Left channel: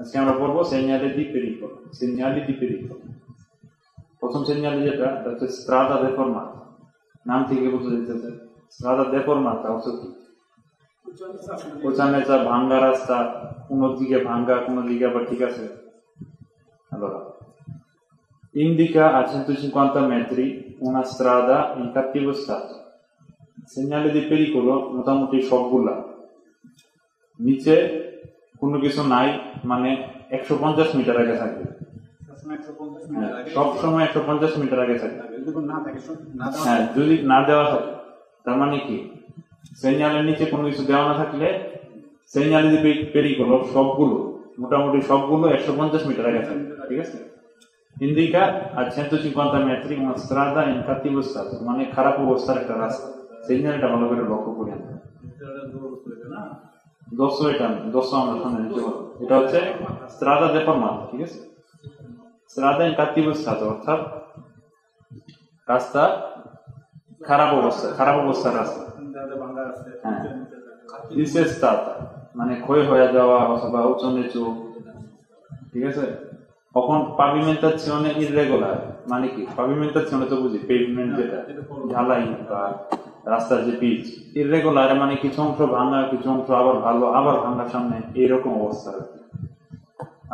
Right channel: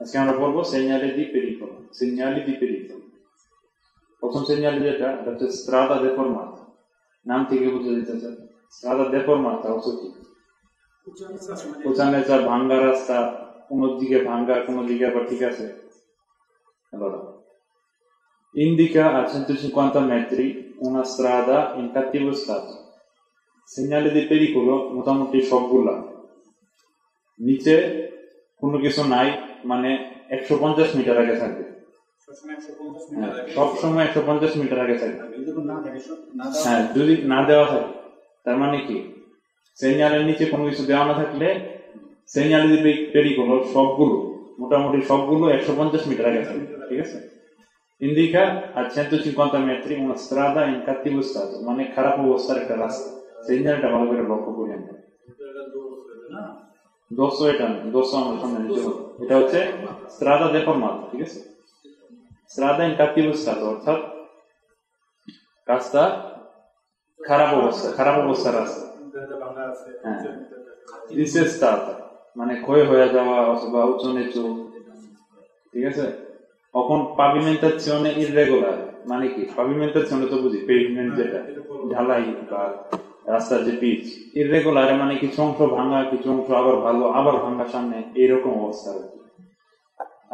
আজকে আমরা পড়বো segnali di pericolo. Segnali di pericolo. প্রথম segnali যেটা হচ্ছে strada deformata. নাম থেকে বোঝা যাচ্ছে strada deformata অর্থ কি? উঁচা ভাঙ্গা রাস্তা, কোনো দিকে ভাঙ্গা, কোনো দিকে আবার ঠিক আছে। Allora, indica a 150 metri una strada in cattivo stato. Segnali di pericolo মোটামুটি সবগুলা। নিচে কোনো কিছু নাই, মানে 150 মিটার আগে থাকবে। সব সময় 150 মিটার আগে থাকবে। হ্যাঁ, যদি না দেওয়া থাকে তার মানে কি, সিগন্যালের নিচে কোনো কিছু দেওয়া না থাকলে segnali di pericolo সবগুলো মোটামুটি সবগুলো 150 মিটার আগে থাকবে। ঠিক আছে? Indica a 150 metri una strada in cattivo stato, মানে খারাপ অবস্থার একটা রাস্তা। সিগন্যালটা ভালো করে লক্ষ্য করি আমরা। এটা হচ্ছে strada deformata, ঠিক আছে? strada in cattivo stato অর্থাৎ রাস্তা খারাপ অবস্থার রাস্তা। হ্যাঁ, disestata মানে ক্ষয় হয়ে যাওয়া অথবা উঁচু নিচু। ঠিক আছে? তখন pavimentazione irregolare মানে কি? pavimentazione তো বুঝি, পেভমেন্ট যেটা, ঢালাই বা রাস্তার যে পিচ। ইররেগুলার মানে কিছু অংশ ভাঙা, কিছু অংশ আবার ভালো, আবার ভাঙা সামনে, এইরকম অবস্থা।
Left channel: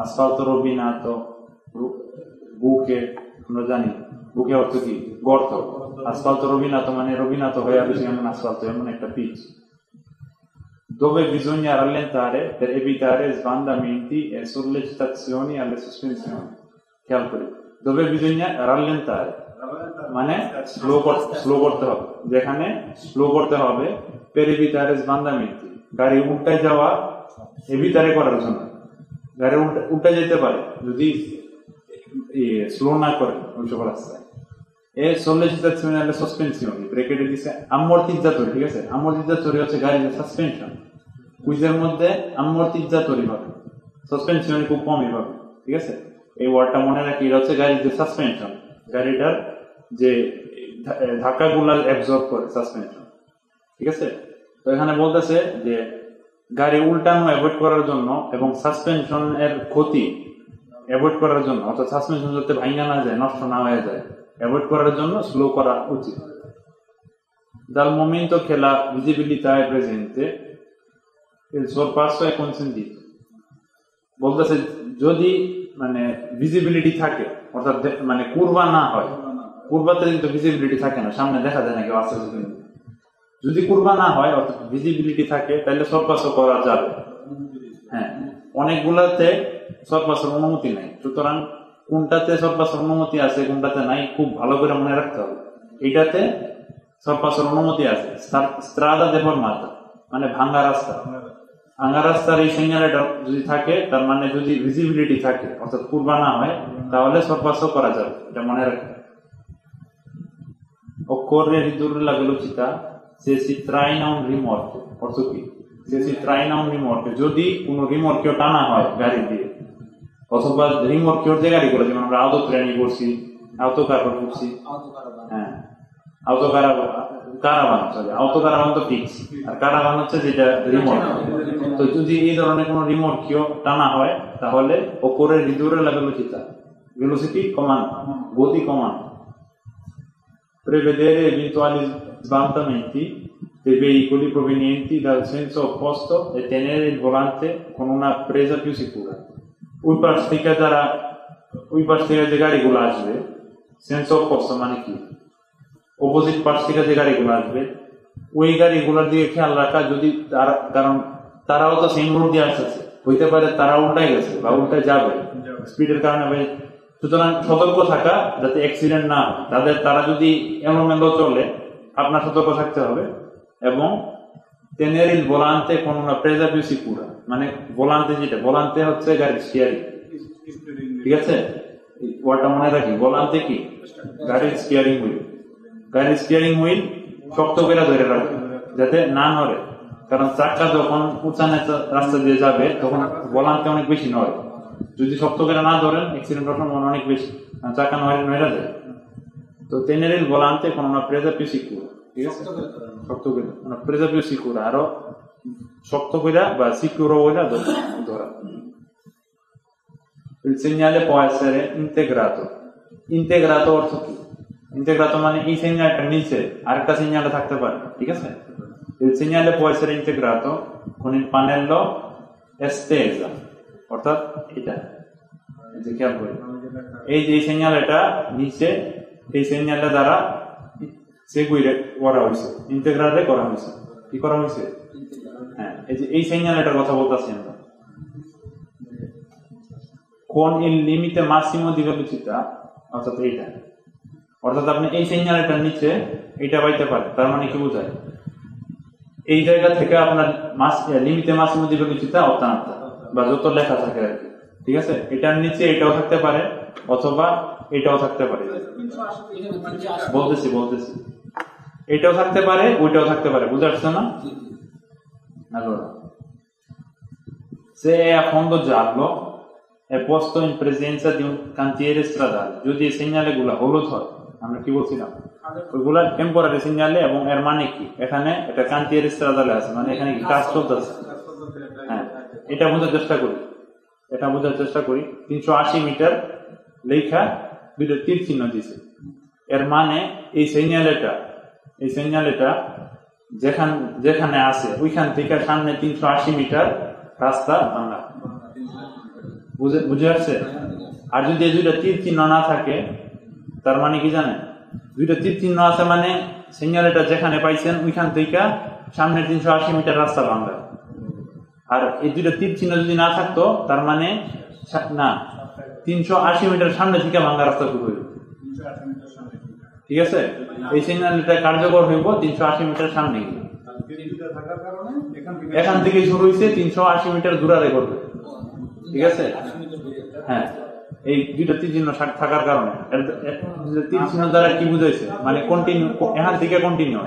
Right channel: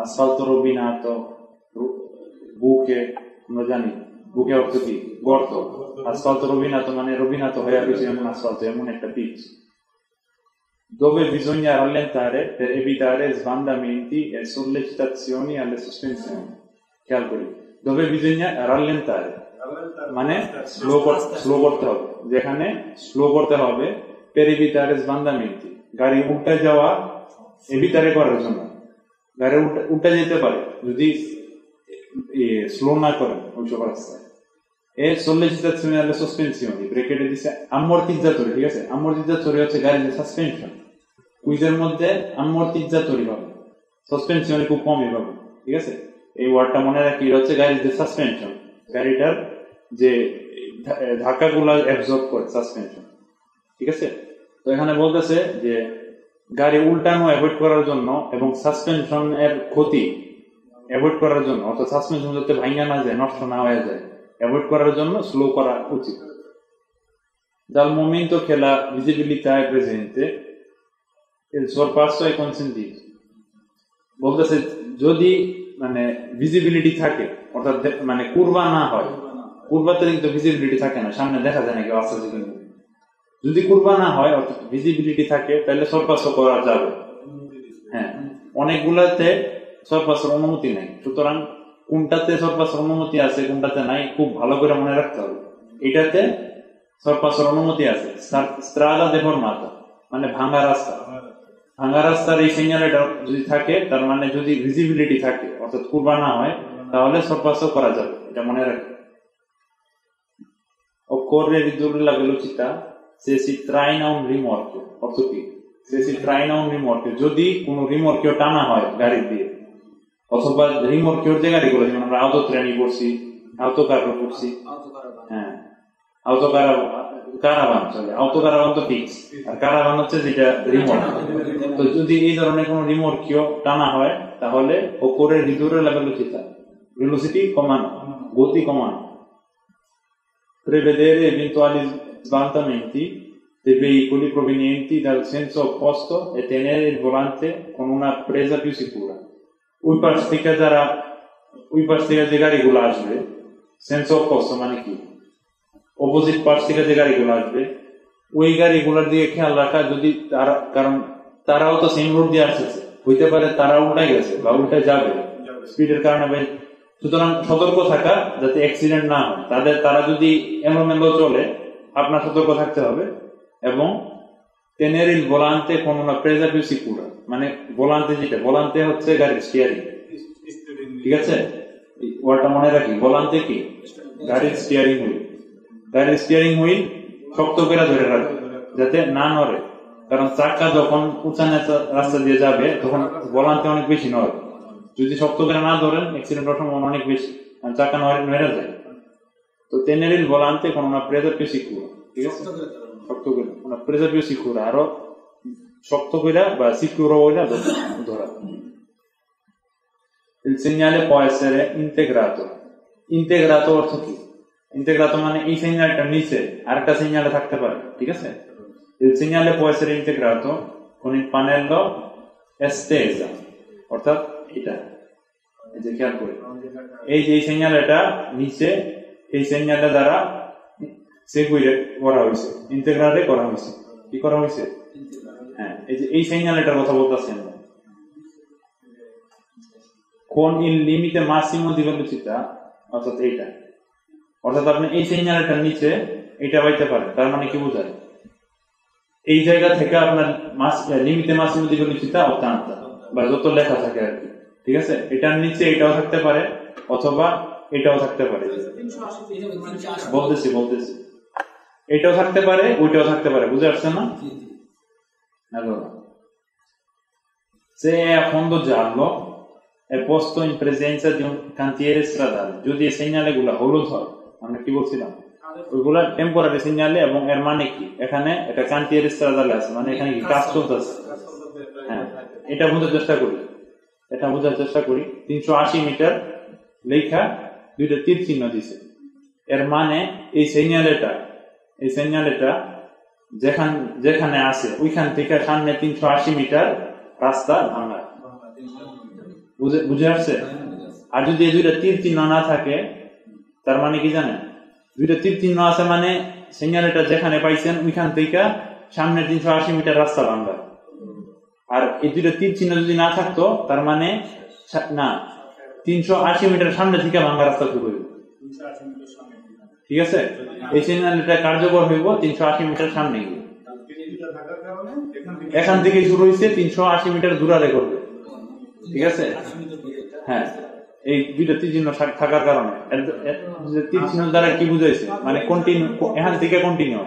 আসফাল্ট রবিনাতো, বুকে আমরা জানি বুকে অর্থ কি? গর্ত। আসফাল্ট রবিনাতো মানে রবিনাতো হয়ে গেছে এমন আসফাল্ট, এমন একটা pitch. Dove bisogna rallentare per evitare sbandamenti e sollecitazioni alle sospensioni. Chiaro? Dove bisogna rallentare মানে স্লো করতে হবে, যেখানে স্লো করতে হবে per evitare sbandamenti, গাড়ি উল্টে যাওয়া evitare করার জন্য। গাড়ি উল্টে যেতে পারে যদি স্লো না করেন ওই সব রাস্তায়। e sollecitazioni alle sospensioni, ব্রেকেটে দিছে ammortizzatori, ঠিক আছে? ammortizzatori হচ্ছে গাড়ির যে সাসপেনশন, কুইজের মধ্যে ammortizzatori পাবেন, সাসপেনশন খুব কমই পাবেন। ঠিক আছে? এই ওয়ার্ডটা মনে রাখি, এটা হচ্ছে গাড়ির যে সাসপেনশন, গাড়িটার যে ধাক্কাগুলো অ্যাবজর্ব করে সাসপেনশন। ঠিক আছে? তো এখানে বলতেছে যে গাড়ি উল্টানো অ্যাভয়েড করার জন্য এবং সাসপেনশন এর ক্ষতি অ্যাভয়েড করার জন্য, অর্থাৎ সাসপেনশন যাতে ভাঙা না যায়, নষ্ট না হয়ে যায়, অ্যাভয়েড করার জন্য স্লো করা উচিত। Dal momento che la visibilità è presente, il sorpasso è consentito. বলতেছে যদি মানে ভিজিবিলিটি থাকে, অর্থাৎ মানে কুরবা না হয়, কুরবাতে কিন্তু ভিজিবিলিটি থাকে না, সামনে দেখা যায় না কেউ আসছে কিন্তু। যদি কুরবা না হয় অর্থাৎ ভিজিবিলিটি থাকে, তাহলে সরপাসও করা যাবে। হ্যাঁ, অনেকগুলাতে সরপাসের অনুমতি নেই, সুতরাং কোনটাতে সরপাসের অনুমতি আছে কোনটাতে নাই খুব ভালো করে মনে রাখতে হবে। এটাতে সরপাসের অনুমতি আছে, strada deformata মানে ভাঙা রাস্তা। ভাঙা রাস্তার এই সিগন্যালটা যদি থাকে, তার মানে যদি ভিজিবিলিটি থাকে অর্থাৎ কুরবা না হয়, তাহলে সরপাসও করা যাবে, এটা মনে রাখবে। Occorre ridurre la velocità se si traina un rimorchio, অর্থ কি? se si traina un rimorchio, যদি কোনো রিমোর্কিও টানা হয় গাড়ি দিয়ে, অথবা রিমোর্কিওর যে গাড়িগুলো, যেমন আমরা আউটো ট্রেনি করছি, আউটো কারভান করছি, হ্যাঁ আউটো কারাভান তো ফিক্স, আর কারাভান হচ্ছে যেটা রিমোট। তো যদি এই ধরনের কোনো রিমোর্কিও টানা হয়, তাহলে occorre ridurre la velocità, velocity কমানো, গতি কমানো। Prevedere eventuali sbandamenti dei veicoli provenienti dal senso opposto e tenere il volante con una presa più sicura. ওই পাশ থেকে যে গাড়িগুলো আসবে, সেন্স অপোস্ট মানে কি? অপোজিট পাশ থেকে যে গাড়িগুলো আসবে, ওই গাড়িগুলোর দিকে খেয়াল রাখা। যদি কারণ তারাও তো সেম রোড দিয়ে আসতেছে, হইতে পারে তারা উল্টাই গেছে বা উল্টে যাবে স্পিডের কারণে, সুতরাং সতর্ক থাকা যাতে অ্যাক্সিডেন্ট না হয়। তারা যদি এলোমেলো চলে, আপনার সতর্ক থাকতে হবে। এবং tenere il volante con una presa più sicura মানে ভোলান্তে, যেটা ভোলান্তে হচ্ছে গাড়ির স্টিয়ারিং। ঠিক আছে? ওয়ার্ডটা মনে রাখি, ভোলান্তে কি? গাড়ির স্টিয়ারিং হুইল। গাড়ির স্টিয়ারিং হুইল শক্ত করে ধরে রাখবে যাতে না নড়ে, কারণ চাকা যখন উঁচা নেচা রাস্তা দিয়ে যাবে তখন ভোলান্তে অনেক বেশি নড়ে। যদি শক্ত করে না ধরেন, অ্যাক্সিডেন্টের সম্ভাবনা অনেক বেশি, চাকা নড়ে যায়। তো tenere il volante con una presa più sicura, ঠিক আছে? শক্ত করে una presa più sicura, আরো শক্ত করে বা সিকিউর করে ধরা। Il segnale può essere integrato. Integrato অর্থ কি? Integrato মানে এই সিগন্যালটার নিচে আরেকটা সিগন্যাল থাকতে পারে, ঠিক আছে? Il segnale può essere integrato con il pannello estesa, অর্থাৎ এটা এই যে খেয়াল করি, এই যে সিগন্যালটা নিচে এই সিগন্যালের দ্বারা সেগুইরে করা হয়েছে, ইন্টিগ্রালে করা হয়েছে। কি করা হয়েছে? হ্যাঁ, এই যে এই সিগন্যালটার কথা বলতেছি আমরা। Con il limite massimo di velocità, অর্থাৎ এইটা, অর্থাৎ আপনি এই সিগন্যালটার নিচে এটা পাইতে পারেন। তার মানে কি বোঝায়? এই জায়গা থেকে আপনার লিমিটে মাসিমো দি ভেলোসিটি অত্যান্ত বা যত লেখা থাকে আর কি, ঠিক আছে? এটার নিচে এটাও থাকতে পারে অথবা এটাও থাকতে পারে। বলতেছি এটাও থাকতে পারে ওইটাও থাকতে পারে, বুঝতে পারছেন না? Allora, se è a fondo giallo è posto in presenza di un cantiere stradale, যদি এই সিগন্যালগুলো হলুদ হয়, আমরা কি বলছিলাম ওইগুলা টেম্পোরারি সিগন্যালে, এবং এর মানে কি এখানে এটা কান্টিয়ারি স্ট্রাদালে আছে, মানে এখানে কাজ চলতেছে। হ্যাঁ, এটা বোঝার চেষ্টা করি 380 মিটার লেখা দুইটা তীর চিহ্ন দিছে, এর মানে এই সিগন্যালটা যেখানে আছে ওইখান থেকে সামনে 380 মিটার রাস্তা ভাঙা, বুঝে আসছে? আর যদি এই দুইটা তীর চিহ্ন না থাকে তার মানে কি জানেন? দুইটা তীর চিহ্ন আছে মানে সিগন্যালটা যেখানে পাইছেন ওইখান থেকে সামনে 380 মিটার রাস্তা ভাঙা। আর এই দুইটা তীর চিহ্ন যদি না থাকতো তার মানে না 380 মিটার সামনে থেকে ভাঙা রাস্তা শুরু হইব, ঠিক আছে? এই সিগন্যালটা কার্যকর হইব 380 মিটার সামনে গিয়ে, এখান থেকে শুরু হয়েছে 380 মিটার দূরে করবে, ঠিক আছে? হ্যাঁ, এই দুইটা তীর চিহ্ন থাকার কারণে তীর চিহ্ন দ্বারা কি বুঝাইছে? মানে কন্টিনিউ, এখান থেকে কন্টিনিউ।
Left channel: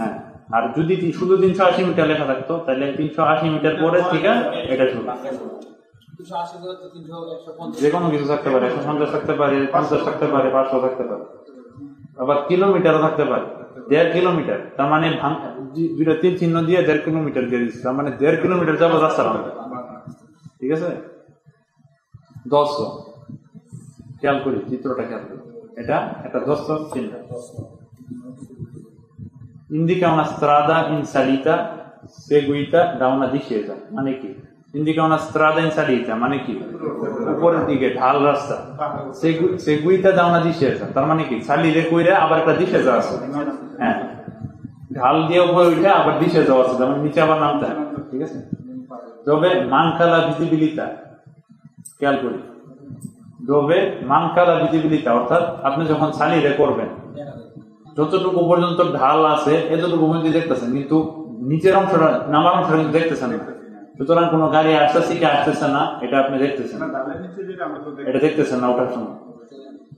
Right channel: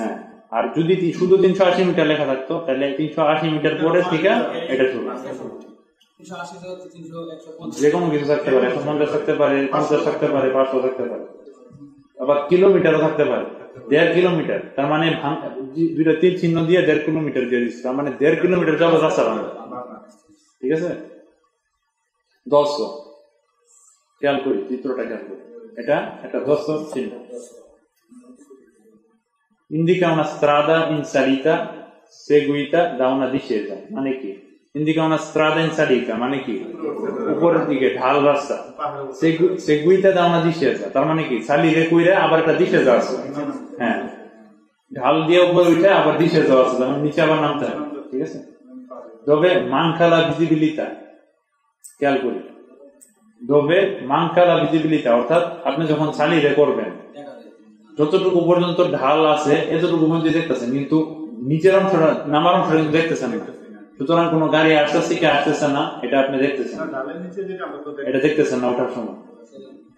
হ্যাঁ, আর যদি শুধু 380 মিটার লেখা থাকতো তাহলে 380 মিটার পরে থেকে এটা শুরু, যে কোনো কিছু থাকতে পারে, 150 থাকতে পারে, 50 থাকতে পারে, 500 থাকতে পারে, আবার কিলোমিটারও থাকতে পারে। 1.5 কিলোমিটার, তার মানে দুইটা তীর চিহ্ন দিয়ে 1.5 কিলোমিটার দিয়ে দিচ্ছে, তার মানে 1.5 কিলোমিটার যাবো রাস্তা ভাঙা, ঠিক আছে? 100 খেয়াল করি, চিত্রটা খেয়াল করি, এটা একটা 100 চিহ্ন। Indica una strada in salita seguita da una discesa, মানে কি? Indica una strada in salita মানে কি? উপরের দিকে ঢাল রাস্তা, seguita da una discesa তার মানে কি? সালিরে কইরা আবার একটা discesa আছে, হ্যাঁ, ঢাল দিয়ে উপরে উঠে আবার discesa আছে, যেমন নিচে আবার নামতে হয়, ঠিক আছে? তবে manca la visibilità, খেয়াল করি, তবে manca la visibilità, অর্থাৎ আপনি যখন সালিরে করবেন যতটুকু পর্যন্ত ঢাল আছে এতটুকু পর্যন্ত দেখতেছেন, কিন্তু নিচের অংশটা নামার অংশটা কিন্তু দেখতেছেন না। সুতরাং কোনো গাড়ি আসতেছে কি আসতেছে না এটা আপনি দেখতেছেন, এটা দেখতেছেন না ওঠার সময়।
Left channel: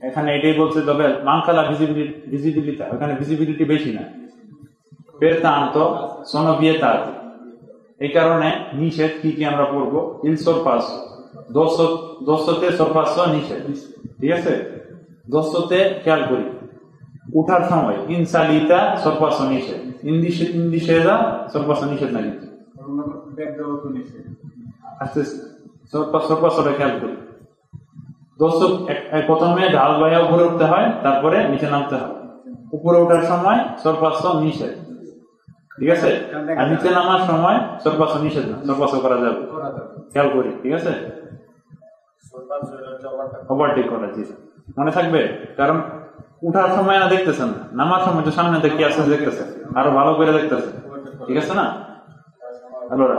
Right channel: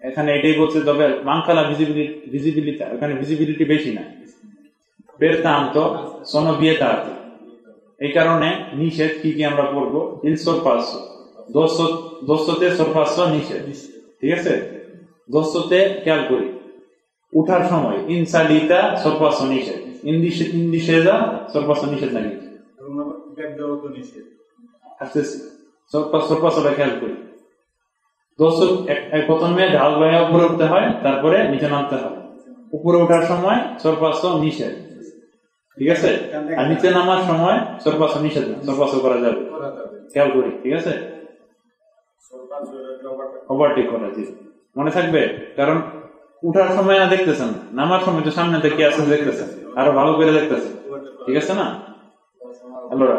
এখানে এটাই বলছে, তবে মানকালা ভিজিবিলিটি, এখানে ভিজিবিলিটি বেশি না। pertanto sono vietati, এই কারণে নিষেধ কি আমরা পড়বো? il sorpasso, 200 sorpasso নিষেধ, ঠিক আছে? 200 খেয়াল করি, উঠার সময় in salita sorpasso নিষেধ, in discesa sorpasso নিষেধ না, কিন্তু sorpasso খেয়াল করি। 200 প্রথমে ঢাল গায়ে উপরে উঠতে হয়, তারপরে নিচে নামতে হয়। উপরে ওঠার সময় sorpasso নিষেধ, ঠিক আছে? আর নিচে নামার সময় sorpasso নিষেধ না, sorpasso করা যাবে, খেয়াল করি, ঠিক আছে? ওভারটেক করা, জি মনে থাকবে, কারণ উঠার সময় না দেখতেছেন, নামার সময় তো সামনে দেখে আসতে দেখতেছেন, আরো ভালো করে দেখতেছেন, ঠিক আছে না? Allora,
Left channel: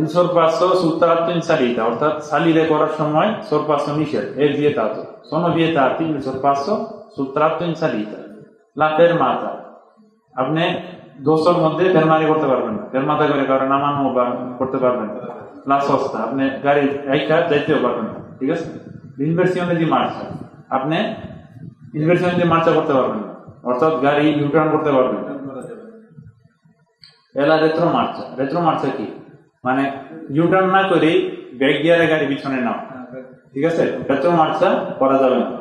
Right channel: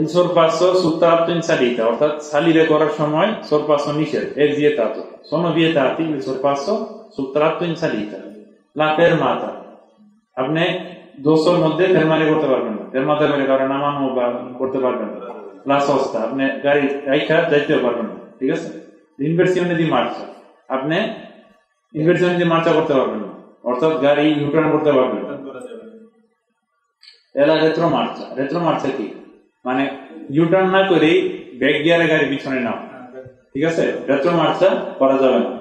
il sorpasso sul tratto in salita, অর্থাৎ সালিরে করার সময় sorpasso নিষেধ, è vietato, sono vietati il sorpasso sul tratto in salita. La fermata, আপনি 200 মধ্যে ফেরমারি করতে পারবেন না, ফেরমাতা করে কারণ নামানো বা করতে পারবেন না। La sosta, আপনি গাড়ি রাইখা যাইতে পারবেন না, ঠিক আছে? Inversione di marcia, আপনি ইনভার্সন দিয়ে মার্চা করতে পারবেন না, অর্থাৎ গাড়ি ইউটার্ন করতে পারবেন না। এলা রেট্রো মার্চা কি? মানে ইউটার্ন না করেই ব্রেক গিয়ারে গাড়ি পিছনে নাও, ঠিক আছে? রেট্রো মার্চা করা যাবে না।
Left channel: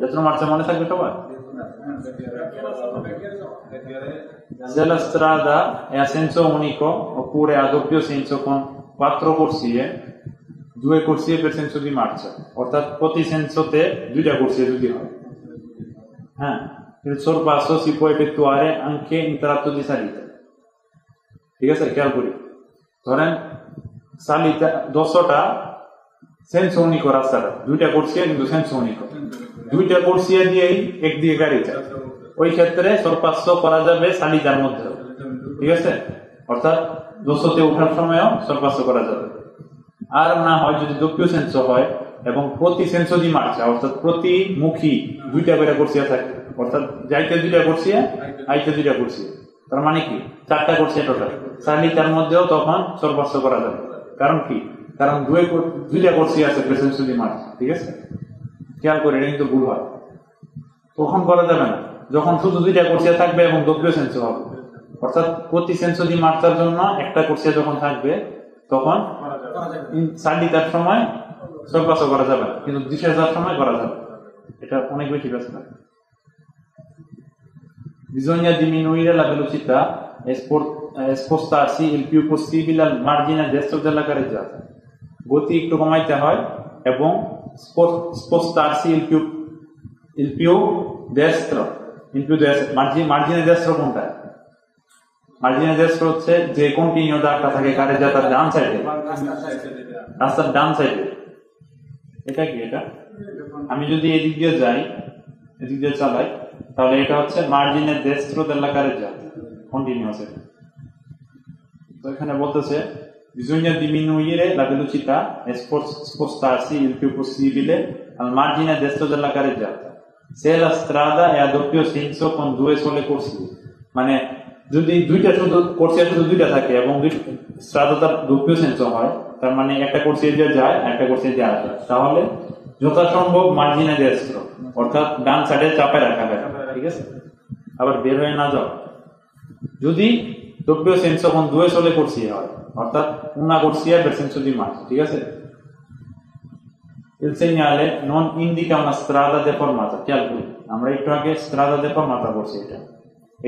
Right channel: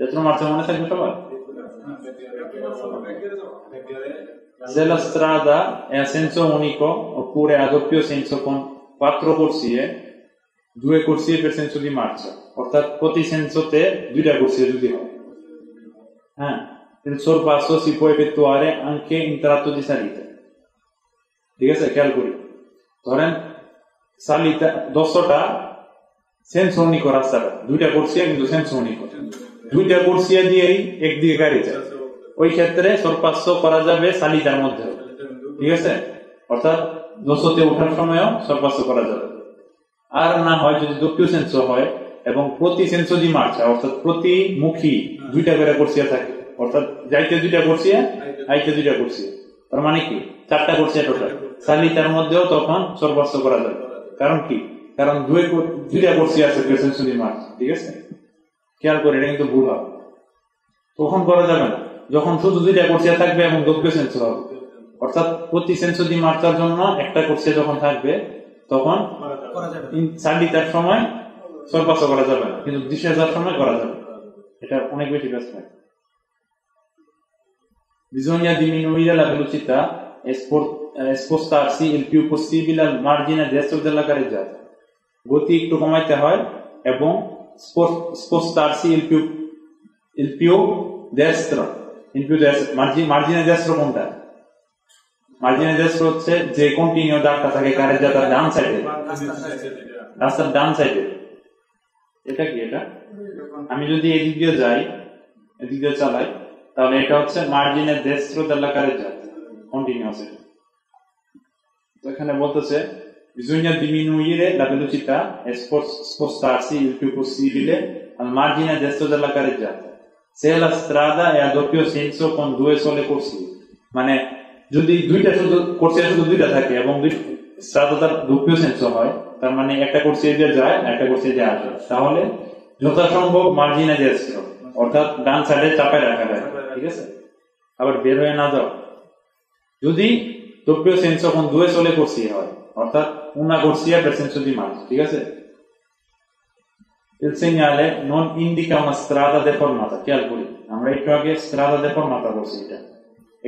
রেট্রো মার্চা মনে থাকবে সবার? Se la strada è a senso unico oppure a doppio senso con 4 corsie, 2 corsie per senso di marcia, অর্থাৎ প্রতি সেন্সোতে 2টা corsie যদি হয়। Il sorpasso si può effettuare anche in tratto di salita, ঠিক আছে? খেয়াল করি, ধরেন salita 200টা senso unico রাস্তাটা, 2টা corsie কিন্তু senso unico, 2টা corsie দিয়েই একদিকে গাড়ি যায়, ওই ক্ষেত্রে sorpasso করা যাবে সালিতার মধ্যে, ঠিক আছে? অর্থাৎ 200তে ওঠার সময়ও sorpasso করা যাবে। আর না হয় যদি doppio senso হয় এবং প্রতি সেন্সো দি মার্চা, অর্থাৎ প্রতি মুখী 2টা করে corsie থাকে, অর্থাৎ যাইতে 2টা corsie, আইতে 2টা corsie, তার মানে কি 4টা corsie টোটাল, সালিতার মধ্যেও তখন sorpasso করা যাবে। কারণ কি? কারণ 2টা corsie আছে per senso di marcia, ঠিক আছে? খেয়াল করে, এটা কিন্তু ভুল হয়। তখন করা যাবে না যখন শুধু 2টা corsie থাকবে এবং doppio senso হবে, অর্থাৎ প্রতি সেন্সো দি মার্চার জন্য একটা corsie যখন থাকবে তখন সালিতার সময় sorpasso করা যাবে না, কিন্তু discesaর সময় করা যাবে, এটা অনেক বেশি ব্যস্ত থাকে। Bisogna diminuire la velocità e spostarsi il più possibile al margine destro della carreggiata, গতি একটু কমাইতে হয় এবং spostarsi il più destro, margine destro কোনটা? margine destro হচ্ছে যে কন্টিনিউ দাগটা থাকে carreggiata ডান সাইডে, রাস্তার ডান সাইডে। এটা কি? এটা আমি যদি এদিক দিয়ে যাই, এদিক দিয়ে চালাই, তাহলে এটা হচ্ছে margine destro della carreggiata, continuous. তো এখানে বলতেছে bisogna diminuire la velocità e spostarsi il più possibile al margine destro della carreggiata se la strada è a doppio senso con 2 sole corsie, মানে যদি 2টা শুধু corsie শুধু 2টা থাকে এবং স্ট্রাদাটা doppio senso হয়, তার মানে একটা corsie দিয়ে যায় একটা corsie দিয়ে আসে, তাহলে যথাসম্ভব margine destro, অর্থাৎ ডান সাইডে চাপে রাখা হবে, ঠিক আছে? আবার বের হয়ে না যাও। যদি doppio senso con 2 sole corsie হয়, অর্থাৎ una corsia per senso di marcia, ঠিক আছে? Il segnale non indica una strada deformata, খেয়াল করি, আমরা একটু আগে strada deformata করছি,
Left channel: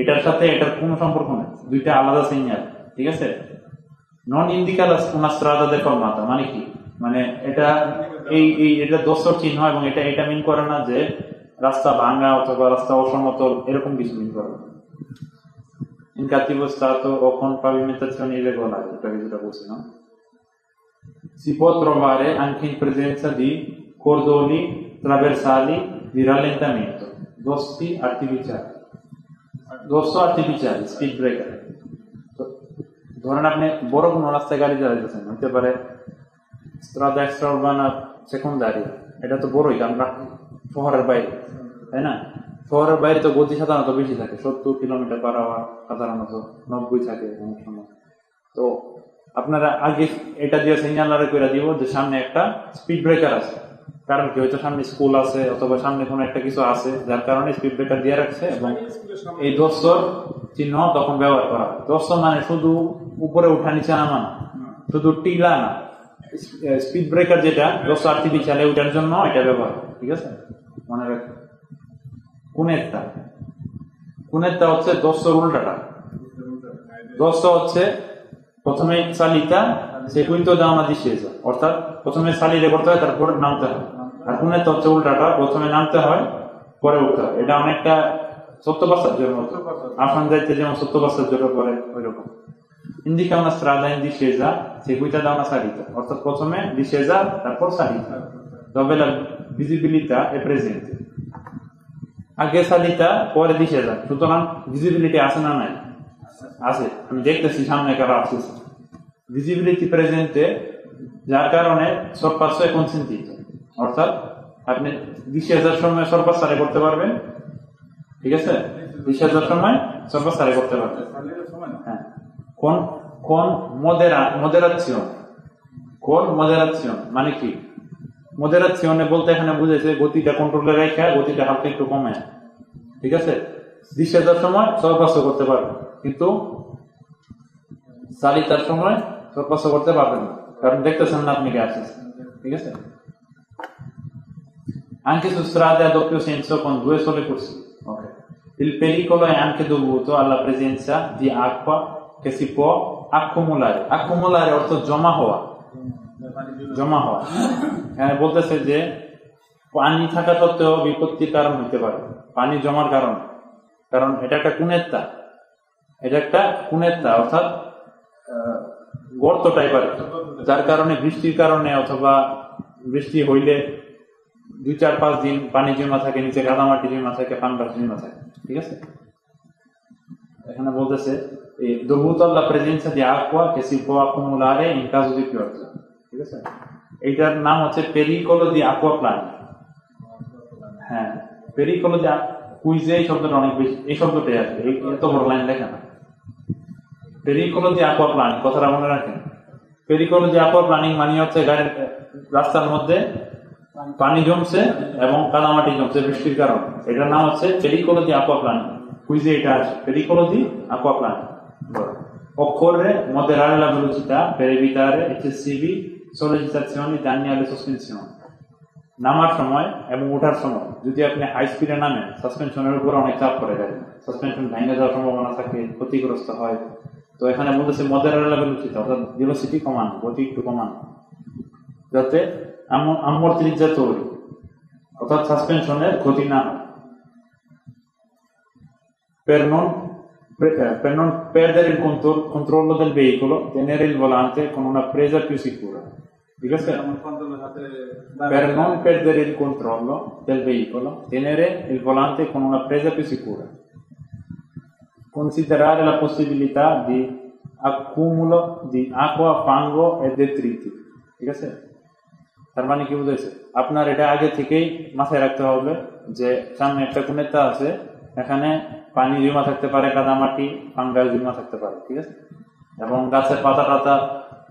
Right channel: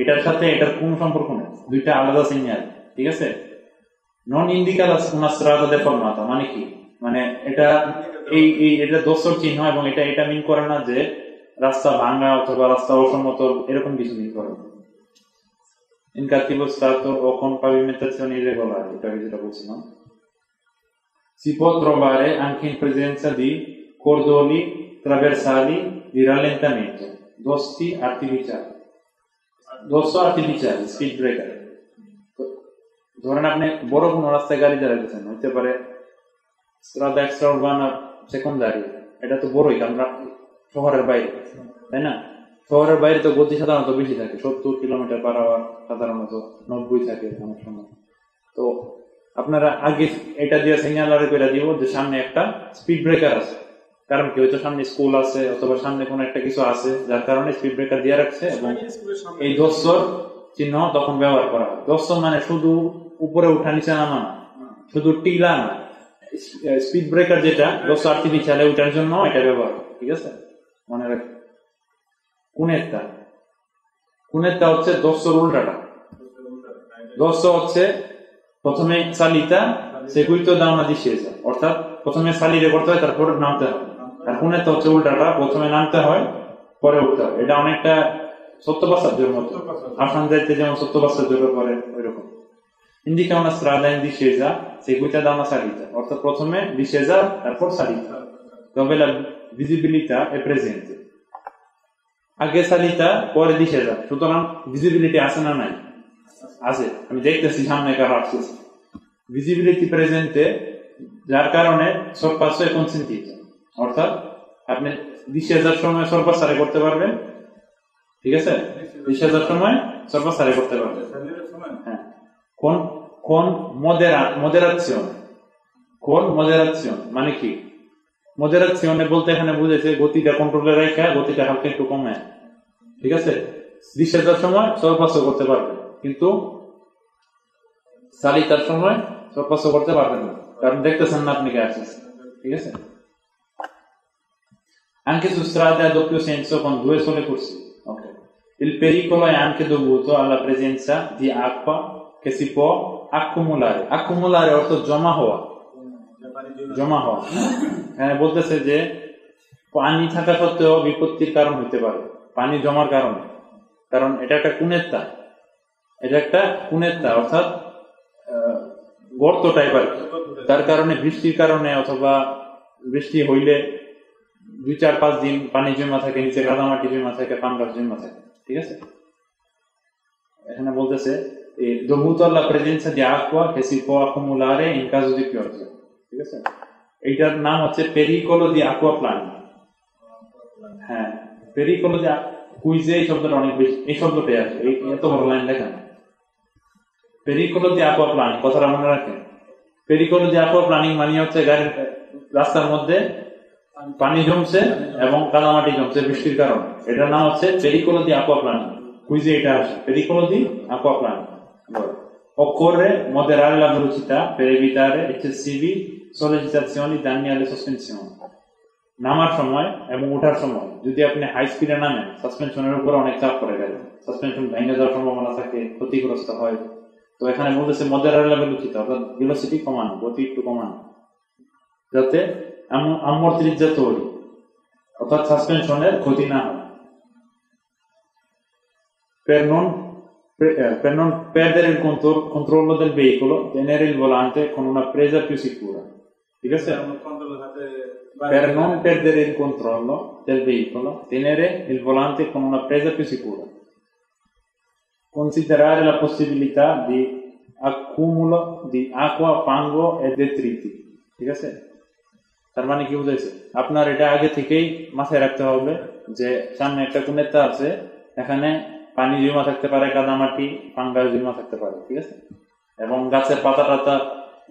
এটার সাথে এটার কোনো সম্পর্ক নেই, দুইটা আলাদা সিগন্যাল, ঠিক আছে? non indica una strada deformata মানে কি? মানে এটা এটা দোষর চিহ্ন এবং এটা মিন করে না যে রাস্তা ভাঙা অথবা রাস্তা অসমতল, এরকম কিছু মিন করে না। in cattivo stato o con pavimentazione irregolare, যেটা বলছিলাম। Si può trovare anche in presenza di cordoni traversali di rallentamento, dosso artificiali, speed breaker। ধরেন আপনি বড় কোনো রাস্তায় গাড়ি চালাইতেছেন, হইতে পারে strada extraurbana secondaria, এটা তো বড়ই, আমরা শহরের বাইরে, তাই না? শহরের বাইরে তো গতি সাধারণত বেশি থাকে, 70 কিলোমিটার পার আওয়ার, সাধারণত 90 থাকে অনেক সময়। তো আপনারা আগে এটা দিয়ে সিগন্যাল করে দিব যে সামনে একটা স্পিড ব্রেকার আছে, কারণ কি হয়তো সামনে স্কুল আছে অথবা সামনে কোনো একটা কিছু আছে, যার কারণে স্পিড ব্রেকার দিয়ে রাখছে এবং এই দোষর চিহ্ন তখন ব্যবহার করা হয়। দোষর মানে শুধু উপরে উঠা নিচে নামা না, শুধু টিলা না, স্পিড ব্রেকার যেটা দোষ আর্টিফিশিয়াল, ওইটার জন্য এটা ব্যবহার হয়, ঠিক আছে? মনে রাখবেন। কুনেরটা হচ্ছে দোষর উল্টাটা। দোষ হচ্ছে প্রথমে সালিতা সেকুইতো da una discesa, অর্থাৎ প্রথমে সালিরে করতে হয় তারপর নামতে হয়, আর কুনেরটা হচ্ছে উল্টাটা, প্রথমে নামতে হয় পরে উঠতে হয়। এটা অনেকটা সত্য passaggioর মতো, আসন যাইতে যেমন সত্য passaggio করে ওইরকম। indica una strada in discesa seguita da una salita, অর্থাৎ প্রথমে discesa তারপর salita, dove la visibilità è presente, আগে সালিতা পরে discesa, সুতরাং ভিজিবিলিটি আছে না নাই? আছে, আমি দেখতেছি সামনে কারা আসছে, ভিজিবিলিটি প্রেজেন্টে, যার কারণে sorpasso è consentito, অর্থাৎ আপনি discesa সময় sorpassare করতে পারবেন, ঠিক আছে? discesa সময় sorpassare করতে পারবেন, হ্যাঁ, con moderazione, মানে কি? moderazione বলতে এখানে বুঝেছে গতিটা কন্ট্রোলে রাখা, গতিটা হালকা একটু কমে, ঠিক আছে? discesa সময় sorpasso করতে পারবেন, কিন্তু সালিতার সময় sorpasso করতে পারবেন না, কারণ দেখতেছেন না আপনি কে আসছেন, ঠিক আছে? anche su strade a doppio senso con 2 sole corsie, ok? Il pericolo è anche dovuto alla presenza di acqua che si può accumulare, অর্থ জমা হওয়া, জমা হওয়া। এখানে বলতেছে যে পানি থাকা সত্ত্বেও বিপত্তির কারণ হতে পারে পানি জমার কারণে, কারণ এটা একটা কুনেত্তা অর্থাৎ গর্ত টাইপের, যার কারণে বৃষ্টির কারণে অথবা বৃষ্টি হইলে 2-4-5 দিন পানি জমা থাকে, নিচে কাদামাটি জমা থাকে, পাঙ্গাস জমা থাকে। ঠিক আছে, এখানে বলতেছে এই dovuto alla presenza di acqua che si può accumulare in caso di pioggia। ঠিক আছে, এটার নাম হচ্ছে pericolo di acquaplani। হ্যাঁ, pericolo di কুইজে এই শব্দটা অনেক বেশি, এই শব্দটাই আছে, এত বড় লাইন লেখা না। pericolo di acquaplani কথাটা মনে রাখেন। pericolo di acquaplani মানে হচ্ছে গাড়ির রাস্তার মধ্যে পানি জমছে এবং কাদামাটি জমছে বৃষ্টির কারণে, এটার নাম হচ্ছে pericolo di acquaplani। কুইজে এটা আসে, pericolo di acquaplani। Occorre moderare la velocità per evitare eccessivi sollecitazioni danni alle sospensioni। নামার সময় এবং ওঠার সময় যদি আপনি হাই স্পিডে নামেন, সাসপেনশনের উপর অনেক চাপ পড়ে যায়, সাসপেনশন ভেঙে যাওয়ার সম্ভাবনা থাকে, ক্ষতিগ্রস্ত হয়। তো এখানে বলতেছে moderare la velocità অর্থাৎ ভেলোসিটি কমান, গতি একটু কমান, যাতে ammortizzatori অর্থাৎ সাসপেনশনের ক্ষতি না হয়। Per non perdere il controllo del veicolo, tenere il volante con una presa più sicura। ঠিক আছে, per non perdere il controllo del veicolo, tenere il volante con una presa più sicura, considerare la possibilità di accumulo di acqua, fango e detriti। ঠিক আছে, তার মানে কি বুঝাইছে, আপনার এটা আগে থেকেই মাথায় রাখতে হবে যে সামনে একটা কুনেত্তা আছে, এখানে পানি জমা থাকতে পারে, কাদামাটি, ফাঙ্গাস জমা থাকতে পারে। ঠিক আছে, এবং গাছের পাতা টাতা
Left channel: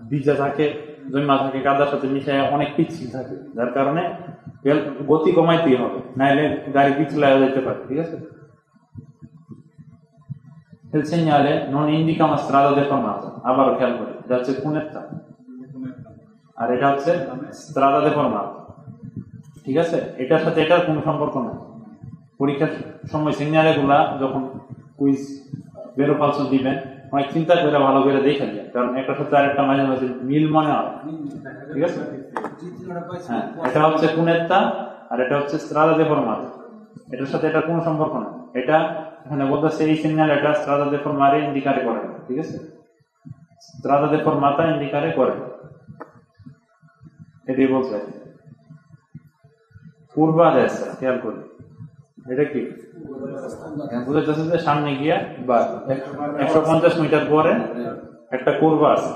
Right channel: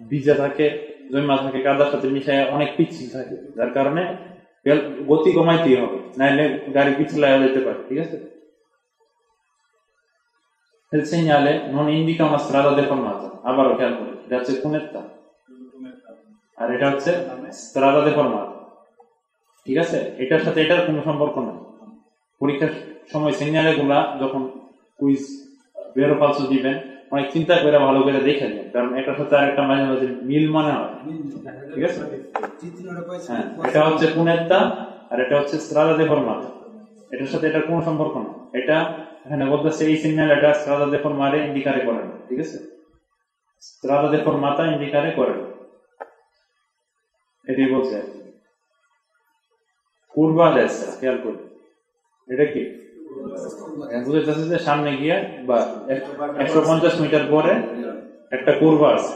ভিজা থাকে, জমা থাকে, কাদার সাথে মিশে অনেক পিচ্ছিল থাকে, যার কারণে গতি কমাইতেই হবে, নাইলে গাড়ি পিছলে যেতে পারে। ঠিক আছে, il segnale non indica una strada deformata। আবারও খেয়াল করি, এটা হচ্ছে কুনেত্তা আর এটা হচ্ছে strada deformata। ঠিক আছে, এটার সাথে এটার কোনো সম্পর্ক নেই। পরীক্ষার সময় সিগন্যালে গুলা যখন কুইজ বেরো ফালসো দিবেন, অনেক চিন্তা করে ভালো করে দেখে নেন, কারণ এটার সাথে আরেকটা মাঝে মাঝে মিল মনে হয়। ঠিক আছে, হ্যাঁ, এটা হচ্ছে কুনেত্তা আর এটা হচ্ছে strada deformata, এটার সাথে এটার কোনো সম্পর্ক নেই। এটা এখানে বলতেছে এই সিগন্যাল এটা strada deformata ইন্ডিকেট করে। ঠিক আছে, strada deformata ইন্ডিকেট করে, এটাই বলছে। curva a destra, খেয়াল করুন, এটা কি বুঝে যাচ্ছে যে সামনে গিয়ে বা 150 মিটার পরে একটা কুরবা আছে,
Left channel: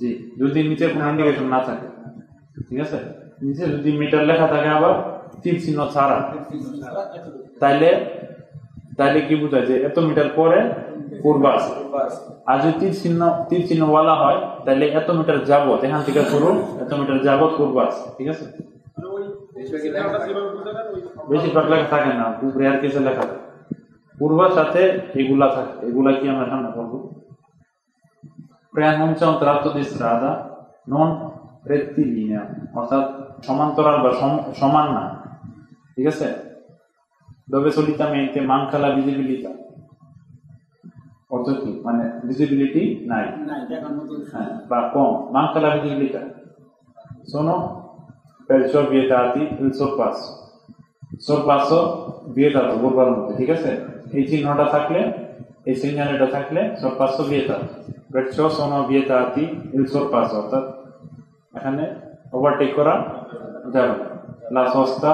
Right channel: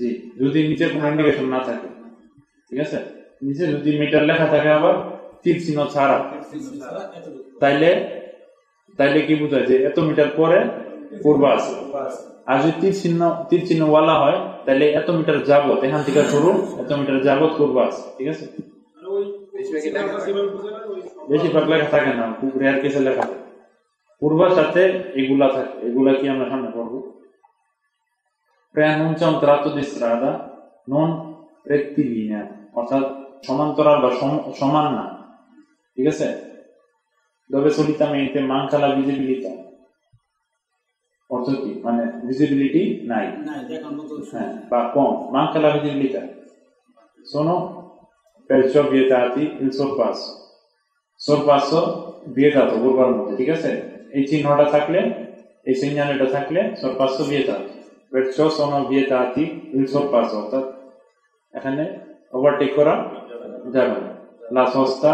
জি, যদি নিচে কোনো ইন্ডিকেশন না থাকে। ঠিক আছে, নিচে যদি মিটার লেখা থাকে আবার তীর চিহ্ন ছাড়া, তাইলে কি বোঝায় যে এত মিটার পরে কুরবা আছে। আর যদি তীর চিহ্ন ওয়ালা হয়, তাহলে এত মিটার যাবত এখান থেকে শুরু, এত মিটার যাবত কুরবা আছে। ঠিক আছে, বেশিরভাগ লেখা থাকে না, রেয়ার কেসে লেখা থাকে, পূর্বার সাথে এগুলা থাকে, এগুলা কি আমরা সামনে পড়বো। preannuncia un tratto di strada non rettilinea অর্থাৎ সমান্তরাল বা সমান না। ঠিক আছে, dove solitamente manca la visibilità অর্থাৎ কি মানে ভিজিবিলিটি নাই বা কম, manca la visibilità, sono perciò vietati il sorpasso vietato পূর্বার মধ্যে। ঠিক আছে, এই চিহ্নটা থাকলে, এই সিগন্যালটা থাকলে sorpasso vietato, perciò sono vietati il sorpasso অর্থাৎ এখানে ওভারটেক করা যাবে না, la sosta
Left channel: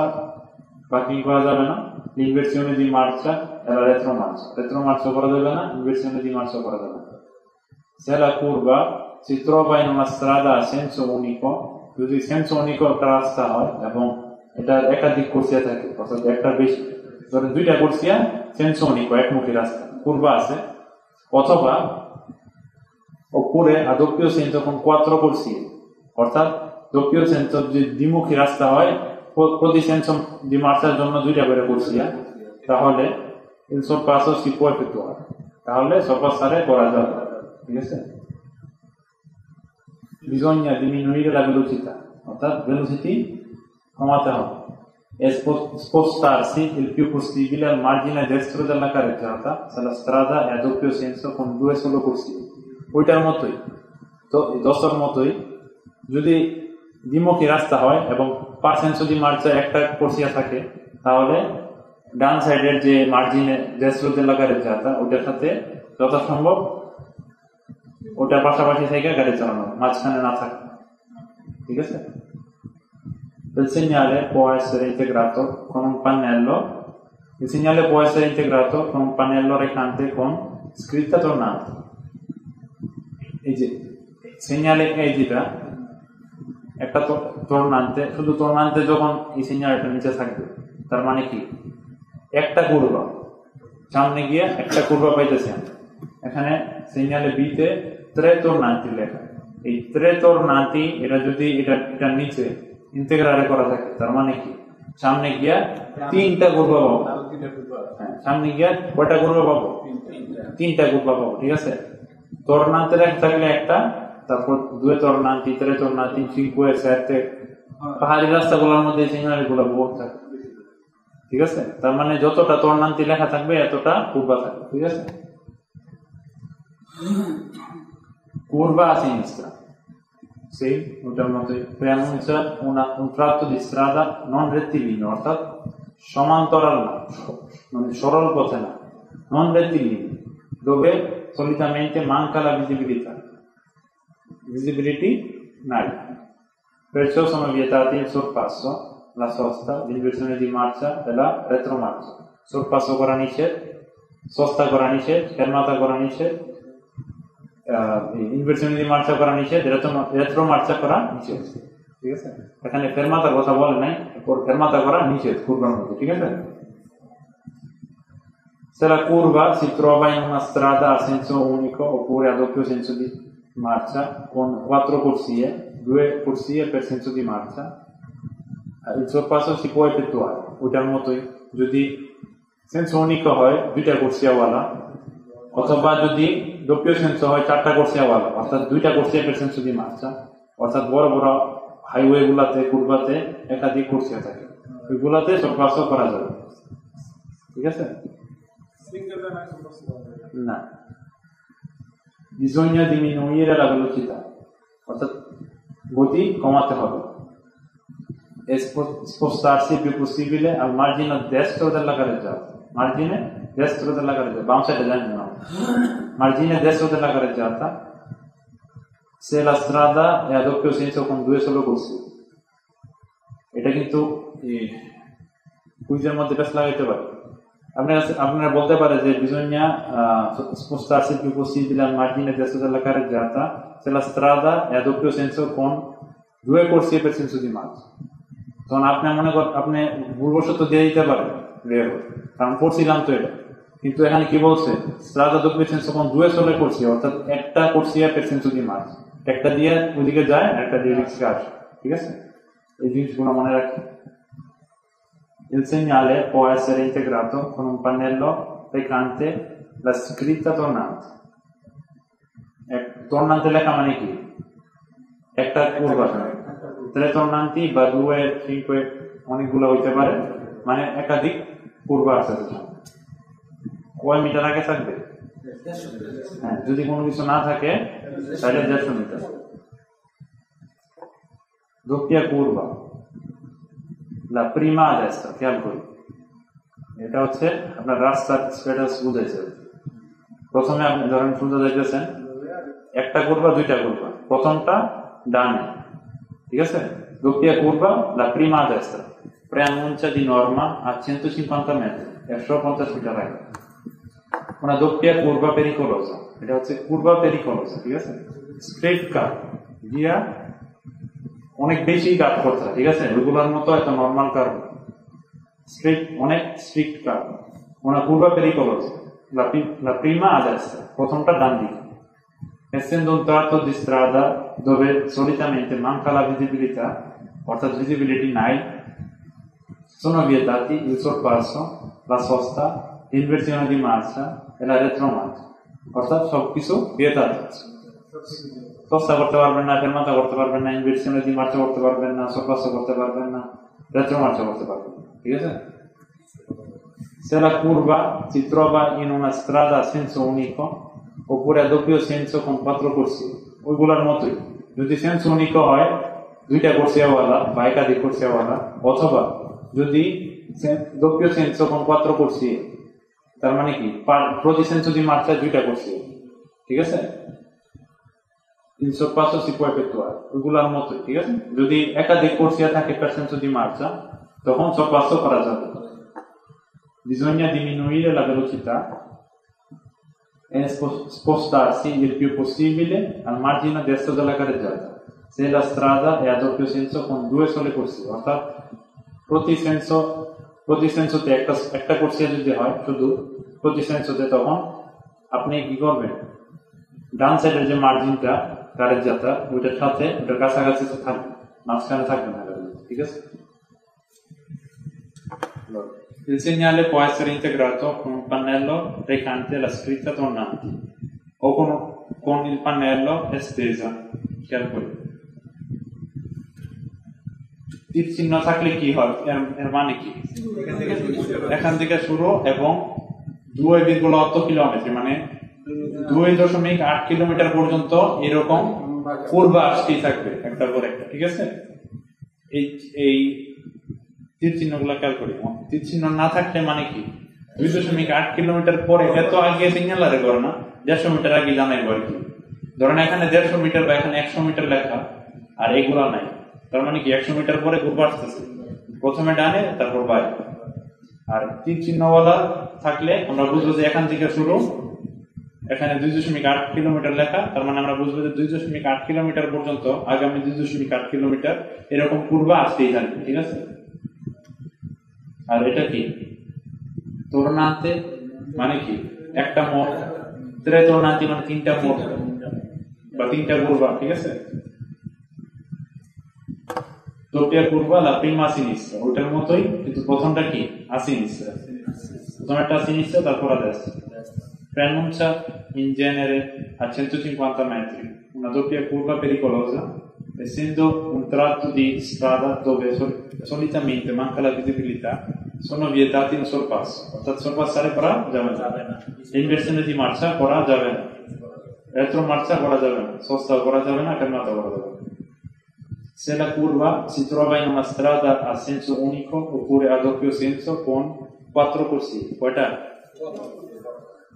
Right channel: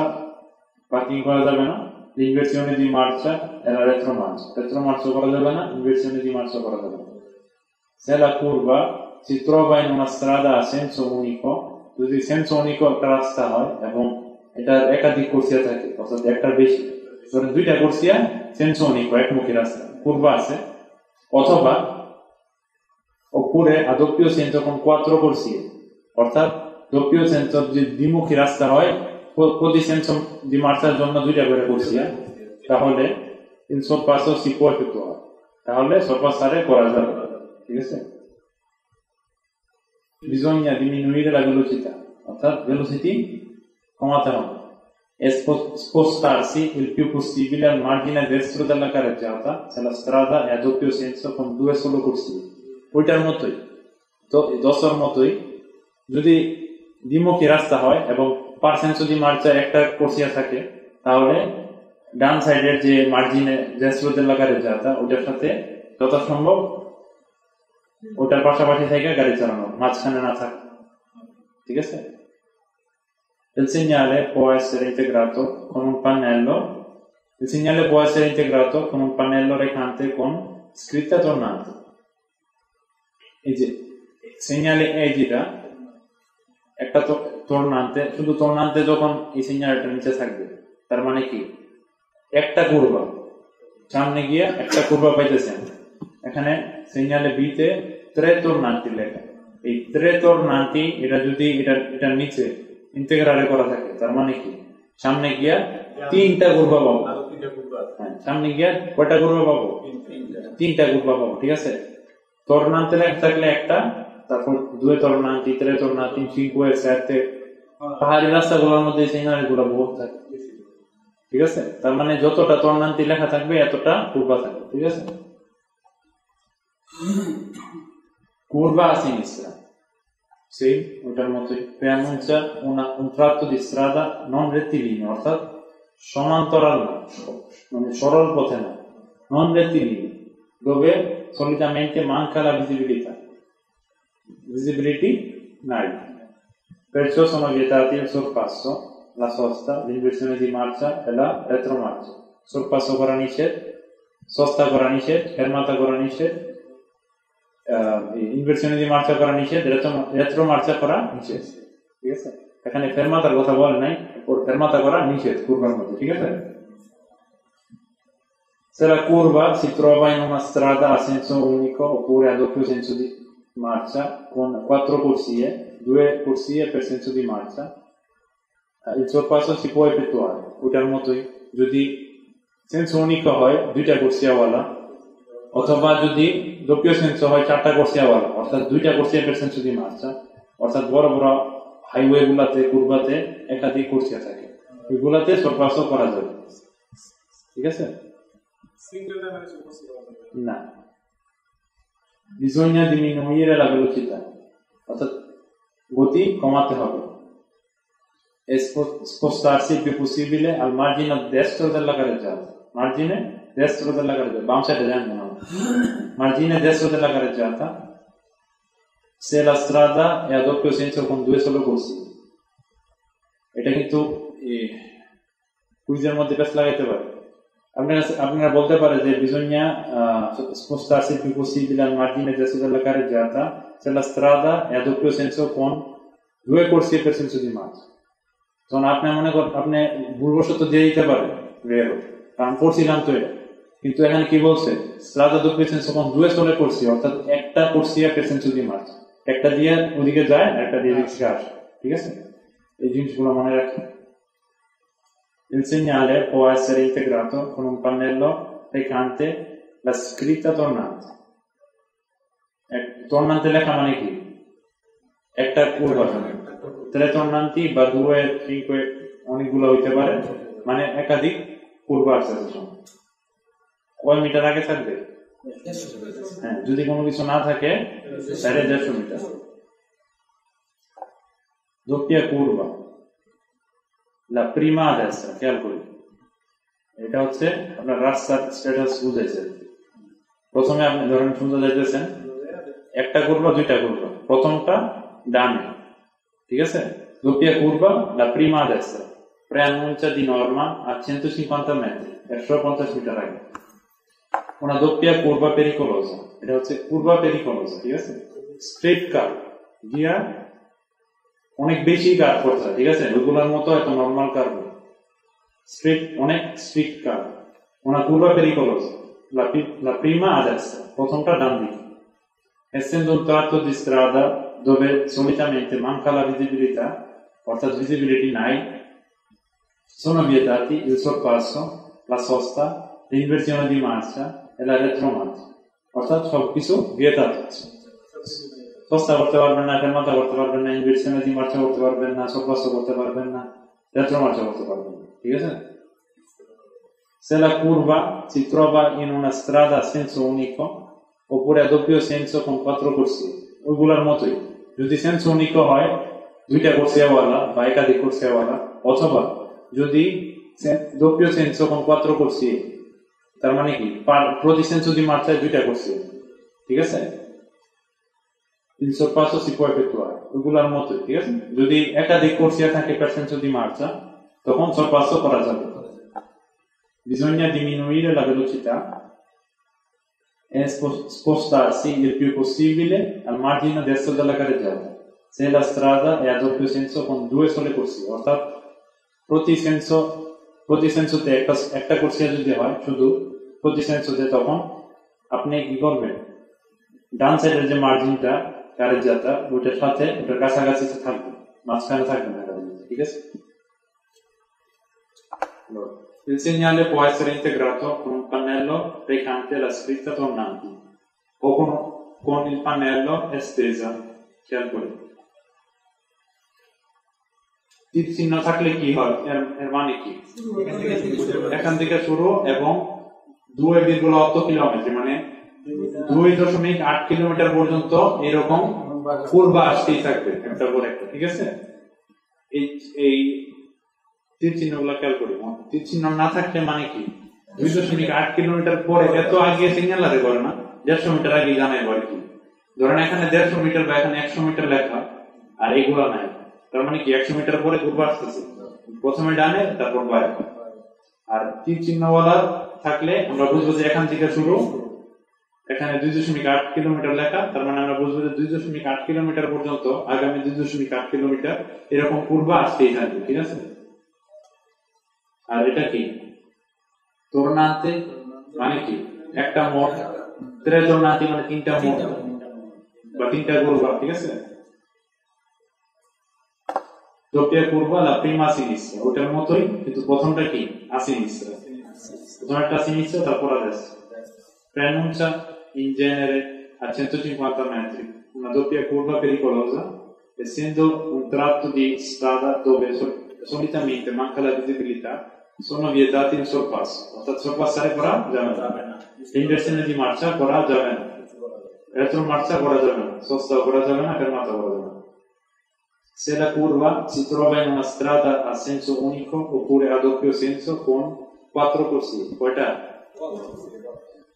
পার্কিং করা যাবে না, l'inversione di marcia e la retromarcia করা যাবে না, inversione di marcia করা যাবে না। se la curva si trova in una strada a senso unico, যদি সেন্স unico একটা রাস্তা হয় এবং এটা একাধিক কুরসিয়া থাকে, অর্থাৎ একটা বেশি, ধরেন দুইটা কুরসিয়া সেন্স unico একমুখী রাস্তা, কুরবা আছে, অথবা oppure a doppio senso con 4 corsie, অর্থাৎ doppio senso যে দ্বিমুখী রাস্তা হয়, প্রতি সেন্সো di marciaর জন্য দুইটা করে কুরসিয়া, তাহলে il sorpasso si può effettuare, তাহলে sorpassare করা যাবে। ঠিক আছে, bisogna diminuire la velocità অর্থাৎ velocity কমাতে হবে, e spostarsi il più possibile al margine destro della carreggiata se la strada è a doppio senso con 2 solo corsie। ওইটার মতোই, তো 10 মতোই যদি দ্বিমুখী রাস্তা হয় এবং পার্সেন্স দি মার্চা একটা কোর্সিয়া থাকে, তাহলে ডান সাইডের যে মার্জিনে যে স্লোতে লাগারে যাতা ওটার সাথে যথাসম্ভব ওটার পাশাপাশি থেকে গাড়ি চালানো, মাঝখানে না থাকে, ঠিক আছে? Il segnale può essere integrato con un pannello. Il segnale può essere integrato con un pannello recante con scritta tornante. এই যে segnale edita একটা tornante, শুধু tornante যখন এই segnalটা নিচে থাকবে, তার মানে কি একটা curva সামনে গিয়ে একটা curva পাইতেছেন। এখানে segnale B তে tre tornanti লেখা, এই tre tornanti এটা যদি এটা নিচে ইন্টিগ্রালে করা থাকে, তার মানে কি সামনে গিয়া তিনটা curva পাবো, সামনে গিয়া কয়টা curva পাবো? তিনটা curva পাবো, ঠিক আছে? tornante থাকলে একটা, তারপর due tornanti, tre tornanti, 5, 7 পাহাড়ি রাস্তাগুলোর মধ্যে সিগন্যাল গুলো বহুত থাকে, ঠিক আছে? তার মানে যতটা tornanti লেখা থাকবে এতটা curva থাকবে, ঠিক আছে? curva a sinistra, sì, ওটার মতোই preannuncia un tratto di strada non rettilineo, অর্থাৎ সমান্তরাল না, মানে সরল পথে না, non rettilineo, dove solitamente manca la visibility নাই, perciò sono vietati il sorpasso, la sosta, l'inversione di marcia e la retromarcia. Sorpasso করা নিষেধ, sosta করা নিষেধ, fermata করা নিষেধ, ইনভার্সন দি মার্চা করা নিষেধ, রেট্রোমার্চা করা নিষেধ, ঠিক আছে? এখানে ফেরমাতার কথা বলে নাই, ফেরমাতা করা নিষেধ curvaর মধ্যে, ঠিক আছে? Se la curva si trova in una strada a senso unico oppure a doppio senso di marcia con 4 corsie, 2 corsie per senso di marcia, il sorpasso si può effettuare. ওটার মতোই যদি senso unico হয় দুইটা কোর্সিয়াওয়ালা, অথবা যদি doppio senso হয় চারটা কোর্সিয়াওয়ালা, অর্থাৎ দুইটা কোর্সিয়া per senso di marcia, অর্থাৎ বড় বড় হাইওয়ে গুলাতে কুরবাতে একাধিক কোর্সিয়া থাকে, ওইগুলাতে sorpasso করা যাবে, ঠিক আছে? না, bisogna diminuire la velocità, অর্থাৎ গতি কমাতে হবে, e spostarsi il più possibile al margine destro della carreggiata, margine destro della carreggiata, বাম সাইডে যান না, margine destro della carreggiata se la strada è a doppio senso con 2 solo corsi, এটা কিন্তু কুইজের মধ্যে পেশ লাগাইতে পারে। আপনারা বলতে পারে যে bisogna spostarsi il più possibile al margine destro della carreggiata se la strada è a doppio senso con 2 corsie per senso di marcia, তখন আপনি মনে করেন আপনি পূর্বশত দিয়ে দিতে পারেন, কারণ করছিলাম তো এটা, কিন্তু এখানে কি বলছে strada doppio senso con 2 sole corsie, অর্থাৎ একটা corsia per senso di marcia, একটা দিয়ে ওদিকে যায় আর একটা দিয়ে এদিকে আসে, ঠিক আছে? এই জিনিসগুলো মনে রাখি। Il segnale può essere integrato con un pannello recante la scritta tornante. Tornante লেখা মানে কি একটা curva, 3 tornanti বা 2, 5 অনেকগুলো হইতে পারে, মানে একাধিক curva আছে, কয় মিটার আগে থাকবে? হ্যাঁ, যদি কোনো কিছু না থাকে তাহলে 150 metre. doppia curva, la prima a destra, খেয়াল করি, এটা হচ্ছে আপনার রাস্তার স্ট্যাটাস বুঝাইছে। প্রথমে আপনি ধরেন সোজা যাইতেছেন, একটা curva দুইটা curva, প্রথমটা ডানে, ঠিক আছে? doppia curva, la prima a destra, preannuncia di norma a 150 metri, 150 metre আগে। una doppia curva pericolosa, এটা হচ্ছে curva pericolosa, ঠিক আছে? straight curve, গিয়া অনেক বেশি কার্ভ করতে হয়, ঠিক আছে? ওইগুলোর মতো এত নরমাল কার্ভ, স্ট্রেট অনেক strict curve. una curva pericolosa, la prima a destra, প্রথমটা ডান দিকে। essendo un tratto di strada dove solitamente manca la visibilità, অর্থাৎ visibility নাই, sono vietati il sorpasso, la sosta, l'inversione di marcia e la retromarcia, অর্থাৎ সবকিছু vietato, sosta করতে পারবেন না, fermata করতে পারবেন না, ইনভার্সন দি মার্চা করতে পারবেন না, sorpasso করতে পারবেন না, retromarcia করতে পারবেন না, ঠিক আছে? se la curva si trova in una strada a senso unico oppure a doppio senso con 4 corsie ওইগুলোর মতোই যদি সেন্স উনিক হয় দুইটা কোর্সিয়াওয়ালা বা একাধিক কোর্সিয়াওয়ালা অথবা যদি doppio senso con 4 corsie তার মানে কি প্রতি সেন্সো di marcia দুইটা corsie ঠিক আছে il sorpasso si può effettuare ওইগুলোর মতোই ঠিক আছে যদি একাধিক কোর্সিয়া থাকে per senso di marcia তখন sorpasso করা যাবে bisogna diminuire la velocità e spostarsi il più possibile al margine destro della carreggiata se la strada è a doppio senso con 2 sole corsie অর্থাৎ প্রতি সেন্সোতে একটা কোর্সিয়া যদি হয় শুধু প্রতি সেন্সোতে তখন আপনি কি করবেন ডান সাইডের যে মার্জিনটা carreggiata ওইটার সাথে ওটার কাছাকাছি থাকবে মাঝখানে থাকবে না ঠিক আছে Il segnale può essere integrato con un pannello recante la scritta tornante o con il pannello estesa che è quello. তীর চিহ্ন থাকলে কি হয় এর মানে কি এখান থেকে শুরু এবং 2.8 কিলোমিটার মানে 2.8 কিলোমিটার পর্যন্ত এরকম পূর্বা আসতেই থাকবে একটা পর একটা ঠিক আছে এই তীর চিহ্নগুলো খেয়াল করি তীর চিহ্ন না থাকলে মানে কি 2.8 কিলোমিটার পরে এত আগে সিগন্যাল আরে করে না 150 মিটার আগে জানাই বলে কি ধরেন এখানে 150 মিটার বা এখানে 100 মিটার লেখা আর এইগুলা নাই তার মানে কি 100 মিটার পরে ঘুরবা আসতেছে প্রথমে ডানে তারপর বামে আর তীর চিহ্নওয়ালা থাকলে আমরা বুঝবো যে এখান থেকে শুরু এখানে 2.8 কিলোমিটার লেখা তার মানে আমরা বুঝবো যে 2.8 কিলোমিটার পর্যন্ত আগামী 2.8 কিলোমিটার এরকম পূর্বা আসতেই থাকবে ঠিক আছে আর এটা কি tornante মানে কি একটা মোড় tre tornanti মানে তিনটা মোড় বা তিনটা পূর্বা ঠিক আছে doppia curva la prima a sinistra ওটার মতোই কিন্তু প্রথমটা কি a sinistra প্রথমটা a sinistra তারপর a destra preannuncia in genere a 150 metri una doppia curva pericolosa essendo un tratto di strada dove solitamente manca la visibilità sono vietati in sorpasso অর্থাৎ sorpassare করা যাবে না inversione di marcia করা যাবে না retro marcia করা যাবে না sosta করা যাবে না fermata করা যাবে না se la curva si trova in una strada a senso unico oppure a doppio senso con 4 corsie quota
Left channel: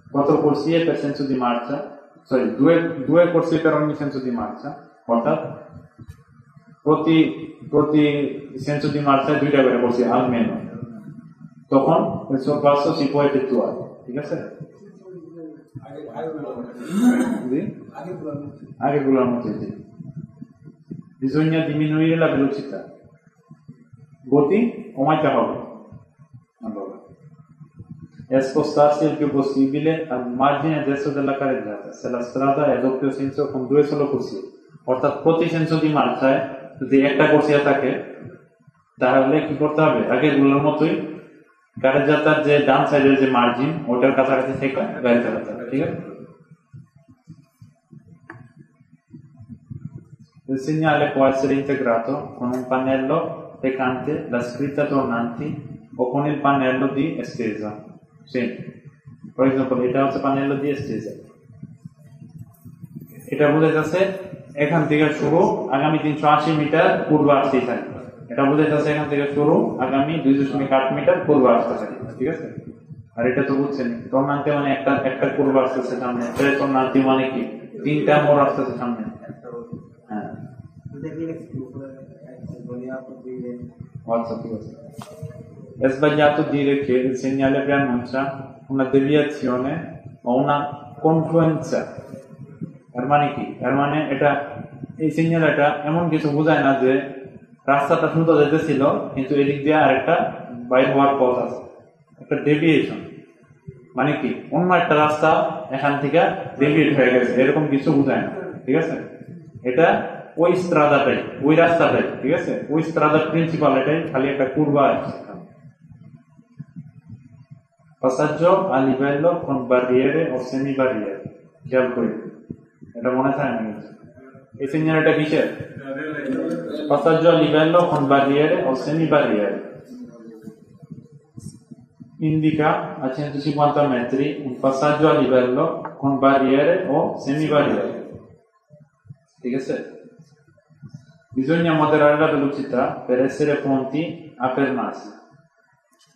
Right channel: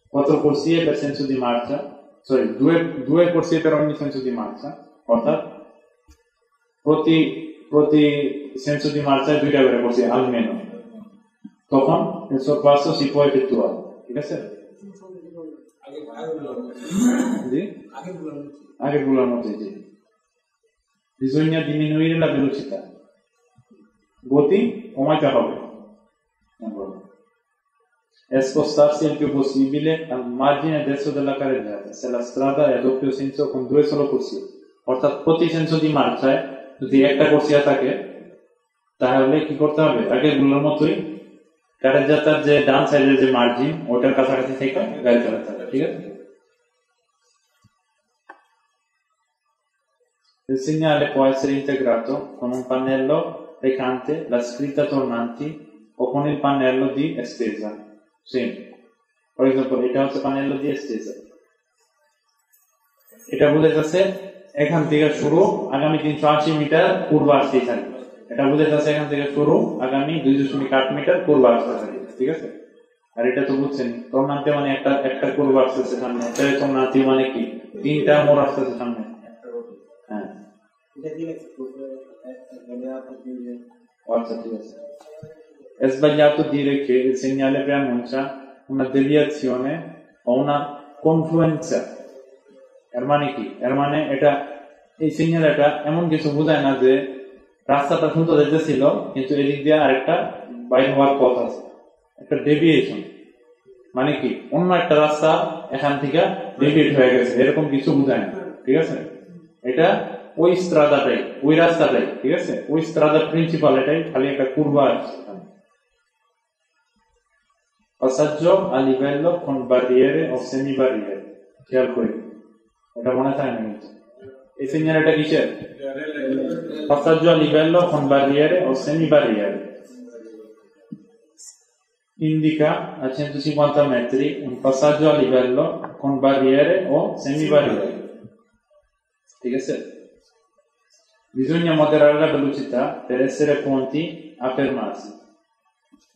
4 corsie per senso di marcia sorry due corsie per ogni senso di marcia অর্থাৎ প্রতি senso di marcia দুইটা করে corsie almeno তখন il sorpasso si può effettuare ঠিক আছে আগে বলার মতো bisogna diminuire la velocità গতি কমাইতে হবে allora e spostarsi il più possibile al margine destro della carreggiata se la strada è a doppio senso con 2 solo corsie অর্থাৎ প্রতি senso di marcia যদি একটা কোর্সিয়া থাকে তাহলে কি করতে হবে আগে বলার মতোই carreggiataর যে ডান সাইডের যে মার্জিন ওটার কাছাকাছি থেকে গাড়ি চালাতে হবে ঠিক আছে Il segnale può essere integrato con un pannello recante la scritta tornanti o con il pannello di estesa. Sì. Per esempio, এটা হচ্ছে pannello di estesa. এটা বোঝাচ্ছে এখান থেকে শুরু আগামী 380 মিটার পূর্ব আসতে থাকবে এটা বোঝাচ্ছে এখান থেকে শুরু আগামী 2.8 মিটার পূর্ব আসতে থাকবে ঠিক আছে আর এটা তো বুঝছেন tornante মানে একটা পূর্ব আসছে সামনে tre tornanti মানে কি তিনটা মোড় আসছে সামনে È sbagliato dire che il segnale preannuncia una deviazione o una confluenza. মানে এটা এই সিগন্যালটা এমন কিছু বোঝায় না যে রাস্তাটা সুন্দর যেতেছিল কিন্তু এদিক দিয়ে আরেকটা বাইরে হওয়ার পথ আছে একটা ডেভিয়েশন মানে কি অন্য একটা রাস্তা এখান থেকে ডেভিয়েট হয়ে গেছে এরকম কিছু বোঝায় না ঠিক আছে এটা ওই স্ট্রাদাটাই ওই রাস্তাটাই ঠিক আছে ওই স্ট্রাদা প্রিন্সিপাল এটাই খালি একটা কুরবা আছে passaggio a livello con barriere o semi barriere খেয়াল করি এটা মনে থাকে না এই সিগন্যালটা কিসের passaggio a livello con barriere o semi barriere indica a 150 metri un passaggio a livello con barriere o semibarriere. Bisogna moderare la velocità per essere pronti a fermarsi.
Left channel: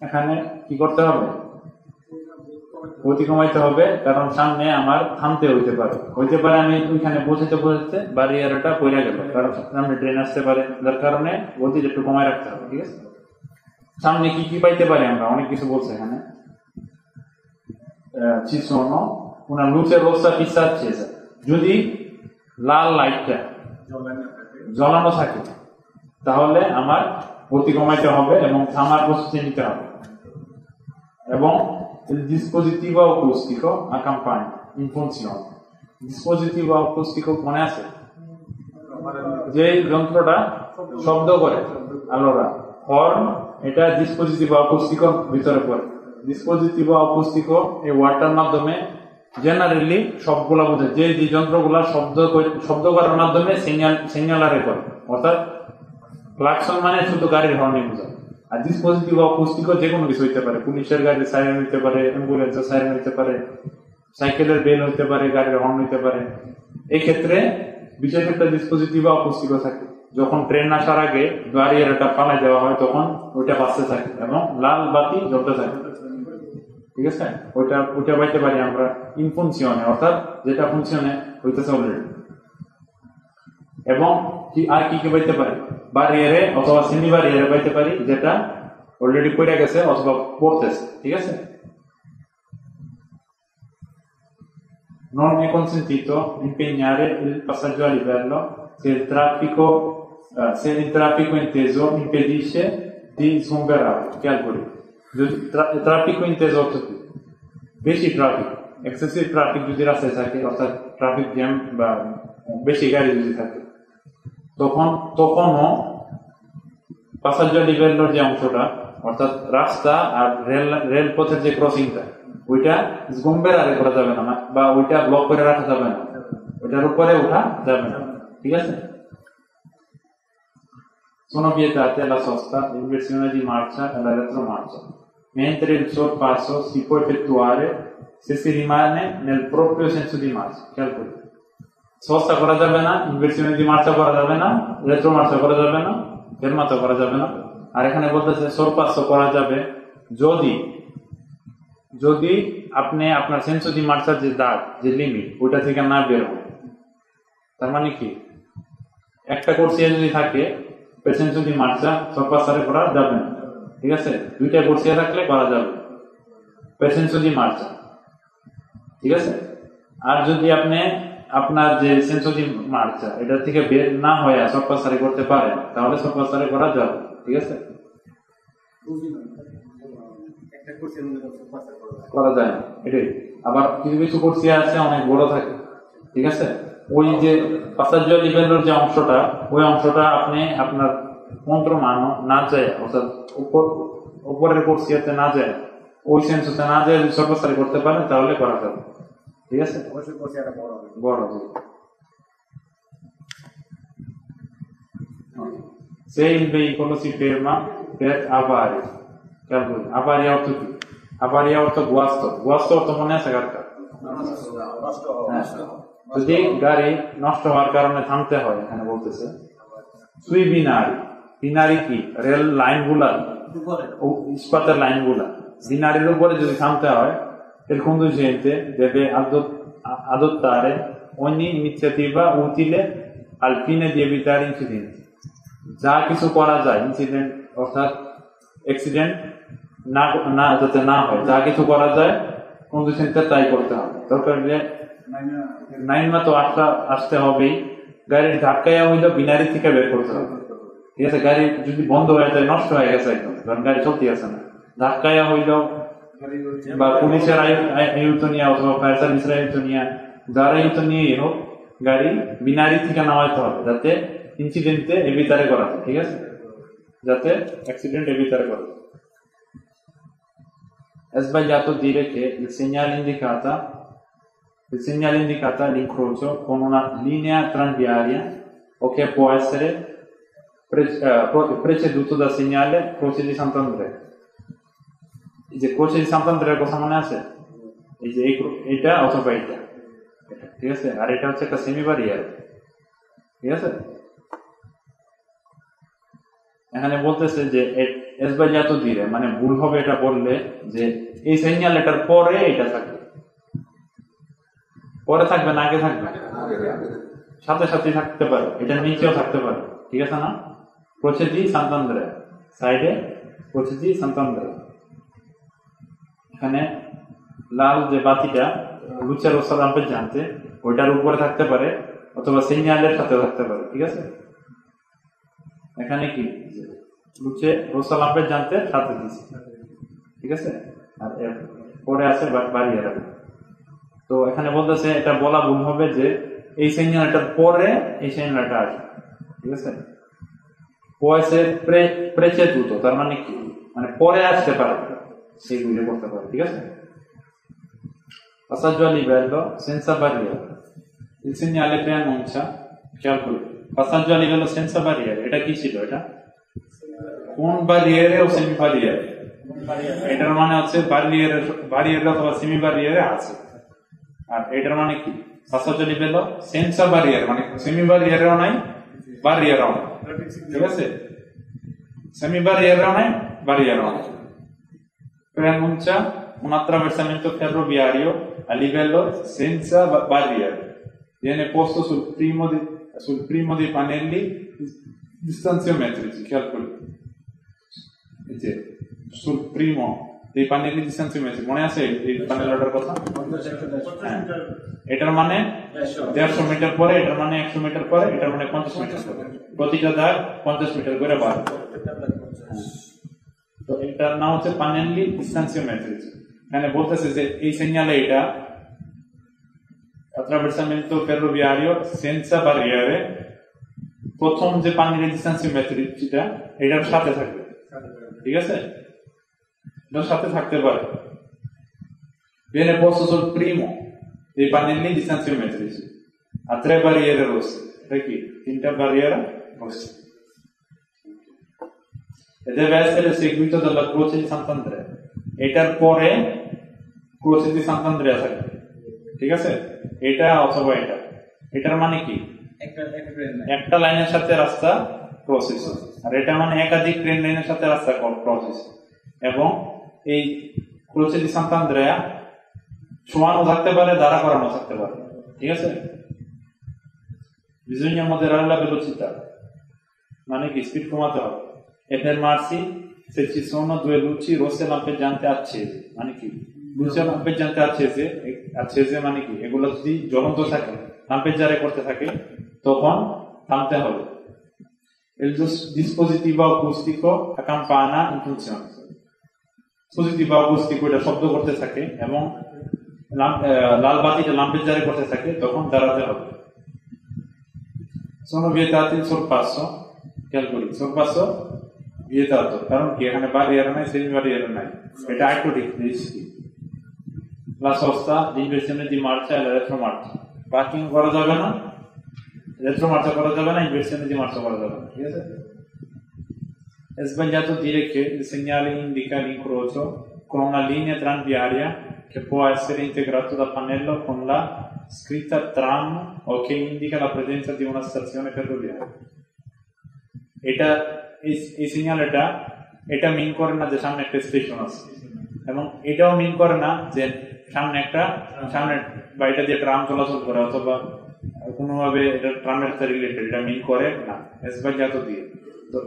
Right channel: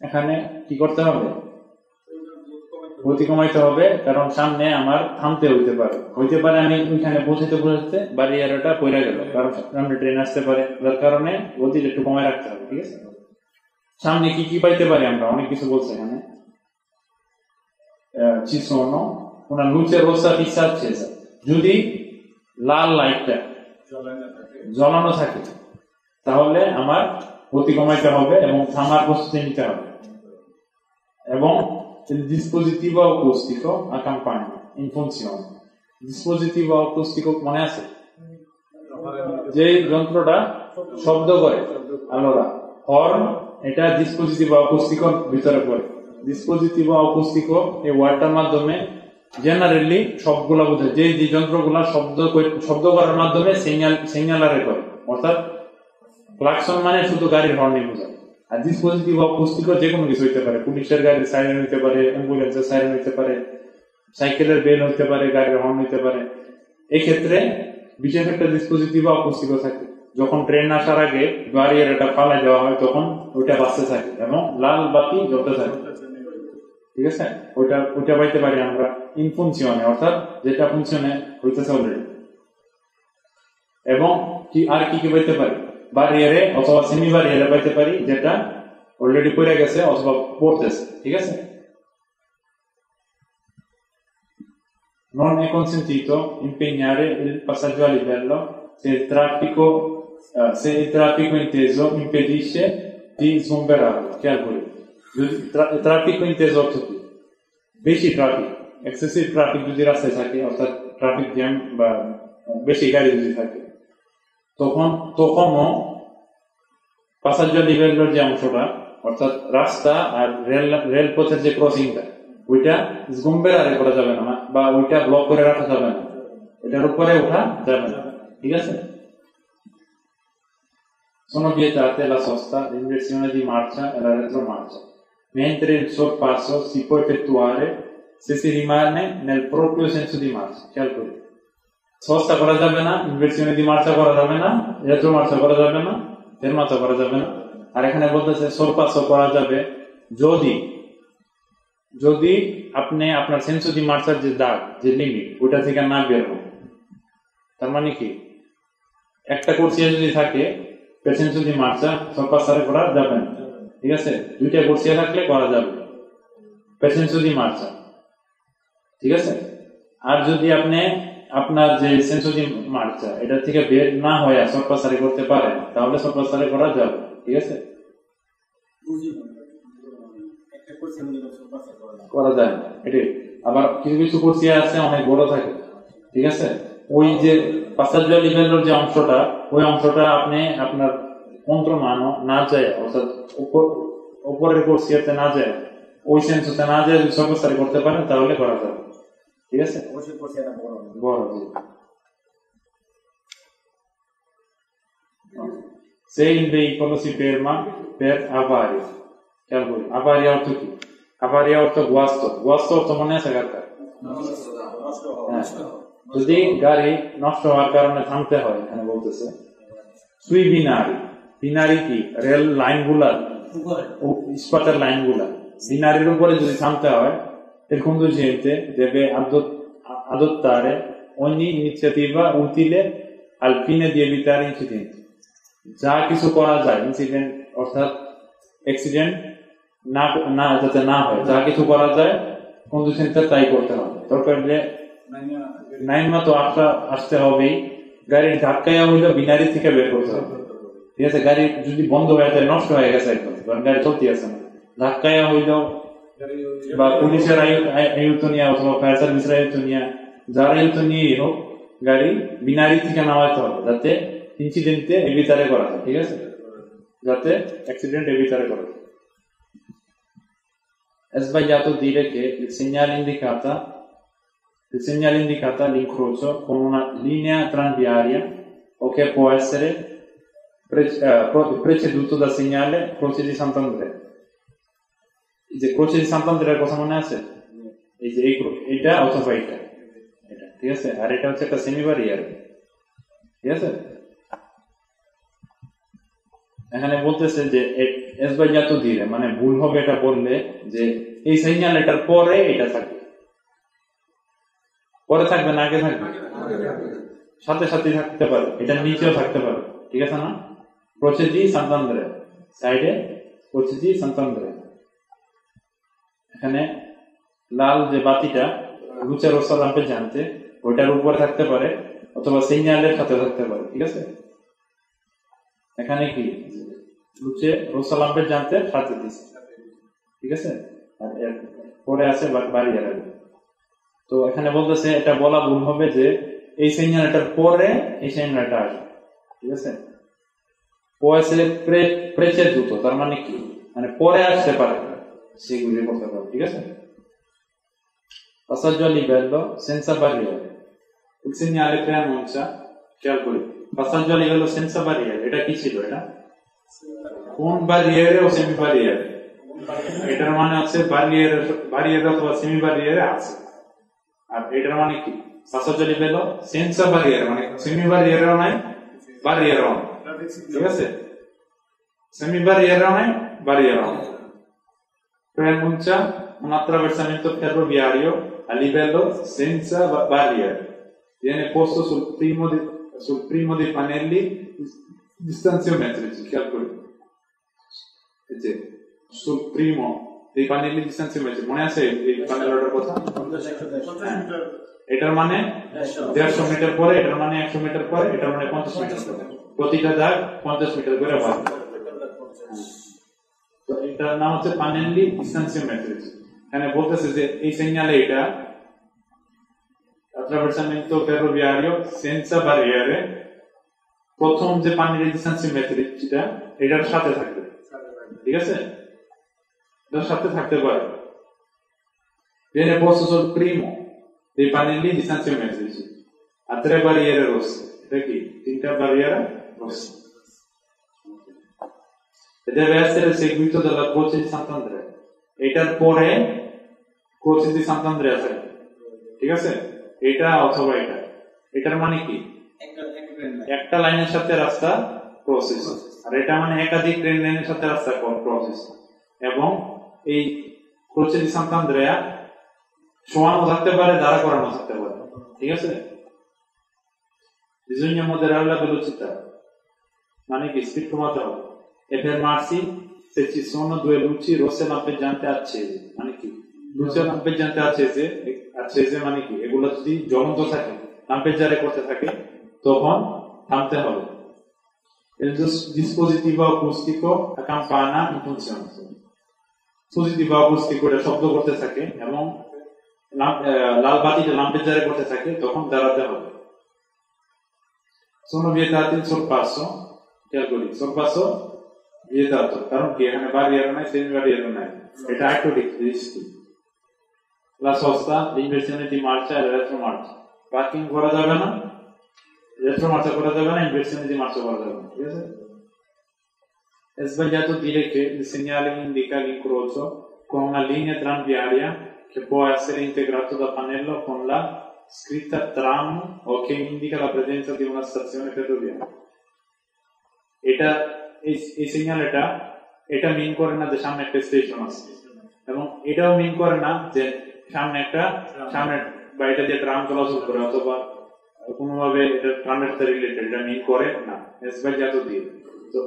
এখানে কি করতে হবে? গতি কমাইতে হবে, কারণ সামনে আমার থামতে হইতে পারে আমি ওইখানে বসতে ব্যারিয়ারটা পড়ে গেল, কারণ সামনে ট্রেন আসতে পারে, যার কারণে গতিটা একটু কমায় রাখতে হবে। ঠিক আছে, সামনে কি কি পাইতে পারি আমরা, অনেক কিছু বলছে এখানে। ci sono una luce rossa fissa accesa, যদি লাল লাইটটা জ্বলানো থাকে তাহলে আমার গতি কমাইতে হবে এবং থামার প্রস্তুতি নিতে হবে। এবং il dispositivo acustico a campana in funzione, dispositivo acustico মনে আছে? যে যন্ত্রটা শব্দ করে, allora horn এটা dispositivo acustico ভিতরে পড়ে। dispositivo acustico এই ওয়ার্ডটার মাধ্যমে জেনারেলি সবগুলা বোঝায় যে যন্ত্রগুলা শব্দ করার মাধ্যমে সিগন্যালারে করে, অর্থাৎ ক্লাকসন মানে শুধু গাড়ির হর্নই বোঝায়। আর ডিসপোজিটিভ অ্যাকুস্টিকও যে কোনো কিছু হইতে পারে, পুলিশের গাড়ির সাইরেন হইতে পারে, অ্যাম্বুলেন্সের সাইরেন হইতে পারে, সাইকেলের বেল হইতে পারে, গাড়ির হর্ন হইতে পারে। এই ক্ষেত্রে বিশেষ একটা ডিসপোজিটিভ অ্যাকুস্টিকও থাকে। যখন ট্রেন আসার আগে গাড়ির এটা পালাই দেওয়া হয় তখন ওটা বাজতে থাকে এবং লাল বাতি জ্বলতে থাকে। ঠিক আছে, ওইটা পাইতে পারি আমরা ইন ফাংশনে, অর্থাৎ যেটা ফাংশনে হইতেছে অলরেডি। এবং কি আর কি পাইতে পারি? বারিয়ারে অথবা সেমি বারিয়ারে পাইতে পারি, যেটা অলরেডি পড়ে গেছে অথবা পড়তেছে। ঠিক আছে, non è consentito impegnare il passaggio a livello se il traffico inteso impedisce di sgomberarlo. Calcoli. Il traffico inteso হচ্ছে বেশি ট্রাফিক, এক্সেসিভ ট্রাফিক যদি রাস্তায় থাকে, অর্থাৎ ট্রাফিক জ্যাম বা বেশি গাড়ি যদি থাকে, তখনও পাসাজ্জো লিভেলোর যে অংশটা, অর্থাৎ রাস্তা আর রেলপথের যে ক্রসিংটা, ওইটা স্গম্বেরারে করা যাবে না, বা ওইটা ব্লক করে রাখা যাবে না, ওইটার উপরে ওঠা যাবে না। ঠিক আছে, sono vietate la sosta, l'inversione di marcia e la retromarcia, mentre il sorpasso si può effettuare se si rimane nel proprio senso di marcia. Calcoli. Sosta করা যাবে না, ইনভার্সিone di marcia করা যাবে না, রেট্রোমার্চা করা যাবে না, ফেরমাতা করা যাবে না। আর এখানে বলতেছে sorpasso করা যাবে যদি আপনি আপনার সেন্সো দি মার্চার যে দাগ, যে লিমিট, ওটা থেকে না বের হন। তার মানে কি, একটা কোর্সিয়া যদি থাকে সেন্সো দি মার্চা sorpassare করা যাবে না। ঠিক আছে, দুইটা কোর্সিয়া থাকলে করা যাবে সেন্সো দি মার্চা। ঠিক আছে, আর যদি আপনি আপনার যে সেন্সো দি মার্চা এটা থেকে বের না হয় sorpassare করতে পারে, তাহলে sorpassare করা যাবে। ঠিক আছে, করা যায় না এটাই। আবার কিছু কিছু কোর্সিয়া আছে অনেক বড় থাকে। ঠিক আছে, ওই যে পাসাজ্জো লিভেলোর যে অংশটা, ওই অংশটা আপনি আপনার মন্ত্রণানো না যায়, অর্থাৎ উপরের কোর্সিয়াতে না যায়, ওই সেন্সোতে না যায়, যদি sorpassare করতে পারেন তাহলে করা যাবে। ঠিক আছে, অবশ্যই কোর্সিয়াটা বড় হবে। Se il veicolo si ferma per avaria, avaria অর্থ কি? avaria অর্থ গুয়াস্ত অর্থ মনে আছে কারটা? যদি গাড়ি নষ্ট হওয়ার কারণে থামতে হয়, এখানে বলতেছে sui binari কি? রেল লাইন গুলা, ইস্পাতের লাইন গুলা, বিনারির উপরে যদি থামতে হয়, il conducente deve adottare ogni iniziativa utile al fine di evitare incidenti. যা কিছু করা যায়, ইনসিডেন্ট অর্থাৎ অ্যাক্সিডেন্ট না যাতে না হয়, যা কিছু করা যায় কন্ডিশনটা তাই করতে হবে। দরকার যে নাইমা তো আসতে হবেই, গাড়ির ধাক্কায় হইলেও বিনারি থেকে বের করতে হবে। ঠিক আছে, গাড়ি যদি বন্ধ হয়ে যায়, নষ্ট হয়ে গেছে, গাড়ি চলতে আছে না, ধাক্কায় হইলেও বা পুলিশের আয়ুক্ত নিয়ে অথবা ফায়ার সার্ভিসের আয়ুক্ত নিয়ে, যার আয়ুক্ত নিয়ে হোক, গাড়ি বিনারি থেকে নামাইতে হবে, যাতে incidente evitare করা যায়। ঠিক আছে, যাতে অ্যাক্সিডেন্ট evitare করা যায়। È sbagliato dire che il segnale indicata l'incrocio con una linea tranviaria o che può essere preceduto dal segnale Croce di Sant'Andrea. এই যে ক্রোচের সান্তান্দ্রের কথা মনে আছে, এই যে এইটা অথবা এটা, ঠিক আছে, আর এটা হচ্ছে একটা সেমি বারিয়ার, ঠিক আছে। এখানে বলতেছে যে এসবাইজাতো ধীরে, মানে ভুল হবে এটা বললে যে এই সিগন্যাল এটার পরে এটা থাকবে, পরে থাকবে না আগে থাকবে, সাথে সাথে থাকতে পারে, এটা নিচেও থাকতে পারে, ঠিক আছে না। প্রচেদি সান্তান্দ্রে সাইডে, প্রচেদি সান্তান্দ্রে। এখানে লাল যে বাতিটা লুচের রোসা লাম্পে জানতে ওইটার উপরে থাকতে পারে অথবা সিগন্যালের সাথে থাকতে পারে, ঠিক আছে। এখানে কি লুচে রোসা লাম্পে জানতে সাথে দিচ্ছে, ঠিক আছে, আর পরে আছে বাড়িয়ে রাখবে। তো এখানে বলতেছে এটা বলা ভুল হবে যে এই সিগন্যালটার পরে এই সিগন্যালটা আসবে, ঠিক আছে। পয়সে preceduto, তার মানে কি, মানে পরে আসতে পারে, সেগুলি করতে পারে, ঠিক আছে। Passaggio a livello senza barriere. Il segnale preannuncia, খেয়াল করে, passaggio a livello senza barriere, এটা কি ছিল, এটা কোন barriere ও সেমি barriere, এটার মানে আছে barriere অথবা সেমি barriere আছে, আর এটার মানে কি passaggio a livello senza barriere, মানে সেমি barriere ও নাই barriere ও নাই, ঠিক আছে, সেমি barriere ও নাই barriere ও নাই। Preannuncia un attraversamento ferroviario a livello senza barriere, viene posto sul primo dei pannelli distanziometrici, calcoli, sul primo dei pannelli distanziometrici, মনে আছে এই পannelটার কথা, এটার মানে 150 মিটার পরে, এটার মানে 100 মিটার পরে, এটার মানে 50 মিটার পরে, প্রতিটা দাগ 50 মিটার করে বাড়বে। তো এটার নাম হচ্ছে pannelli distanziometrici। এখানে বলতেছে যে এই সিগন্যালে এটা attraversamento ferroviario senza barriere, প্রথম যে pannelli distanziometrici-টা এটার সাথে থাকবে, ঠিক আছে, এটার সাথে থাকতে পারে। viene posto sul primo dei pannelli distanziometrici a 3 barriere rosse, perché 3 barriere rosse, e deve essere seguito dalla croce di Sant'Andrea, এটার পরে croce di Sant'Andrea থাকবে, ঠিক আছে, এটা অথবা এটা, এটার মানে কি একটা লাইনের সাথে রাস্তা প্রসেস, আর এটা মানে একাধিক ট্রেন লাইনের সাথে রাস্তা প্রসেস, এবং এই croce di Sant'Andrea শোয়ানো থাকতে পারে, দাঁড়া করানো থাকতে পারে, ঠিক আছে। bisogna moderare la velocità, মানে কি স্পিড কমাতে হবে। e fermarsi se ci sono 2 luci rosse lampeggianti accese, মানে কি luci lampeggianti accese মানে কি এগুলো যদি জ্বলন্ত থাকে, লাম্পেজ্জারে করতে থাকে, তখন থামতে হবে। il dispositivo acustico a campana in funzione, dispositivo acustico এটা শব্দ করতে থাকে এবং লাল বাতিটা লাম্পেজ্জারে করতে থাকে, তখন দাঁড়াতে হবে। sono vietati il sorpasso, calcoli, sorpasso vietato, কারণ কি এখানে barriere নাই, সেমি barriere নাই, এটা একটু risky. la sosta, l'inversione di marcia e la retromarcia, parking করা যাবে না, retromarcia করা যাবে না, inversione di marcia করা যাবে না, ঠিক আছে। è sbagliato dire che il segnale indica l'incrocio con una linea tranviaria che può essere integrato dal pannello con la scritta tram o che indica la presenza di una stazione ferroviaria, এটা এই সিগন্যালটা এটা মিন করে না যে সামনে একটা স্টেশন আছে, এবং এটাও মিন করে না যে সামনে বাড়িটা দিয়ে ট্রাম চলাচল করে অথবা কোনোভাবে এটা ট্রামের সাথে রিলেটেড, এটা মিন করে না, এসবাইজাতো দিয়ে। তো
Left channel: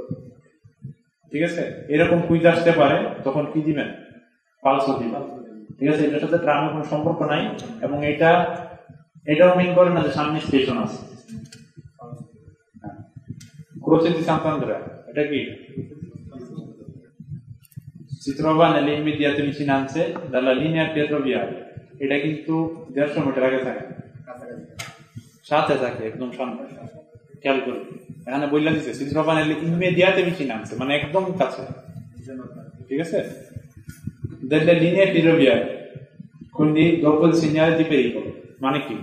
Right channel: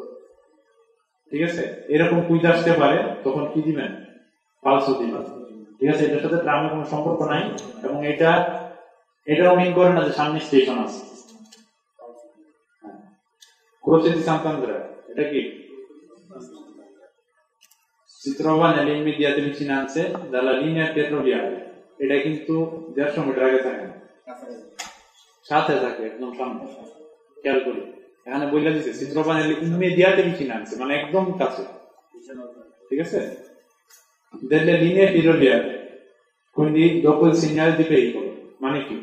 ঠিক আছে, এরকম কুইজ আসতে পারে, তখন কি দিবেন, পালসও দিবেন, ঠিক আছে। এটার সাথে ট্রামের কোনো সম্পর্ক নাই, এবং এটাও মিন করে না যে সামনে স্টেশন আছে। croce di Sant'Andrea, এটা কি si trova nelle immediate vicinanze dalla linea ferroviaria, এটা কিন্তু 150 মিটার আগে থাকে, সাথে থাকে, একদম সামনে, খেয়াল করি। এখানে বইলা দিছে si trova nelle immediate vicinanze, মানে একদম কাছে, ঠিক আছে, delle linee ferroviarie, quindi dopo il segnale di pericolo, মানে কি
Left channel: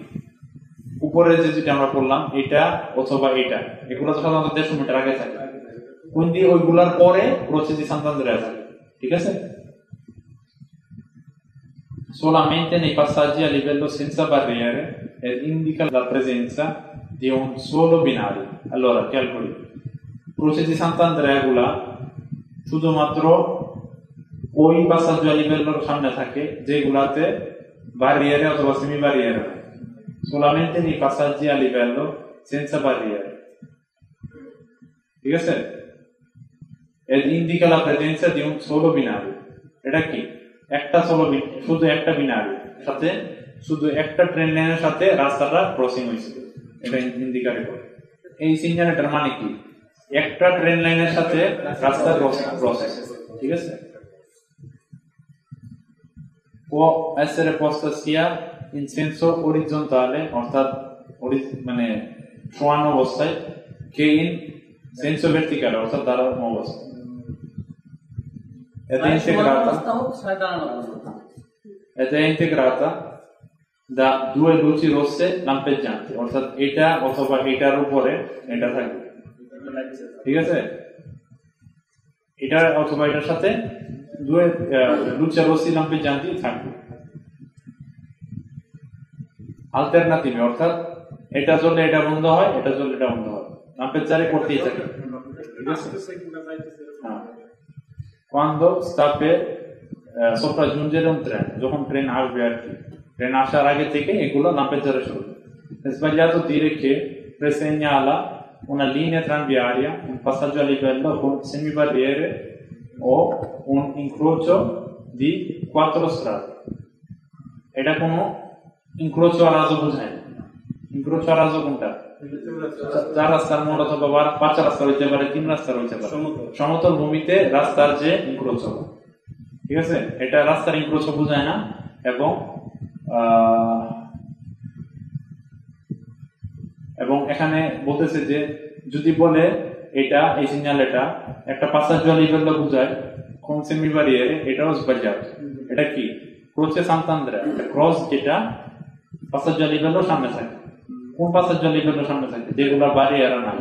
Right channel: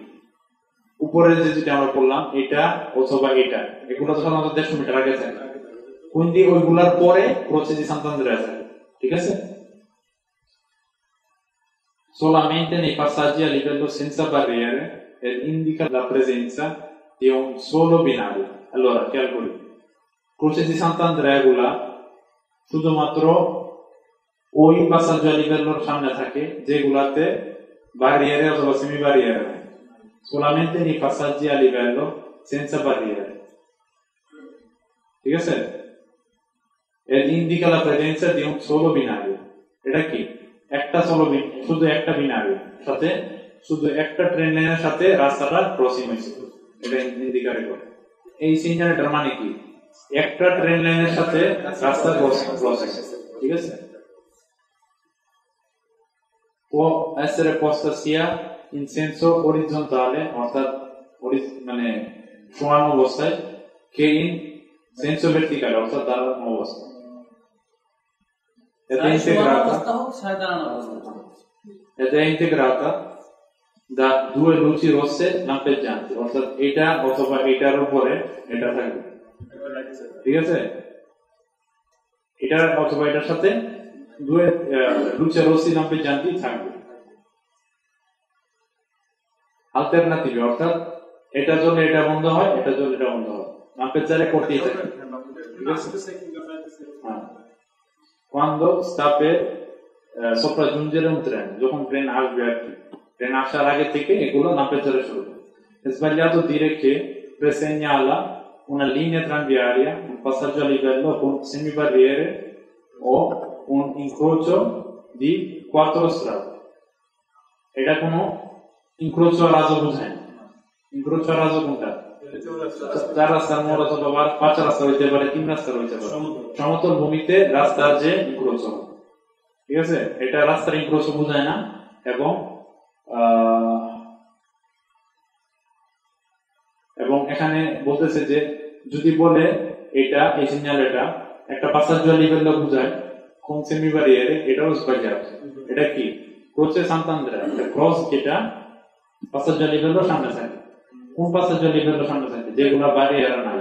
উপরে যেটা আমরা বললাম এটা অথবা এটা, এগুলো সাধারণত 150 মিটার আগে থাকে, কোন দিয়ে ওইগুলার পরে croce di Sant'Andrea থাকে, ঠিক আছে। solamente nei passaggi a livello senza barriere ed indica la presenza di un solo binario. Allora, calcoli. Croce di Sant'Andrea শুধুমাত্র ওই পাসাজ্য লিভেলের সামনে থাকে যেগুলাতে barriere অথবা সেমি barriere নেই। solamente nei passaggi a livello senza barriere. ঠিক আছে? ed indica la presenza di un solo binario. এটা কি? একটা শুধু একটা বিনারি সাথে শুধু একটা ট্রেন লাইনের সাথে রাস্তাটা ক্রসিং হয়েছে, এটা ইন্ডিকেট করে। এই সিগন্যালটার মানে কি? একটা ট্রেন লাইনের সাথে রাস্তা ক্রস, ঠিক আছে? può essere posta sia in senso orizzontale, অর্থাৎ মানে সমান অবস্থায়, che in senso verticale, অর্থাৎ দাঁড়ানো অবস্থায়। Ed è integrata da due luci rosse lampeggianti, অর্থাৎ এটা অথবা এটার উপরে এটা থাকবে, ঠিক আছে? এটা অথবা এটার সাথে due luci rossi lampeggianti থাকবে। অল্টারনেটিভ, অর্থাৎ এটা জ্বললে এটা বন্ধ হয়, এটা জ্বললে এটা বন্ধ হয়, লাম্পেজ্জারে করতেই থাকে, ঠিক আছে? quando sta per sopraggiungere un treno, যখন ট্রেন আসবে আর কি, ট্রেন আসার আগে থেকে এগুলো লাম্পেজ্জারে শুরু হবে। È sbagliato dire che segnala una linea tranviaria, un passaggio a livello con semibarriere o un incrocio di 4 strade. এটা কোনো incrocio a raso বোঝায় না। incrocio a raso কোনটা? চার রাস্তার মোড় অথবা 5 রাস্তা হইতে পারে, 3 রাস্তা হইতে পারে, সমতল ভূমিতে রাস্তার যে ইনক্রোচ, ঠিক আছে? এটা রাস্তার ইনক্রোচ বোঝায় না। এবং এখানে বলতেছে যে যদি বলে এটা এই সিগন্যাল এটা একটা passaggio a livello বোঝায় con semibarriere, এটাও sbagliato। এটা কি? croce Sant'Andrea, এটা ক্রস যেটা passaggio a livello সামনে থাকে। কোন passaggio a livello সামনে থাকে? যেগুলো barriere নাই,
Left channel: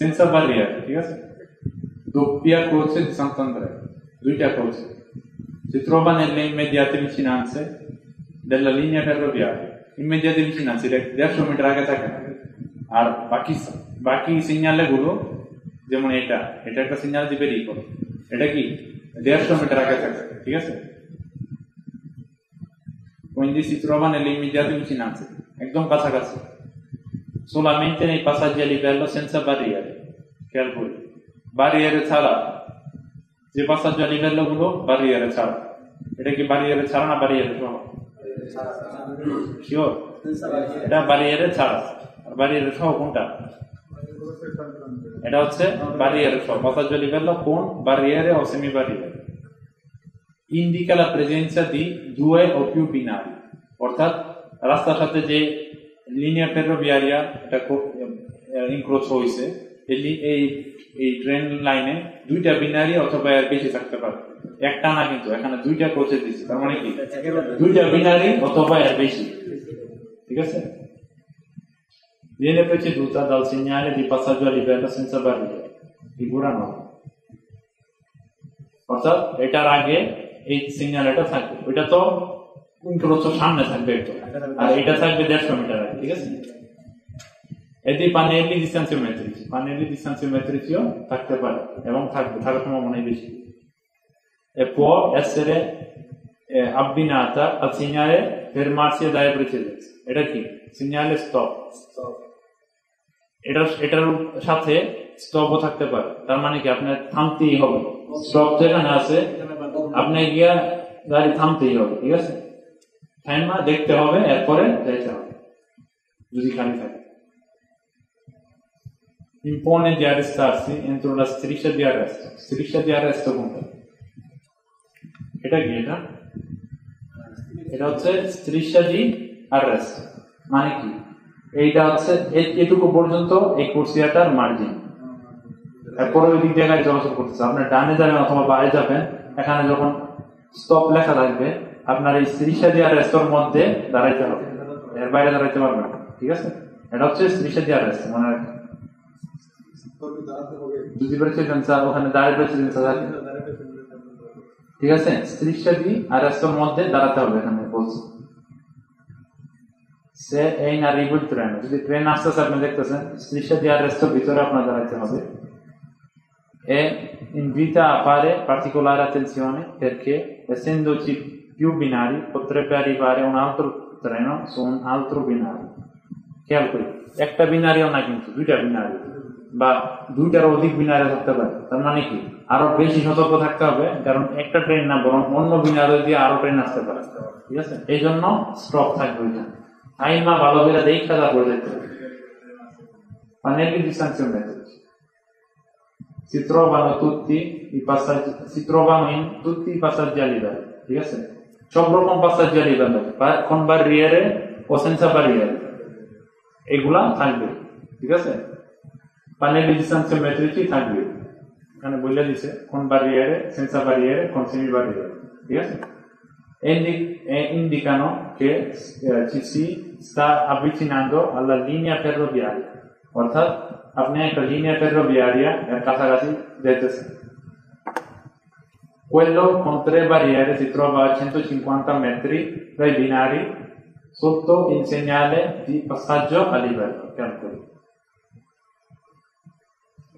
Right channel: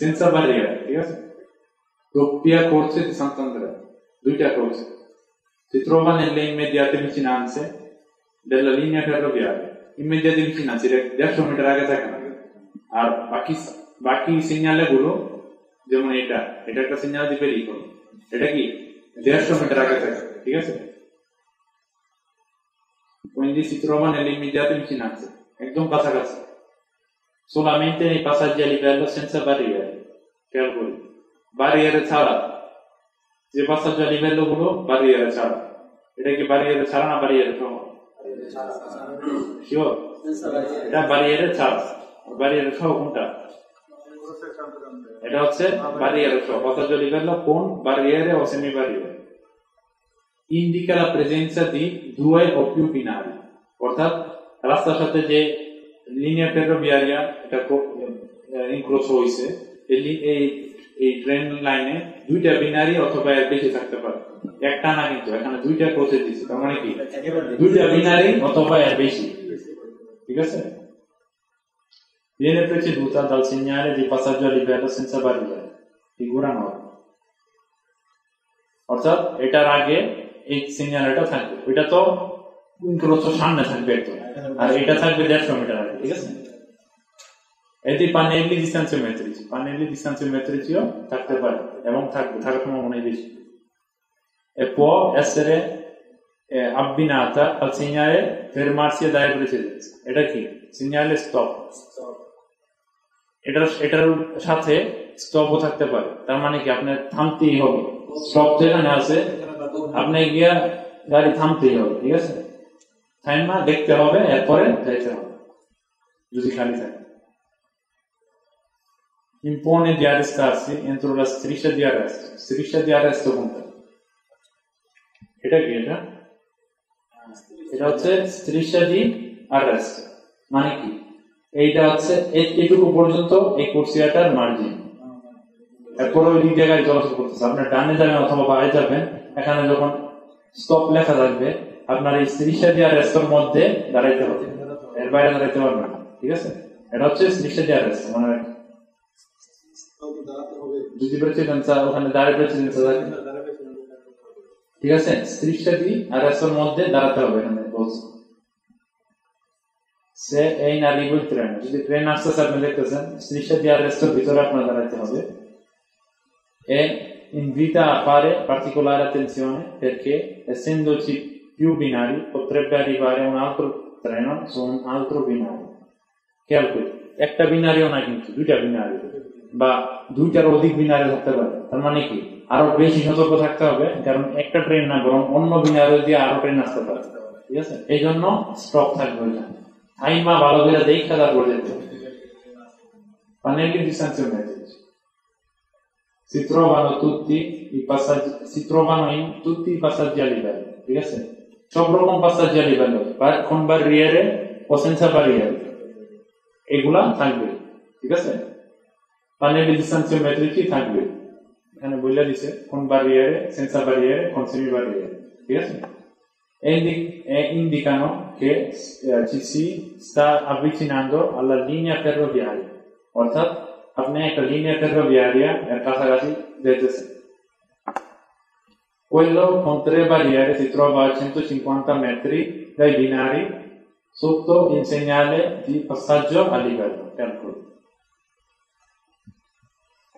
senza barriere, ঠিক আছে? doppia croce di Sant'Andrea, দুইটা croce si trova nelle immediate vicinanze della linea ferroviaria। immediate vicinanze 150 metre আগে থাকে, আর বাকি সিগন্যালে গুলো যেমন এটা একটা সিগন্যাল দিবে রিকল, এটা কি 150 মিটার আগে থাকে, ঠিক আছে? quindi si trova nelle immediate vicinanze, একদম কাছাকাছি। solamente nei passaggi a livello senza barriere, খেয়াল করি, barriere ছাড়া যে passaggio a livello গুলো barriere ছাড়া, এটা কি barriere ছাড়া না barriere সহ? শিওর এটা barriere ছাড়া। আর barriere সহ কোনটা? এটা হচ্ছে barriere সহ, passaggio a livello con barriere o semi barriere। indica la presenza di 2 o più binari, অর্থাৎ রাস্তার সাথে যে লিনিয়া ফেরোভিয়ারিয়া এটা ইনক্রোচ হইছে, এই ট্রেন লাইনে 2টা বিনারি অথবা এর বেশি থাকতে পারে, একটা না, কিন্তু এখানে 2টা কোচে দিয়েছে, তার মানে কি 2টা বিনারি অথবা এর বেশি, ঠিক আছে? viene preceduta dal segnale di passaggio a livello senza barriere, figura 9, অর্থাৎ এটার আগে এই সিগন্যালটা থাকবে, ওইটা তো ইনক্রোচ সামনে থাকবে একদম, আর এটা থাকবে 150 মিটার আগে, ঠিক আছে? এতে pannelli distanziometrici থাকতে পারে এবং থাকার সম্ভাবনা বেশি। e può essere abbinata al segnale fermarsi e dare precedenza, এটা কি? segnale stop, এটার সাথে স্টপও থাকতে পারে, তার মানে কি আপনার থামতেই হবে, স্টপ যেখানে আছে আপনি গিয়া গাড়ি থামতেই হবে, ঠিক আছে? থাইমা দেখতে হবে, এরপরে যাইতে হবে যদি খালি থাকে। impone di arrestarsi entro la striscia di arresto, striscia di arresto কোনটা? এটা কি? এটা হচ্ছে striscia di arresto, মানে কি? এইটা হচ্ছে এইটুকু পর্যন্ত এই কুর্সিয়াটার মার্জিন, এরপরে ওই দিক জায়গায় চলাচল করতেছে, আপনার ডানে যাবেন অথবা বাইরে যাবেন, এখানে যখন স্টপ লেখা থাকবে আপনার এই striscia di arresto এর মধ্যে দাঁড়াইতে হবে, এর বাইরে দাঁড়াইতে পারবেন না, ঠিক আছে? এটা হচ্ছে striscia di arresto, মানে যদি precedenza ওখানে দাঁড়িয়ে precedenza থাকে ঠিক আছে, strisciati arresto মধ্যে দাঁড়াতে হবে এখানে বলছে। Se è in arrivo il treno, যদি ট্রেন আসতেছে আপনি দেখতেছেন, strisciati arresto ভিতরে আপনার দাঁড়াতে হবে। E invita a fare particolare attenzione perché essendoci più binari potrebbe arrivare un altro treno su un altro binario. খেয়াল করি, একটা বিনারিও না কিন্তু দুইটা বিনারি বা দুইটার অধিক বিনারি থাকতে পারে। তার মানে কি আরো বেশি সতর্ক থাকতে হবে, কারণ একটা ট্রেন না বরং অন্য বিনারি দিয়ে আরো ট্রেন আসতে পারে। ঠিক আছে, এই জন্য স্টপ থাকবে ওইখানে। আইমা ভালো করে দেখা তারপর দেখতে হবে। Pannelli di sanzionamento. Si trovano in tutti i passaggi a livello. ঠিক আছে, সব রকম passaggi a livello, con barriere o senza barriere, এগুলা থাকবে। ঠিক আছে, pannelli di sanziometrici থাকবে, এখানে বলে দিছে con barriere, senza barriere, con semi barriere। ঠিক আছে, e indicano che ci si sta avvicinando alla linea ferroviaria, অর্থাৎ আপনি একটা linea ferroviaria এর কাছাকাছি যেতেছেন। Quello con 3 barriere si trova a 150 metri dai binari sotto il segnale di passaggio a livello।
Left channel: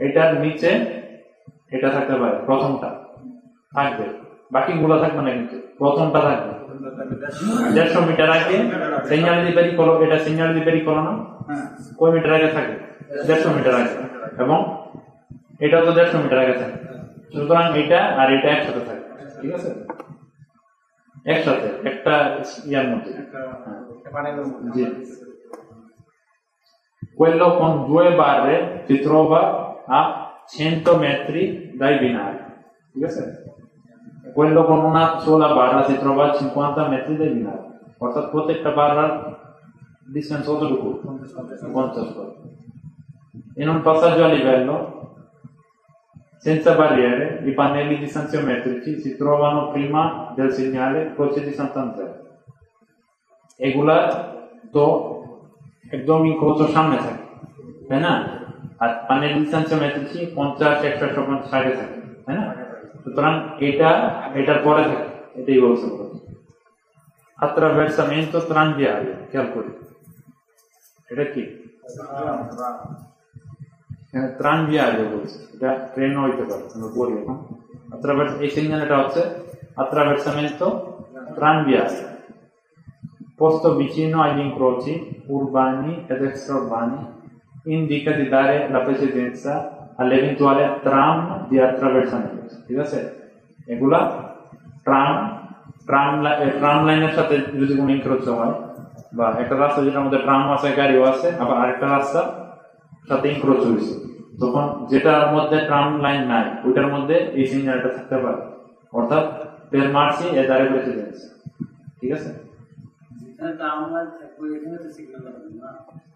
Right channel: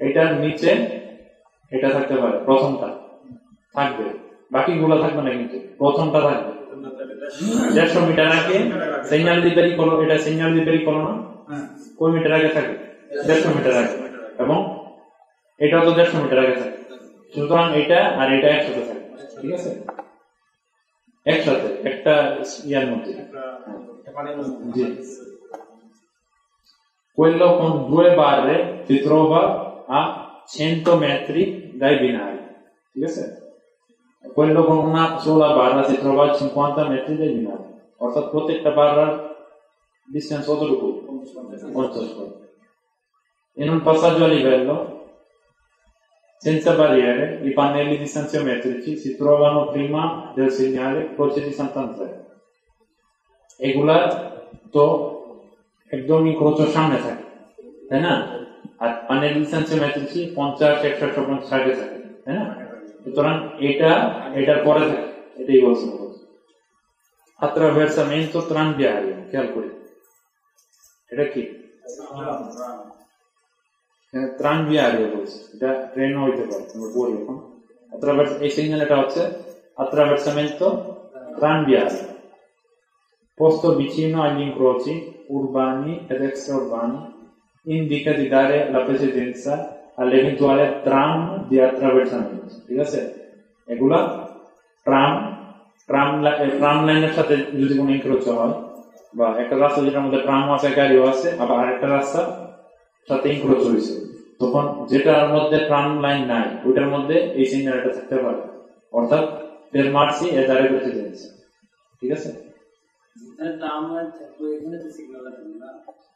এটার নিচে এটা থাকতে পারে, প্রথমটা থাকবে, বাকিগুলো থাকবে না, কিন্তু প্রথমটা থাকবে। 150 মিটার আগে সিগন্যাল দি pericolo, এটা সিগন্যাল দি pericolo না, কয় মিটার আগে থাকে? 150 মিটার আগে, এবং এটাও তো 150 মিটার আগে থাকে। সুতরাং এটা আর এটা একসাথে থাকে। ঠিক আছে, একসাথে একটা ইয়ার মধ্যে। Quello con 2 barre si trova a 100 metri dai binari। ঠিক আছে, quello con una sola barra si trova a 50 metri dai binari, অর্থাৎ প্রত্যেকটা barra distance কতটুকু? 50 foot. In un passaggio a livello senza barriere, i pannelli distanziometrici si trovano prima del segnale Croce di Sant'Andrea। এগুলা তো একদম ইনক্রোচের সামনে থাকে, তাই না? আর pannelli distanziometrici 50, 100, 150 আগে থাকে, তাই না? সুতরাং এটার পরে থাকে, এটাই বলছে। attraversamento tranviario, খেয়াল করি এটা কি? tranviario বলছে, এটা ট্রেন হইতে পারে, আমরা বলি এখন এই সিগন্যালটা হচ্ছে attraversamento tranviario, posto vicino agli incroci urbani ed extraurbani, indica di dare la precedenza all'eventuale tram di attraversamento। ঠিক আছে, এগুলা ট্রাম লাইনের সাথে যদি কোনো ইনক্রোচ হয়, বা একটা রাস্তা যেটার মধ্যে ট্রাম আছে, গাড়িও আছে, আবার আরেকটা রাস্তা সাথে ইনক্রোচ হয়েছে, তখন যেটার মধ্যে ট্রাম লাইন নাই ওইটার মধ্যে এই সিগন্যালটা থাকতে পারে, অর্থাৎ fermarsi e dare precedenza। ঠিক আছে,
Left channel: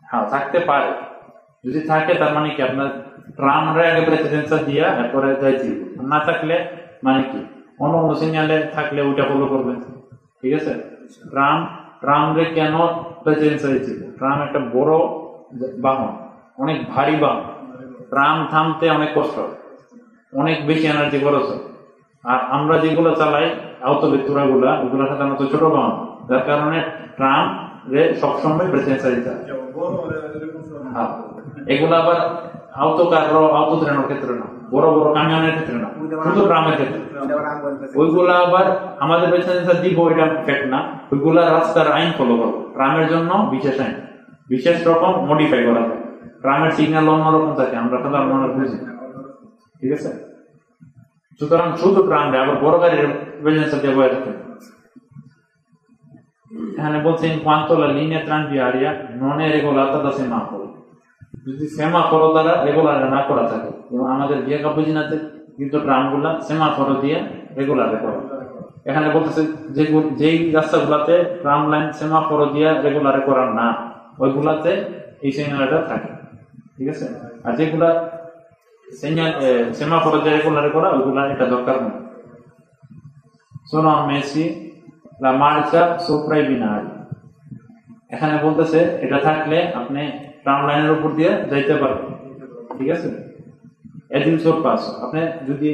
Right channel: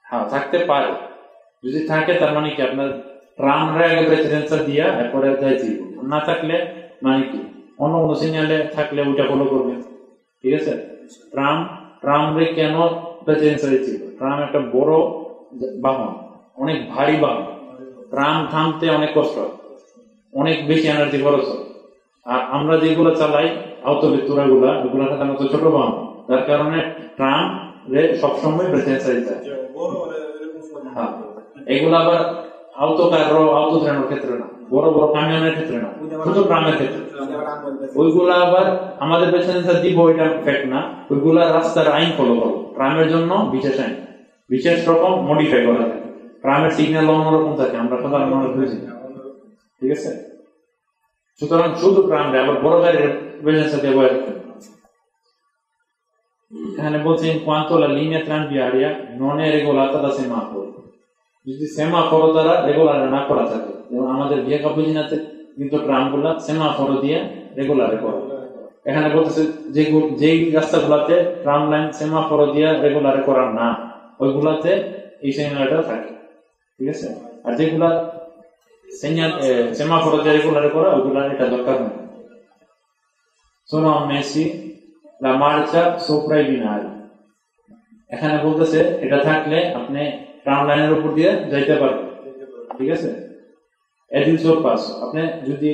হ্যাঁ থাকতে পারে, যদি থাকে তার মানে কি আপনার ট্রামরে আগে প্রেসিডেন্সা দিয়া এরপরে যাইছি, না থাকলে মানে কি অন্য সিগন্যালে থাকলে ওইটা ফলো করবে। ঠিক আছে, ট্রামরে কেন প্রেসিডেন্সা দিচ্ছে? ট্রাম একটা বড় বাহন, অনেক ভারী বাহন, ট্রাম থামতে অনেক কষ্ট, অনেক বেশি এনার্জি খরচ হয়। আর আমরা যেগুলো চালাই আউটোভেক্টুরা গুলা, ওগুলো সাধারণত ছোট বাহন, যার কারণে ট্রাম রে সবসময় প্রেসিডেন্সা দিতে হয়। এগুলো আবার আউটো ট্রেনের ক্ষেত্রে না, বড় বড় কামিয়ানের ক্ষেত্রে না, শুধু ট্রামের ক্ষেত্রে। ওইগুলা আবার আমাদের প্রেসিডেন্সা দিব, ওইটা ফ্যাক্ট না, ওইগুলা রাস্তার আইন ফলো করবো। ট্রামের জন্য বিশেষ আইন, বিশেষ রকম মডিফাই করা যায়। ট্রামের সিগন্যাল অন্যরকম থাকে, আমরা সাধারণ মানুষ বুঝি। ঠিক আছে, সুতরাং শুধু ট্রাম না, আবার বড় গাড়ির প্রেসিডেন্সা দেওয়া যায়। এখানে বলছে quanto la linea tranviaria non è regolata da semaforo, যদি সেমাফোরো দ্বারা রেগুলার না করা থাকে, যেমন আমাদের ভিয়া কাপুজিনাতে কিন্তু ট্রামগুলা সেমাফোরো দিয়ে রেগুলার করে। এখানে বলতেছে যে রাস্তাগুলাতে ট্রাম লাইন সেমাফোরো দিয়ে রেগুলার করা না, ওইগুলাতে এই সিগন্যালটা থাকে। ঠিক আছে, আর যেগুলা সেমাফোরো দিয়ে রেগুলার করা, ওইগুলা এটা দরকার নেই। sono ammessi la marcia sopra i binari। এখানে বলতেছে এটা থাকলে আপনি ট্রাম লাইনের উপর দিয়ে যাইতে পারবেন। ঠিক আছে, এদিন সব পাস, আপনি যদি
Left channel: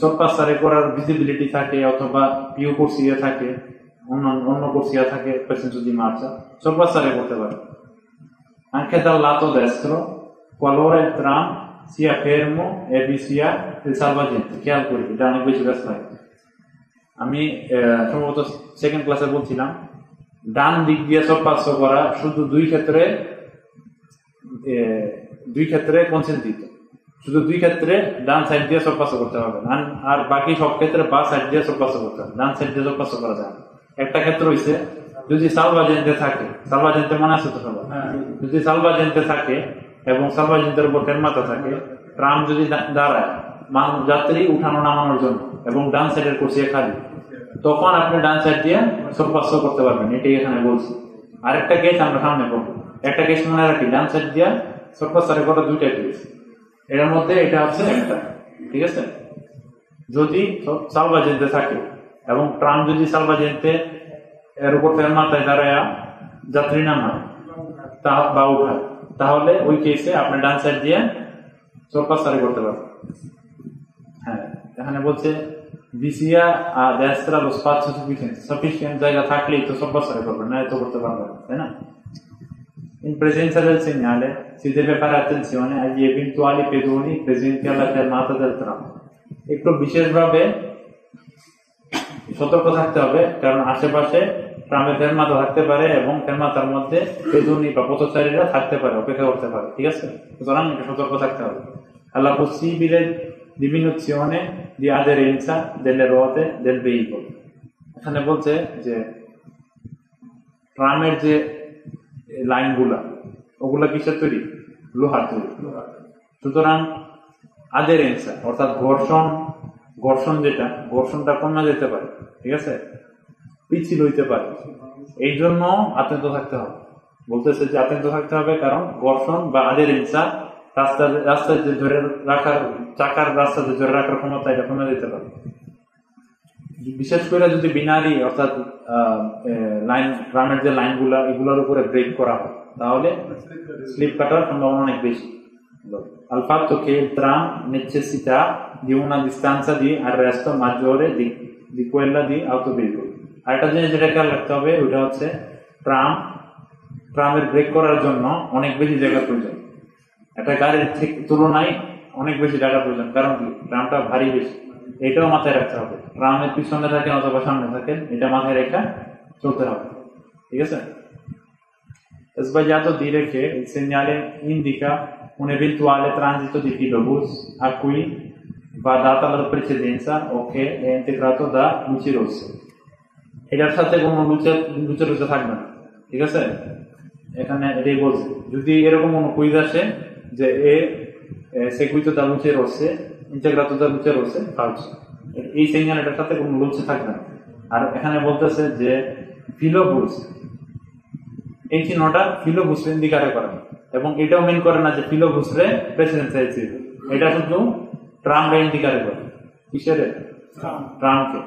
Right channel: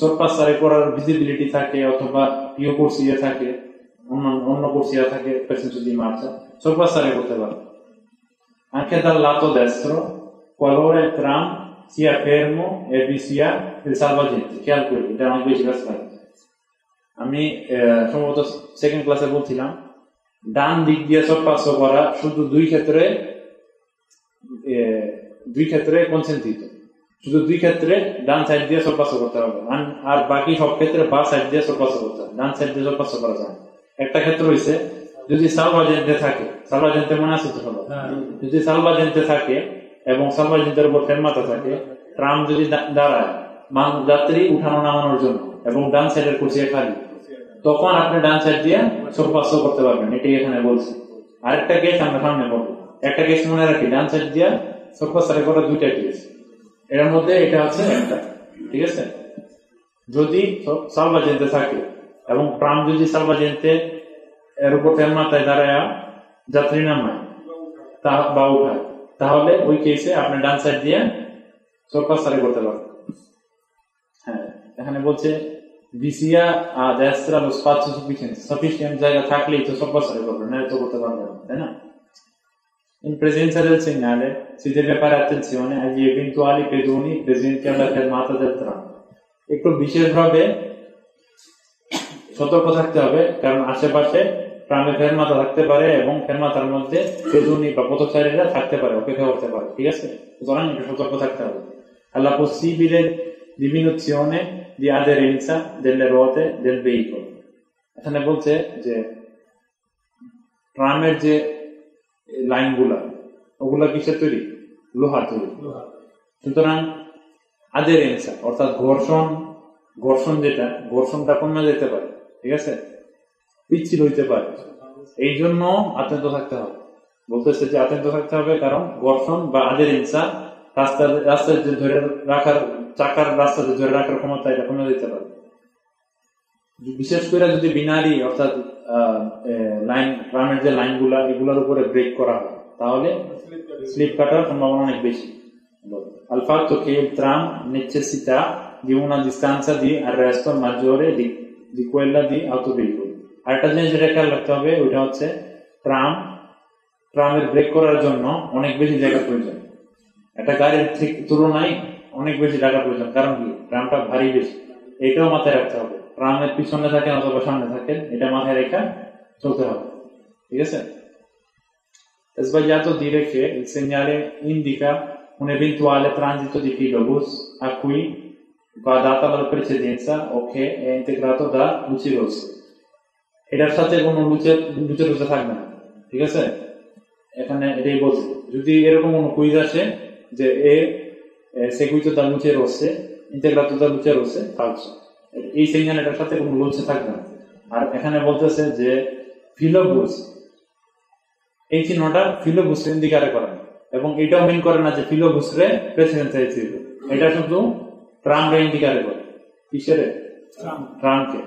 sorpassare করার visibility থাকে অথবা più corsia থাকে অন্য corsia থাকে per senso di marcia sorpassare করতে পারে anche dal lato destro qualora il tram sia fermo e vi sia il salvagente che anche এটা অনেক বেশি কাজ হয় আমি সম্ভবত সেকেন্ড ক্লাসে বলছিলাম ডান দিক দিয়ে sorpasso করা শুধু দুই ক্ষেত্রে consentito শুধু দুই ক্ষেত্রে ডান সাইড দিয়ে sorpasso করতে হবে আর বাকি সব ক্ষেত্রে বাম সাইড দিয়ে sorpasso করতে হবে ডান সাইড দিয়ে sorpasso করা যায় না একটা ক্ষেত্র হইছে যদি salvagente থাকে salvagente মনে আছে তো সবার যদি salvagente থাকে এবং salvagenteর উপর fermata থাকে ট্রাম যদি দাঁড়ায় যাত্রী উঠানো নামানোর জন্য এবং ডান সাইডের corsia খালি তখন আপনি ডান সাইড দিয়ে sorpasso করতে পারবেন এটাই এখানে বলছি আরেকটা কেস আমরা সামনে পাবো একটা কেস মনে রাখি ডান সাইড দিয়ে sorpasso করা দুইটা কেস এর মধ্যে এটা হচ্ছে একটা ঠিক আছে যদি salvagente থাকে এবং ট্রাম যদি salvagente এর উপর fermataয় দাঁড়ায় যাত্রী নামায় বা উঠায় তাহলে ওই কেসে আপনি ডান সাইড দিয়ে sorpasso করতে পারবেন হ্যাঁ এখানে বলছে বিসিয়া destra lo spazio sufficiente জায়গা থাকলেই তো sorpasso করবেন না তো করতে পারবেন তাই না In presenza del segnale si deve fare attenzione agli eventuali pedoni presenti alla fermata del tram. একটু বিশেষভাবে সতর্ক থাকতে হবে কারণ আশেপাশে ট্রামে ফেরমাতা থাকতে পারে এবং ফেরমাতার মধ্যে পেদনি বা পথচারীরা থাকতে পারে অপেক্ষা করতে পারে ঠিক আছে সুতরাং একটু সতর্ক থাকতে হবে alla possibile diminuzione di aderenza delle ruote del veicolo এখানে বলছে যে ট্রামের যে লাইনগুলা ওগুলা কিসের তৈরি লোহার তৈরি সুতরাং আদেরেন্সা অর্থাৎ ঘর্ষণটা কমে যেতে পারে ঠিক আছে পিচ্ছিল হইতে পারে এই জন্য আতঙ্ক থাকতে হবে বলতেছে যে আতঙ্ক থাকতে হবে কারণ ঘর্ষণ বা আদেরেন্সা রাস্তাতে ধরে রাখার চাকার রাস্তাতে ধরে রাখার ক্ষমতা এটা কমে যেতে পারে বিশেষ করে যদি বিনারি অর্থাৎ লাইন ট্রামের যে লাইনগুলা এগুলোর উপরে ব্রেক করা হয় তাহলে স্লিপ কাটার সম্ভাবনা অনেক বেশি al fatto che il tram necessita di una distanza di arresto maggiore di quella di autoveicoli আর একটা জিনিস এটা খেয়াল রাখতে হবে ওটা হচ্ছে ট্রামের ব্রেক করার জন্য অনেক বেশি জায়গা প্রয়োজন একটা গাড়ির ঠিক তুলনায় অনেক বেশি জায়গা প্রয়োজন কারণ কি ট্রামটা ভারী বেশি এটাও মাথায় রাখতে হবে ট্রামের পিছনে থাকে অথবা সামনে থাকে এটা মাথায় রেখে চলতে হবে ঠিক আছে È sbagliato dire che il segnale indica un eventuale transito di filobus a cui va data la precedenza o che è integrato da luci rosse এটার সাথে কোনো luce rosse থাকবে না ঠিক আছে এখানে এটাই বলছে যদি এরকম কোনো কুইজ আসে যে এ seguito da luce rosse integrato da luce rosse falso এই সিগন্যালটার সাথে কোনো লুচে থাকবে না আর এখানে বলতেছে যে ফিলোবুস এই চিহ্নটা ফিলোবুস ইন্ডিকেট করে এবং এটাও মেন করে না যে ফিলোবুস রে প্রেসিডেন্স আছে এটা শুধু ট্রাম রে ইন্ডিকেট করে কিসের ট্রামকে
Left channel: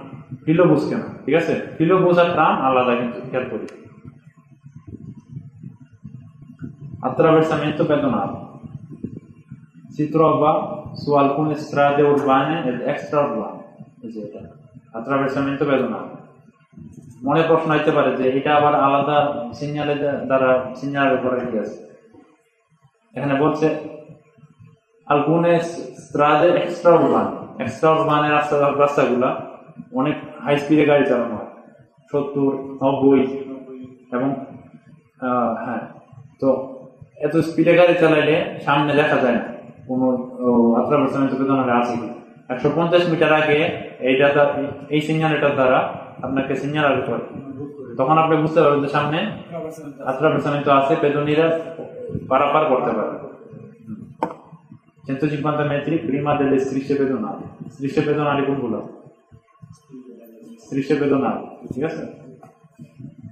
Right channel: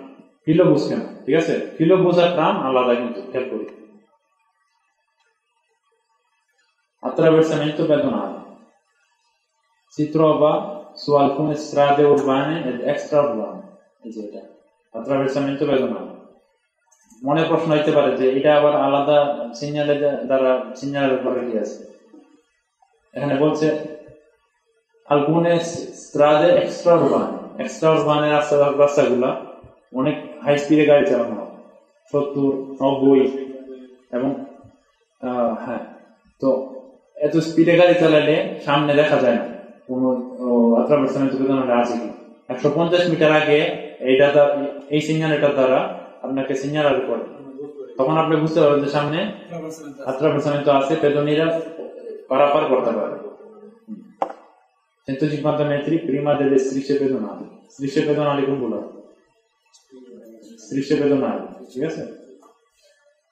ফিলোবুস কেন ঠিক আছে ফিলোবুস আর ট্রাম আলাদা কিন্তু খেয়াল করি attraversamento pedonale si trova su alcune strade urbane ed extraurbane eccetera attraversamento pedonale অনেক প্রশ্ন হইতে পারে যে এটা আবার আলাদা সিগন্যালের দ্বারা সিগন্যালের উপরে কি আছে এখানে বলছে alcune strade extraurbane রাস্তাগুলো অনেক হাই স্পিডে গাড়ি চালানো হয় 70 90 এবং হ্যাঁ তো এত স্পিডে গাড়ি চালাইলে সামনে দেখা যায় না কোনো attraversamento pedonale আছে কি 150 মিটার আগে এই সিগন্যালটার দ্বারা আপনাকে সিগন্যাল করে তখন আপনি বুঝতে পারবেন যে সামনে attraversamento আছে পেদনীরা পারাপার করতে পারবে 150 metri prima delle strisce pedonali কোনগুলো strisce pedonali ঠিক আছে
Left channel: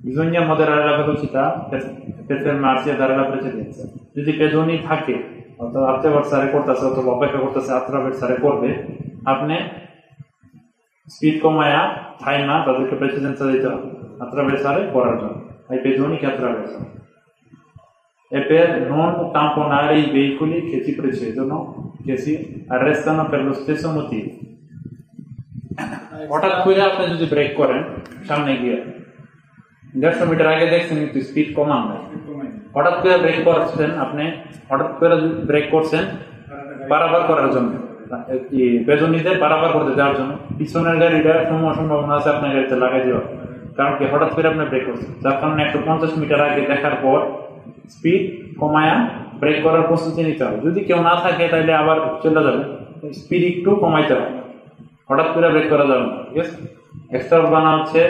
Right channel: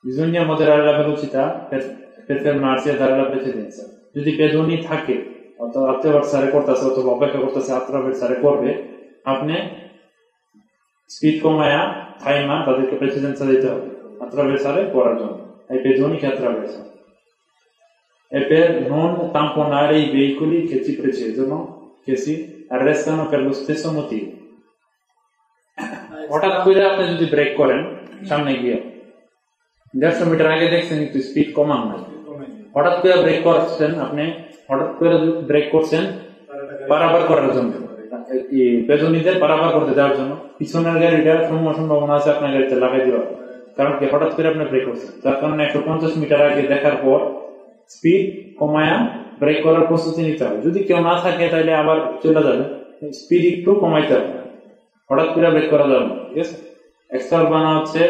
bisogna moderare la velocità per fermarsi e dare la precedenza যদি পেদনী থাকে অথবা attraversare করতেছে অথবা অপেক্ষা করতেছে attraversare করবে আপনি স্পিড কমায়া থাইমা তাদেরকে প্রেসিডেন্সা দিতে হবে attraversare করার জন্য ai pedoni che attraversano e per non tamponare i veicoli che ci precedono che si arrestano per lo stesso motivo হঠাৎ করে আপনি যদি ব্রেক করেন সামনে গিয়ে 150 মিটার আগে দেখছেন কিন্তু স্পিড কমান নাই, হঠাৎ করে ব্রেক করছেন, আপনি হঠাৎ করে ব্রেক করছেন বারবার করার জন্য, পেছনিতে বারবার করতে যাওয়ার জন্য, পিছনের গাড়িটা সম্ভাবনা আছে আপনার গাড়িতে লাগাই দেওয়া, কারণ কি হঠাৎ করে আপনি ব্রেক করছেন, যার কারণে 150 মিটার আগে দেখার পর স্পিড কমায়া ব্রেক করার প্রস্তুতি নিতে হবে। যদি কেউ না থাকে তাহলে আবার চলে যাবে, স্পিড একটু কমাইতে হবে, হঠাৎ করে ব্রেক করা যাবে না, ঠিক আছে। এক্সট্রা বানা হচ্ছে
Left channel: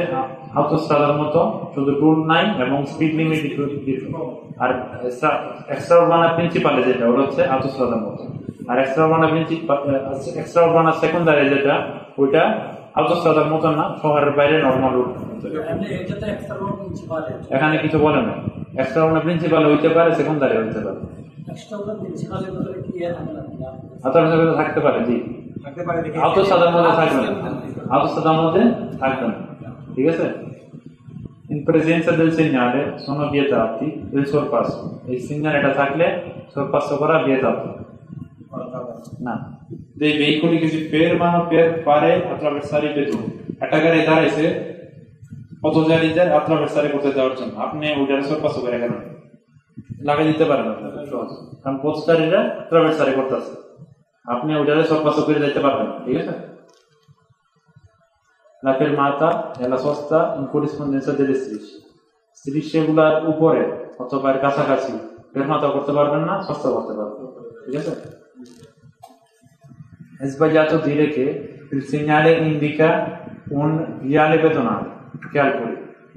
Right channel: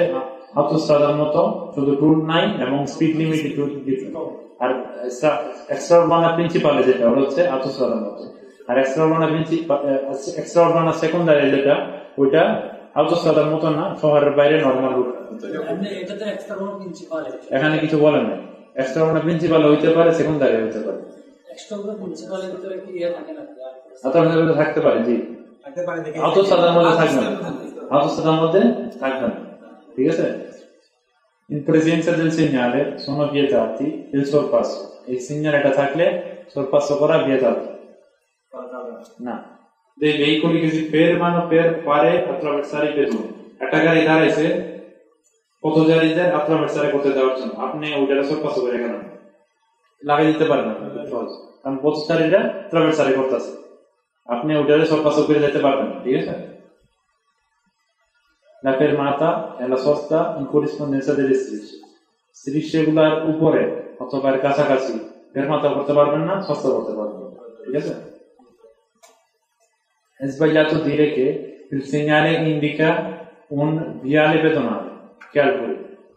আউটোস্ট্রাদার মতো, শুধু টুল নাই এবং স্পিড লিমিট একটু ডিফারেন্ট। আর এক্সট্রা বানা প্রিন্সিপালে যেটা ওটা হচ্ছে আউটোস্ট্রাদার মতো, আর এক্সট্রা বানা সেকেন্ডারি যেটা ওইটা আউটোস্ট্রাদার মতো না, শহরের বাইরে নরমাল রুট। এখানে কিছু বলেন না, এক্সট্রা বানা প্রিন্সিপাল হইতে পারে, সেকেন্ডারি হইতে পারে, থাকতে পারে, জি আউটোস্ট্রাদার মধ্যে থাকবে না, আউটোস্ট্রাদার মধ্যে থাকবে না, ঠিক আছে। In presenza del segnale sono vietati il sorpasso. Il segnale এটা থাকলে sorpasso করা vietato. না, dei veicoli che si fermano per fare attraversare i pedoni. একটা গাড়ি দাঁড়াইছে পথচারীদের attraversare করতে দেওয়ার জন্য, আপনি ওইটারে sorpasso করে কেন লাগিয়ে দিতে পারেন না, সহজ, কারণ পথচারীরা attraversare করতেছে, আপনি ওইটারে sorpasso করে দিতে পারবেন না, ঠিক আছে। La fermata è la sosta in corrispondenza delle strisce. Strisceগুলোর উপরে অথবা এর কাছাকাছি fermata করতে পারবেন না, sosta করতে পারবেন না, ঠিক আছে। È sbagliato dire che il segnale indica un viale pedonale, calcoli,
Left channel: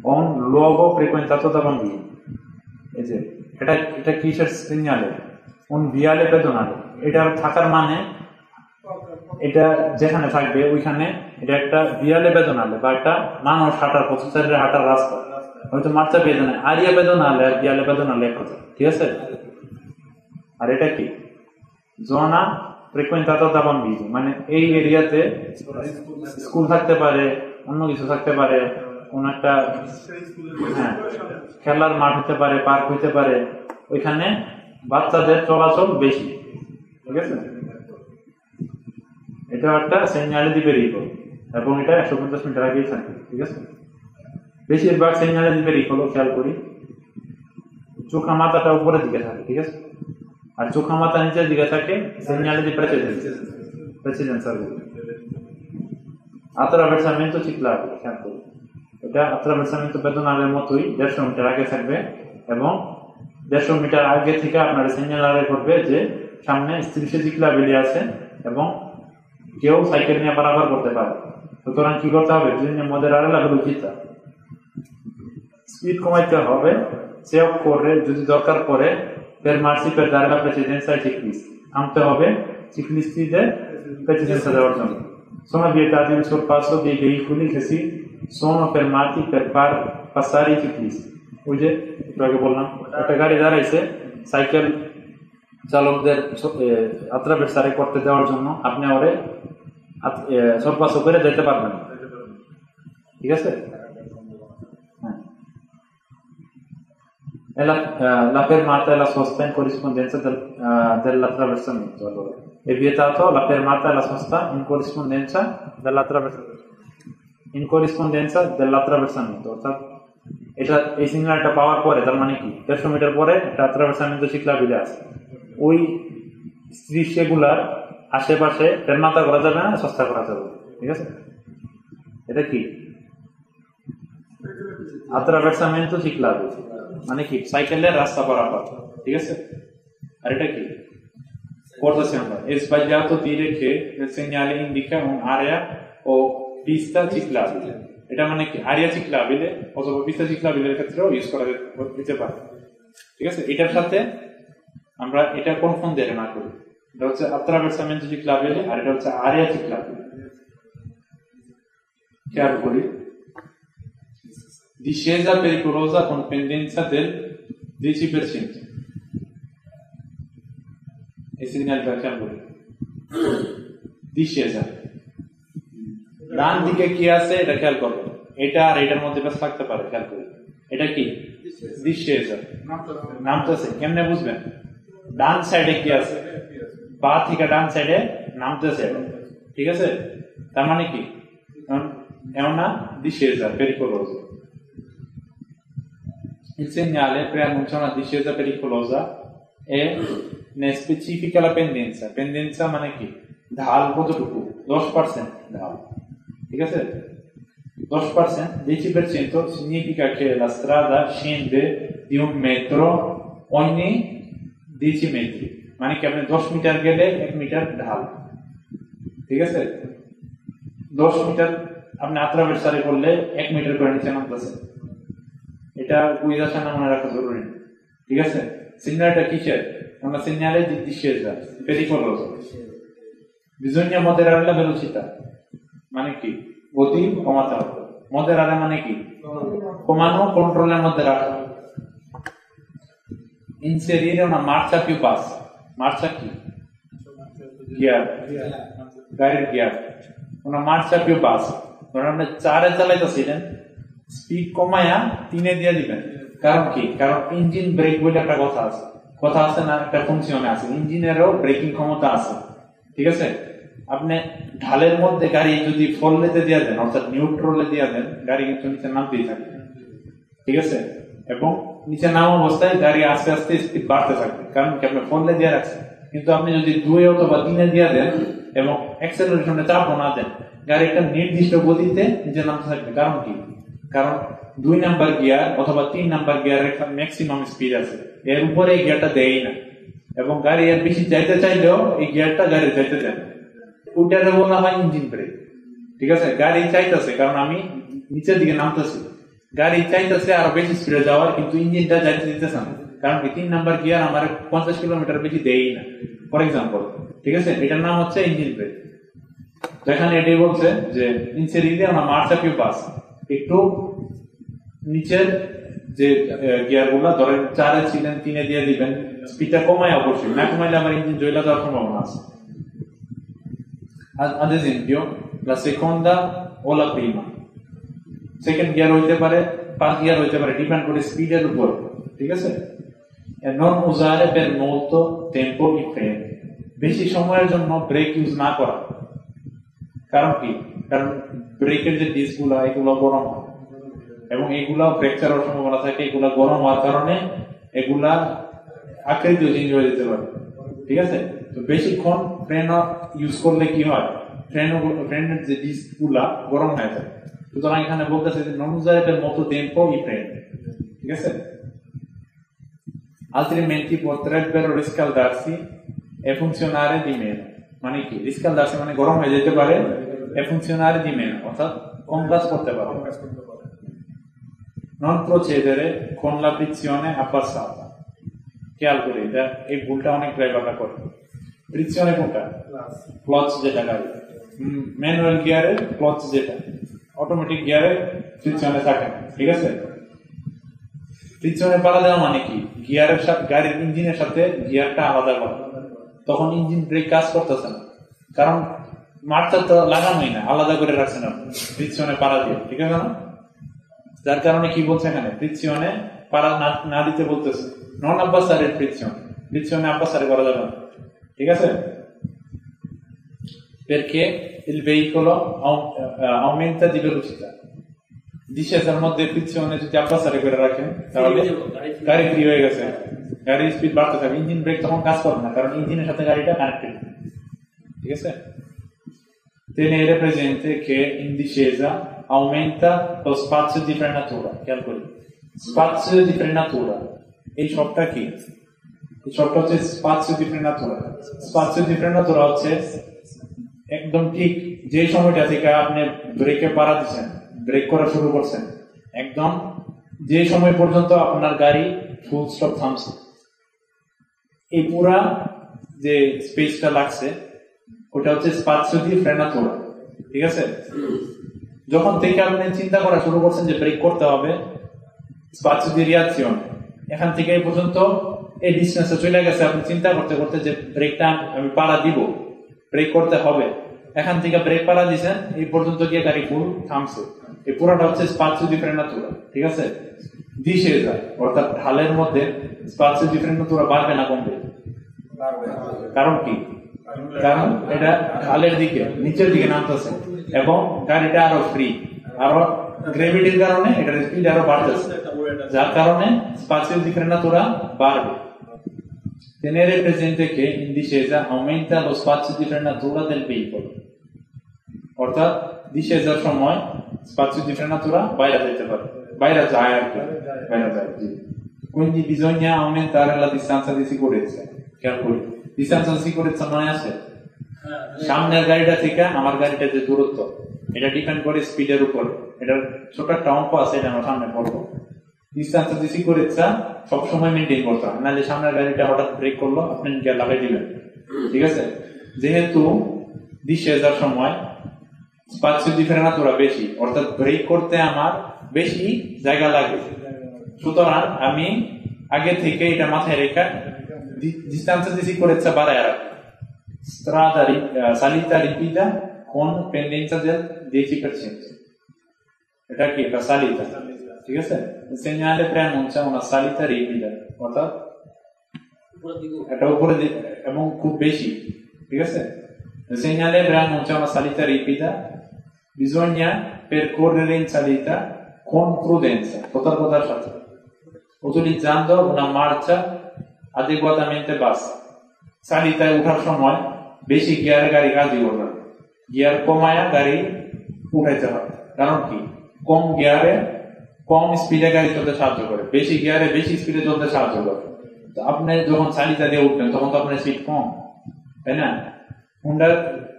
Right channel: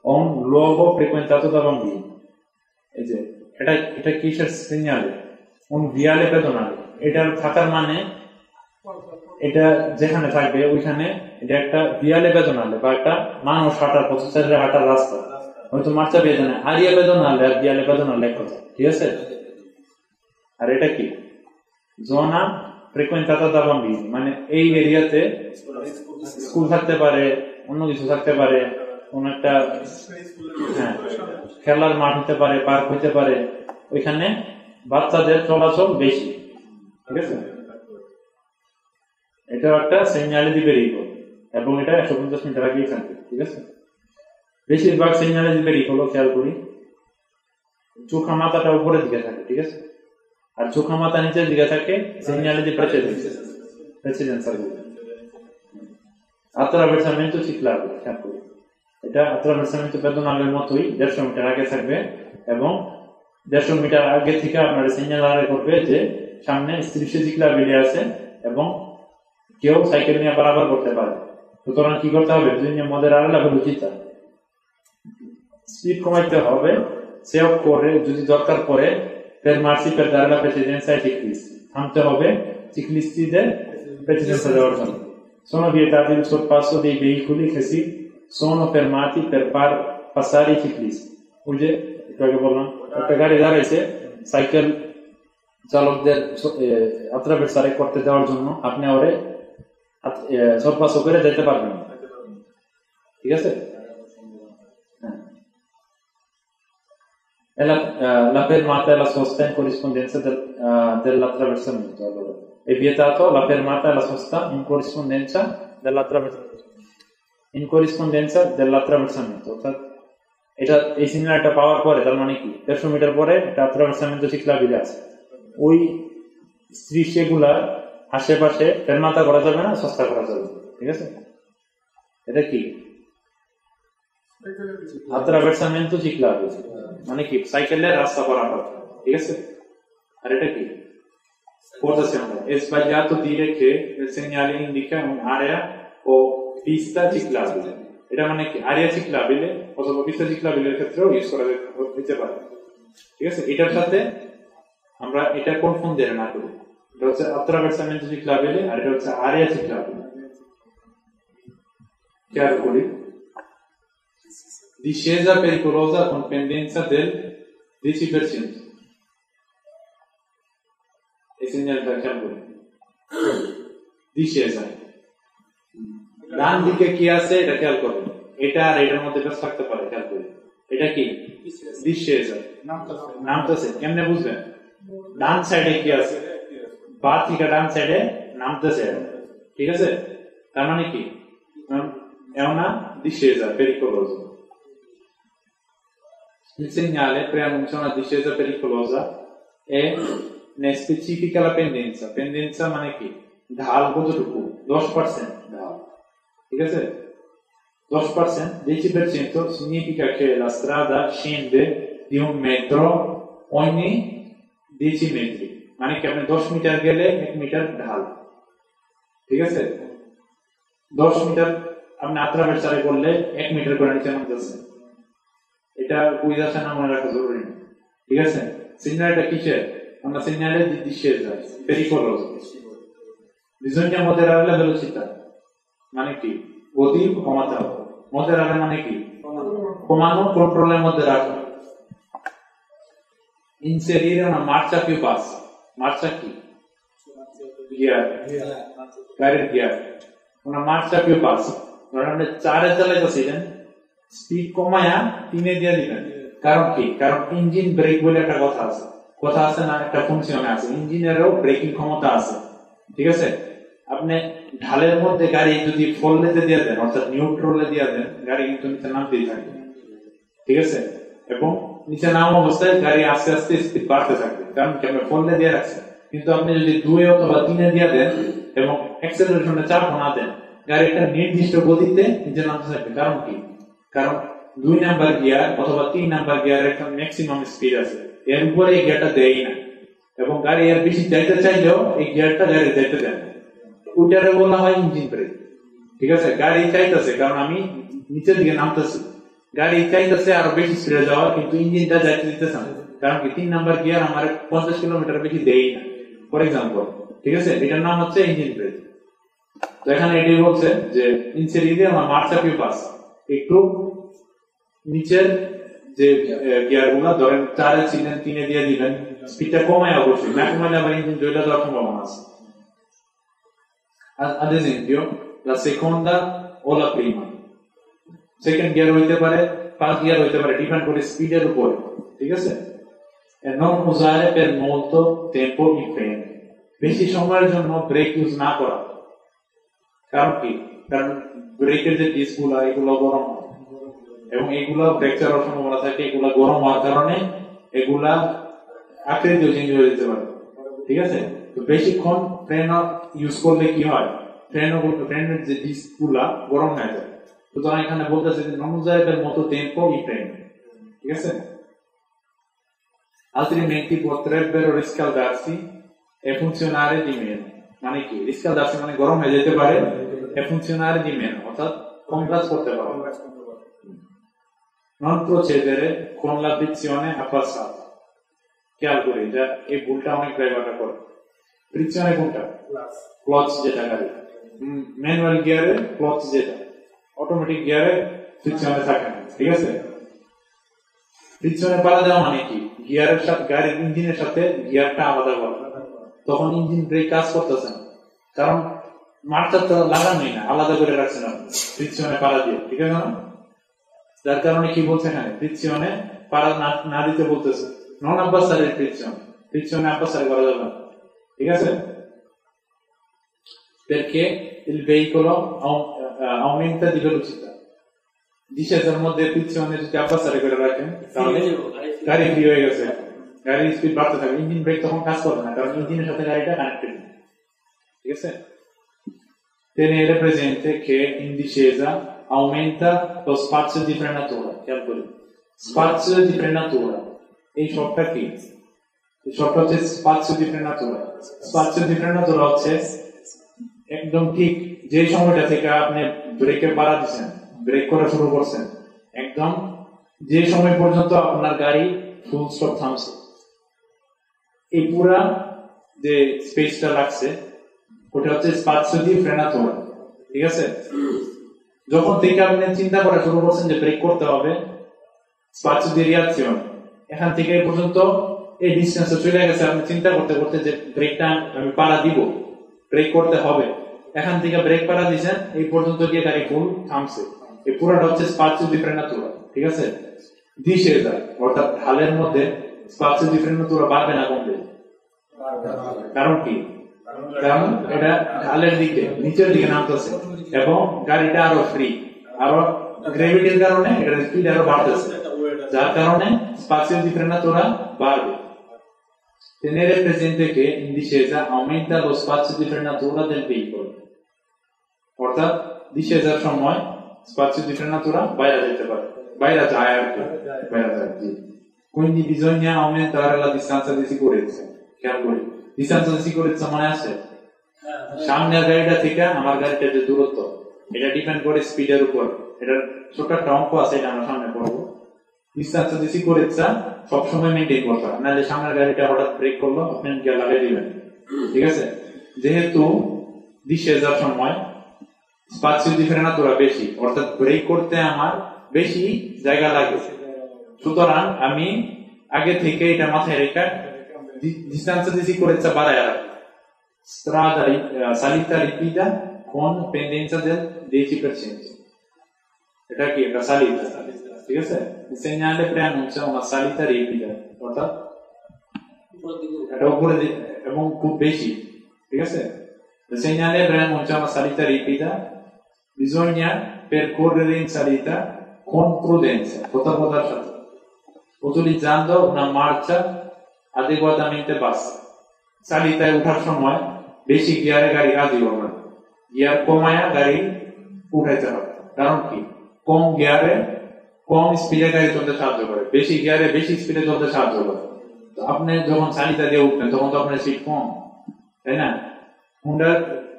o un luogo frequentato da bambini. এটা কিসের সিগন্যালে? un viale pedonale, এটা থাকার মানে এটা যেখানে থাকবে ওইখানে এটা একটা viale pedonale বা একটা মানুষ হাঁটার, পথচারীরা হাঁটার রাস্তা, হয়তো মার্চা পেদনালে, আরিয়া পেদনালে আর viale pedonale এক কথা, ঠিক আছে। আর এটা কি zona frequentata da bambini, মানে এই এরিয়াতে স্কুল থাকতে পারে, অন্য কিছু থাকতে পারে, কোন একটা খেলার মাঠ হতে পারে, পার্ক হতে পারে, ওইখানে বাচ্চাদের চলাচল বেশি, ঠিক আছে। এটা একটা সেগনালে দিবে রিকো এবং এটা 150 মিটার আগে থাকবে, ঠিক আছে। বেশিরভাগ সেগনালে দিবে রিকো খেয়াল করি চোখা মাথাটা উপরের দিকে থাকে, ঠিক আছে, আর চোখা মাথা নিচের দিকে থাকে সেগনালে দি প্রেসিডেন্সা। attraversamento ciclabile, খেয়াল করি এটা attraversamento pedonale মতোই 150 মিটার আগে থাকবে এবং 150 মিটার আগে থেকে আপনার সিগন্যাল আগে করবে যে সামনে strisce ciclabili আছে এবং কেউ সাইকেল নিয়ে বরাবর করতে পারে। সুতরাং কি করতে হবে? bisogna moderare la velocità, speed কমাইতে হবে, se occorre যদি দরকার পড়ে fermarsi per dare la precedenza ai ciclisti, থামতে হবে ciclistiদের precedenza দেওয়ার জন্য। sono vietati il sorpasso dei veicoli che si sono fermati per far passare i ciclisti, ওই যে এটাকে বললাম একটা গাড়ি দাঁড়াইছে সাইকেল চালকদের attraversare করতে দেওয়ার জন্য, আপনি ওরে sorpasso করে যেতে পারবেন না, ঠিক আছে। La fermata è la sosta in corrispondenza dell'attraversamento. Allora, è vietato la fermata e la sosta in corrispondenza dell'attraversamento. এটা এই সিগন্যালটা পাওয়ার পরে তার মানে 150 মিটার পরে এটা attraversamento ciclabile আছে, ওই স্ট্রিচগুলার আশেপাশে ফেরমাতা করা যাবে না, সস্তা করা যাবে, ঠিক আছে। এটা কি attraversamento ciclabile মানে কি সাইকেলের রাস্তা বরাবর, ঠিক আছে। আর এটা কি করতেছি আমরা, è sbagliato dire che il segnale indica un'area o pista ciclabile, এটা মানে কি আরিয়া ciclabile অথবা pista ciclabile এর ক্ষেত্রেও ইউজ করা যেতে পারে, ঠিক আছে। এটার সাথে আমরা এটা কনফাউন্ড না করি, এটা হচ্ছে attraversamento ciclabile আর এটা হচ্ছে আরিয়া ciclabile। খেয়াল করি discesa pericolosa con pendenza del 10%, এই সিগন্যালটা খেয়াল করি, discesa ডান দিকে কি আছে এটা খেয়াল করবেন, এটা আর এটার মধ্যে বেশ থাকতে পারে, খেয়াল করি এটা কি discesa নামতেছে, কেমনে বুঝবেন? ডান সাইডে কি আছে, বা থেকে ডান সাইডে নামতেছে, ঠিক আছে। তার মানে কি è una discesa pericolosa. Il segnale preannuncia una discesa pericolosa e ne specifica la pendenza. Pendenza মানে কি? ঢাল কতটুকু? 10% ঢাল। ঠিক আছে? 10%, 10% significa che la strada scende di 1 metro ogni 10 metri. মানে কি আপনি 10 মিটার গেলে 1 মিটার ঢাল। ঠিক আছে? 10 মিটার আপনি আত্রাবেসারে করলে 1 মিটার করে নিচে নামতেছে। এটা বুঝাতে না মনে রাখা জরুরি। ঠিক আছে? সিগন্যালটা কিসের? আমরা segnale di discesa pericoloso. Bisogna moderare la velocità. মানে কি? গতি কমাতে হবে। moderare মানে কি? কমানো, কন্ট্রোলের মধ্যে রাখা। Inserire una marcia più bassa. Marcia chi? Gear. Guided gear. Una marcia più bassa. ধরেন আপনি 4 এ চালাইতেছিলেন, স্পিড কমায়া 3 এ দিয়ে দিবেন। কারণ কি? কারণ ইঞ্জিন ব্রেক বলে একটা কথা আছে। কথা আছে না, একটা ফাংশন আছে। ইঞ্জিনেরও ব্রেকিং ক্ষমতা আছে। ঠিক আছে? আপনি ঢালের মধ্যে গাড়ি যদি ফল লেতে দিয়ে দেন, অর্থাৎ নিউট্রালে দিয়ে দেন, গাড়ি কিন্তু নিচে নামতেই থাকে। ঠিক আছে? এবং নিচে নামা অবস্থায় গাড়ি আস্তে আস্তে স্পিড বাড়তে থাকবে, কারণ কি আপনি ফল দিয়ে রাখছেন। কিন্তু আপনি যদি 2 অথবা 3 এ দিয়ে দেন এবং অ্যাক্সেলারেশনে চাপ না দেন, গাড়ি একটা নির্দিষ্ট গতিতে নিচে নামতে থাকবে। কারণ কি? কারণ 2 নাম্বার গিয়ার অথবা 3 নাম্বার গিয়ারের একটা ম্যাক্সিমাম স্পিড আছে, এর উপরে এই গিয়ারটা দেয় না। এবং গাড়ি এর বেশি যাইতে চাইলেও এই গিয়ারটা গাড়ি যাইতে দেয় না। ওইটারে বলা হয় ইঞ্জিন ব্রেক। ঠিক আছে? গাড়ি চাইতেছে, কারণ আমি নিচের দিকে নামতেছি, গাড়ি চাইতেছে আরো বেশি স্পিডে যাওয়া, কিন্তু ইঞ্জিনটা যাইতে দিতেছে না। কারণ কি? 3 নাম্বার গিয়ার আমার 50 কিলোমিটার বেশি দেয় না, ফর এক্সাম্পল। ঠিক আছে? এটার নাম হচ্ছে ইঞ্জিন ব্রেক। যেখানে এটাই বলছে যে inserire una marcia più bassa, একটু নিচের যে গিয়ার গুলো ধরেন 4 এ ছিলেন 3 এ দিয়ে দিবেন, স্পিডটা কমায় অবশ্যই, না কমাইলে আবার ইঞ্জিন জ্বলে যাওয়ার সম্ভাবনা আছে। Ad esempio, la seconda o la prima. Second gear হইতে পারে, third gear হইতে পারে, ডিপেন্ড করে স্পিডের উপর। ঠিক আছে? E non usare per molto tempo i freni. বেশি সময়ের জন্য ব্রেক ইউজ না করা। কারণ কি? কারণ ব্রেকের যে ডিসগুলো এগুলো গরম হয় এবং এগুলো ফ্র্যাকচার হওয়ার সম্ভাবনা থাকে। এগুলো গরম হওয়ার কারণে এগুলা আকৃতি চেঞ্জ হয়ে যেতে পারে। ঠিক আছে? তো বেশিক্ষণ ফ্রেন ইউজ করলে কি হয়? ফ্রেনের যে ডিসগুলা গরম হয়ে যায়। সুতরাং এখানে বলতেছে যে non usare per molto tempo i freni. ঠিক আছে? Altrimenti potrebbero riscaldarsi e funzionare di meno. মানে কি? riscaldarsi মানে গরম হয়ে যেতে পারে, e funzionare di meno, অর্থাৎ কম কাজ করতে পারে। Non procedere con la frizione abbassata. খেয়াল করি, এটা এই ভুলটা অনেক ড্রাইভাররা করে। ফ্রিকশনে কোনটা? ক্লাচ যেটা গাড়ি, ম্যানুয়াল গিয়ারের ক্লাচ যেটা, অটোমেটিক গিয়ারে ফ্রিকশনে থাকে না। ঠিক আছে? ফ্রিকশনে পাড়া দেওয়া মানে কি? গিয়ারের সাথে, গাড়ির ইঞ্জিনের সাথে গিয়ারটা আলাদা করা। তখন ইঞ্জিন ব্রেক কাজ করতেছে না, কারণ মারটা তো লাগানোই না, আলাদা করে রাখছে না ফ্রিকশনে পাড়া দিয়ে। ঠিক আছে না? যার কারণে কি বলছে এখানে? ফ্রিকশনে পাড়া না দিতে বলতেছে। non abbassare il frizione abbassare করা যাবে না। ঠিক আছে? perché il veicolo aumenta di velocità. discesaর মধ্যে ফ্রিকশনে যদি abbassare করে রাখেন তাহলে গাড়ি ফ্রি হয়ে গেছে, গাড়ির স্পিড বাড়তে থাকবে, ইঞ্জিন ব্রেক তখন কাজ করবে না, কারণ ইঞ্জিনের সাথে গাড়িটা কানেক্টেড। ঠিক আছে? tenere presente che in discesa aumenta lo spazio di frenatura. Spazio di frenatura. এই শব্দটা কি? এই শব্দটা হচ্ছে spazio di frenatura. Spazio di frenatura হচ্ছে একদম ঠিক যে সময়টা থেকে আপনি ব্রেকে পাড়া দিচ্ছেন, ব্রেক করা শুরু করছেন, একদম যে সময় পর্যন্ত আপনার গাড়ি ফুল স্টপ থামছে, এই পুরা যে স্পেসটা লাগছে ওটা হচ্ছে spazio di frenatura। ঠিক আছে? যখন থেকে আপনি চিন্তা করা শুরু করছেন যে ব্রেক করতে হবে, spazio di reazione, এখান থেকে এই পর্যন্ত এই ডিসটেন্সে চলে গেছে, আপনি চিন্তা করতে করতে যে ব্রেকটা আমি পাড়া দিব, ব্রেক করতে হবে, এখান থেকে ব্রেক পাড়া দিয়েছেন, এই পর্যন্ত গিয়ে গাড়ি ফুল থামছে, এই পুরোটা হচ্ছে spazio di frenatura। ঠিক আছে? discesa অর্থাৎ ঢালের মধ্যে spazio di frenatura বাড়বে না কমবে? কারণ কি? কারণ এটা ঢালের দিকে, নিচের দিকে নামতেছে, এবং গাড়িটা আরো ফ্রি, আরো গ্র্যাভিটির কারণে এটার স্পিড আরো বাড়তেছে, যার কারণে spazio di frenatura বাড়বে। Tenere presente che in discesa aumenta lo spazio di frenatura del veicolo, অর্থাৎ discesaর সময় spazio di frenatura বাইরে যেতে পারে, বাইরে যায় আর কি, বাইরে যায়। Quindi bisogna aumentare la distanza di sicurezza, calcoli distanza di sicurezza মনে আছে? সামনের গাড়িটা থেকে আমার গাড়িটার যে দূরত্ব, এটা ডিপেন্ড করে স্পিডের উপর। এটার ছোট একটা অঙ্ক আছে, এটা আমরা সামনে পড়বো। ডিস্টেন্স দিছি করেছা সব সময় মেইনটেইন করতে হয়, নাহলে সামনের গাড়িটা হঠাৎ ব্রেক করলো আপনি গিয়ার লাগাই দিবেন, ঠিক আছে? যেহেতু ডিসেজার সময় স্পাসিও দি ফ্রেনাতুরা বেশি, অর্থাৎ ব্রেক করতে আমার বেশি জায়গা লাগে, সুতরাং আমি আগে থেকে এটা মাথায় রেখে ডিস্টেন্স দিছি করেছা বাড়ায় রাখি। Strada salita ripida con pendenza del 10%. এটা কি? একটা salita, ঠিক আছে? Il segnale preannuncia una salita ripida, অর্থাৎ এটা উপরে এবং খুব বেশি, ঠিক আছে? Il segnale preannuncia una salita ripida, bisogna percorrere in salita con prudenza, বোঝার সাথে, utilizzando una marcia adeguatamente bassa. সালিতায় উঠার সময় বেশি গিয়ার গাড়ি না দিও না, গিয়ার কমায়া গাড়ি উঠাইতে হবে। কারণ কি? কম গিয়ারে কম স্পিডে গাড়ি চলতে সাহায্য করে, বেশি গিয়ারে বেশি স্পিডে চলতে সাহায্য করে। তো আপনি যখন সালিতা দিয়ে উঠবেন তখন তো আপনার সিট কম, তাই না? হুন্ডা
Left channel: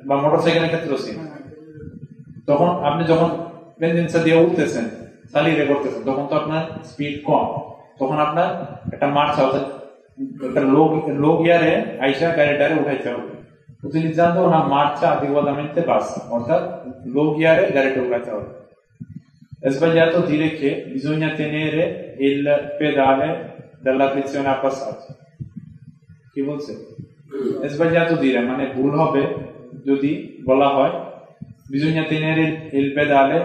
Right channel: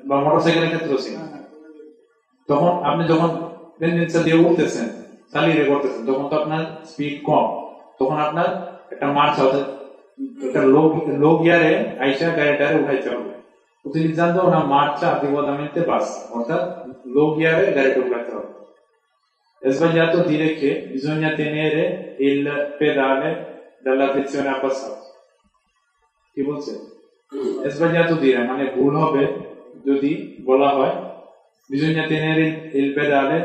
বা মোটরসাইকেলের ক্ষেত্রেও সেম। তখন আপনি যখন পেন্ডেন্সা দিয়ে উঠতেছেন, সালিতা করতেছেন, তখন তো আপনার স্পিড কম, তখন আপনার একটা মার্চ অর্থাৎ একটা লো গিয়ারে আইসা গাড়িটারে উঠাইতে হবে, utilizzando una marcia adeguatamente bassa, অর্থাৎ লো গিয়ারে গাড়িটা উঠাইতে হবে। È sbagliato dire che bisogna tenere il pedale dalla frizione a passato. কি বলছে? È sbagliato dire, মানে ভুল হবে যদি বলা হয় bisogna tenere il pedale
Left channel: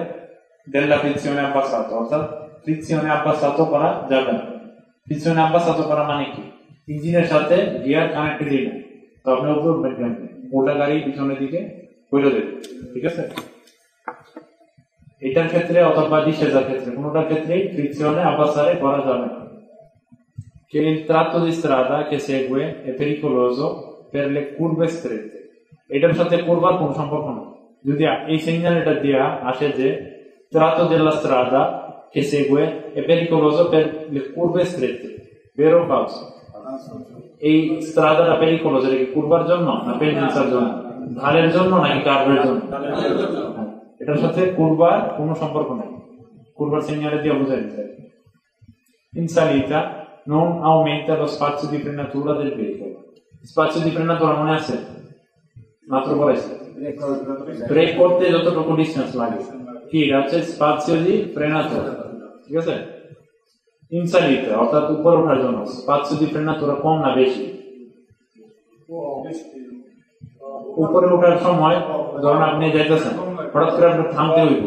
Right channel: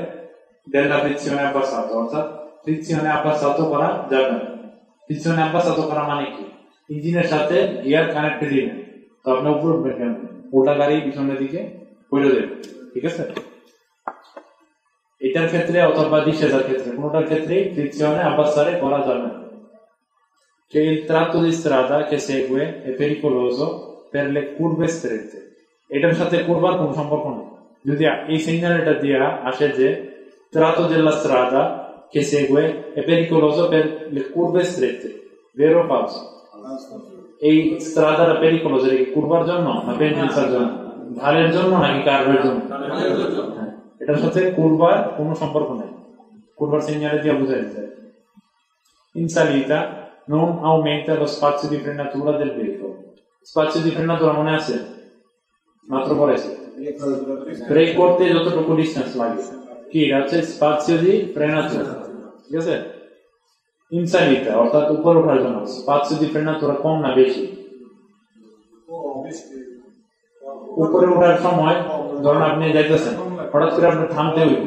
della frizione a passato, অর্থাৎ frizione a passato করা যাবে না। frizione a passato করা মানে কি? ইঞ্জিনের সাথে গিয়ার কানেক্টেডই নেই, তো আপনি উপর মোটা গাড়ি পিছনের দিকে পড়ে যাবে, ঠিক আছে? এটার ক্ষেত্রে অথবা ডিসেজার ক্ষেত্রে কোনটার ক্ষেত্রেই ফ্রিকশনে আপাসারে করা যাবে না। Che il tratto di strada che segue è pericoloso per le curve strette. এটার সাথে কুরবার কোনো সম্পর্ক নেই। যদি এই সিগন্যাল এটা দিয়া আসে যে tratto della strada che segue è pericoloso per le curve strette, vero o falso? এই স্ট্রাদাটা পেরিকোলোস, এটা কি কুরবার জন্য না পেন্ডেন্সার জন্য, ঢালের জন্য নাকি কার্ভের জন্য? এটার সাথে কুরবার কোনো সম্পর্ক নেই, কুরবার সিগন্যাল দিয়ে বোঝাই দিতে। In salita non aumenta lo spazio di frenatura del veicolo. Spazio di frenatura মনে আছে? মাত্র পড়েছে। ব্রেক করতে যতটুকু ডিসটেন্স লাগে কি এটা হচ্ছে spazio di frenatura, ঠিক আছে? In salita, অর্থাৎ উপরে ওঠার জন্য spazio di frenatura কম না বেশি? উপরে ওঠার সময় ধরুন আপনি যাইতেছেন, হঠাৎ করে আপনার থামতে হইব,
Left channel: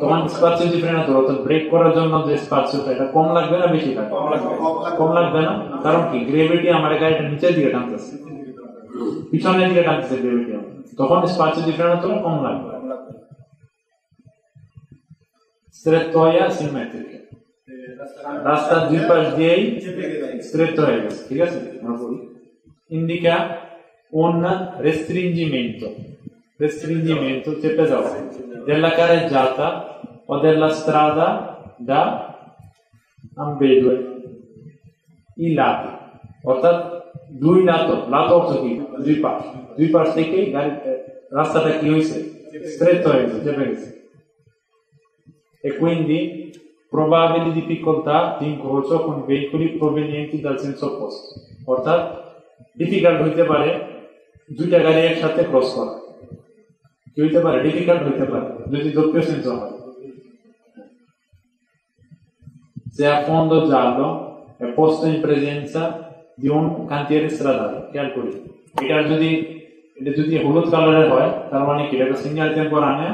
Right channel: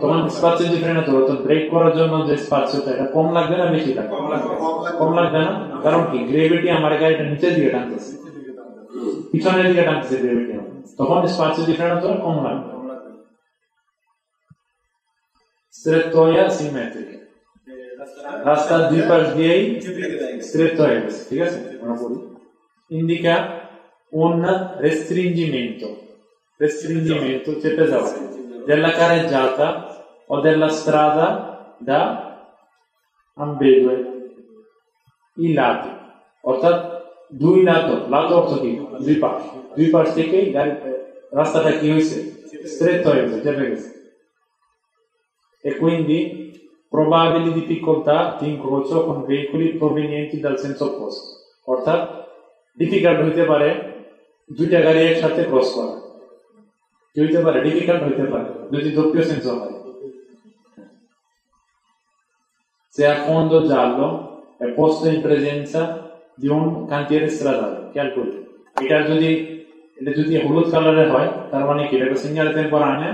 তখন spazio di frenatura অর্থাৎ ব্রেক করার জন্য যে স্পাসিওটা এটা কম লাগবে না বেশি লাগবে? কম লাগবে না, কারণ কি? গ্রেভিটি আমার গাড়িটা নিচের দিকে টানতেছে, পিছনের দিকে টানতেছে গ্রেভিটি, তখন spazio di frenatura কম লাগবে। Strettoia simmetrica, রাস্তা দুই পাশ দিয়েই স্ট্রেট হয়ে গেছে, ঠিক আছে? Indica un restringimento চেপে যাওয়া della carreggiata o della strada da ambedue i lati, অর্থাৎ দুই লাতো অর্থ কি? দুই পাশ থেকেই রাস্তাটা কি হয়েছে? স্ট্রেট হয়ে গেছে, চেপে গেছে। E quindi probabili difficoltà di incrocio con veicoli provenienti dal senso opposto, অর্থাৎ ডিফিকাল্ট হইতে পারে দুইটা গাড়ি একসাথে ক্রস করা, কি হইতে পারে? ডিফিকাল্ট হইতে পারে যদি doppio senso হয়। Se a fondo giallo è posto in presenza di un cantiere stradale, calcoli এটা যদি হলুদ কালারের হয় তার মানে কি? এটা সিগন্যাল করা না,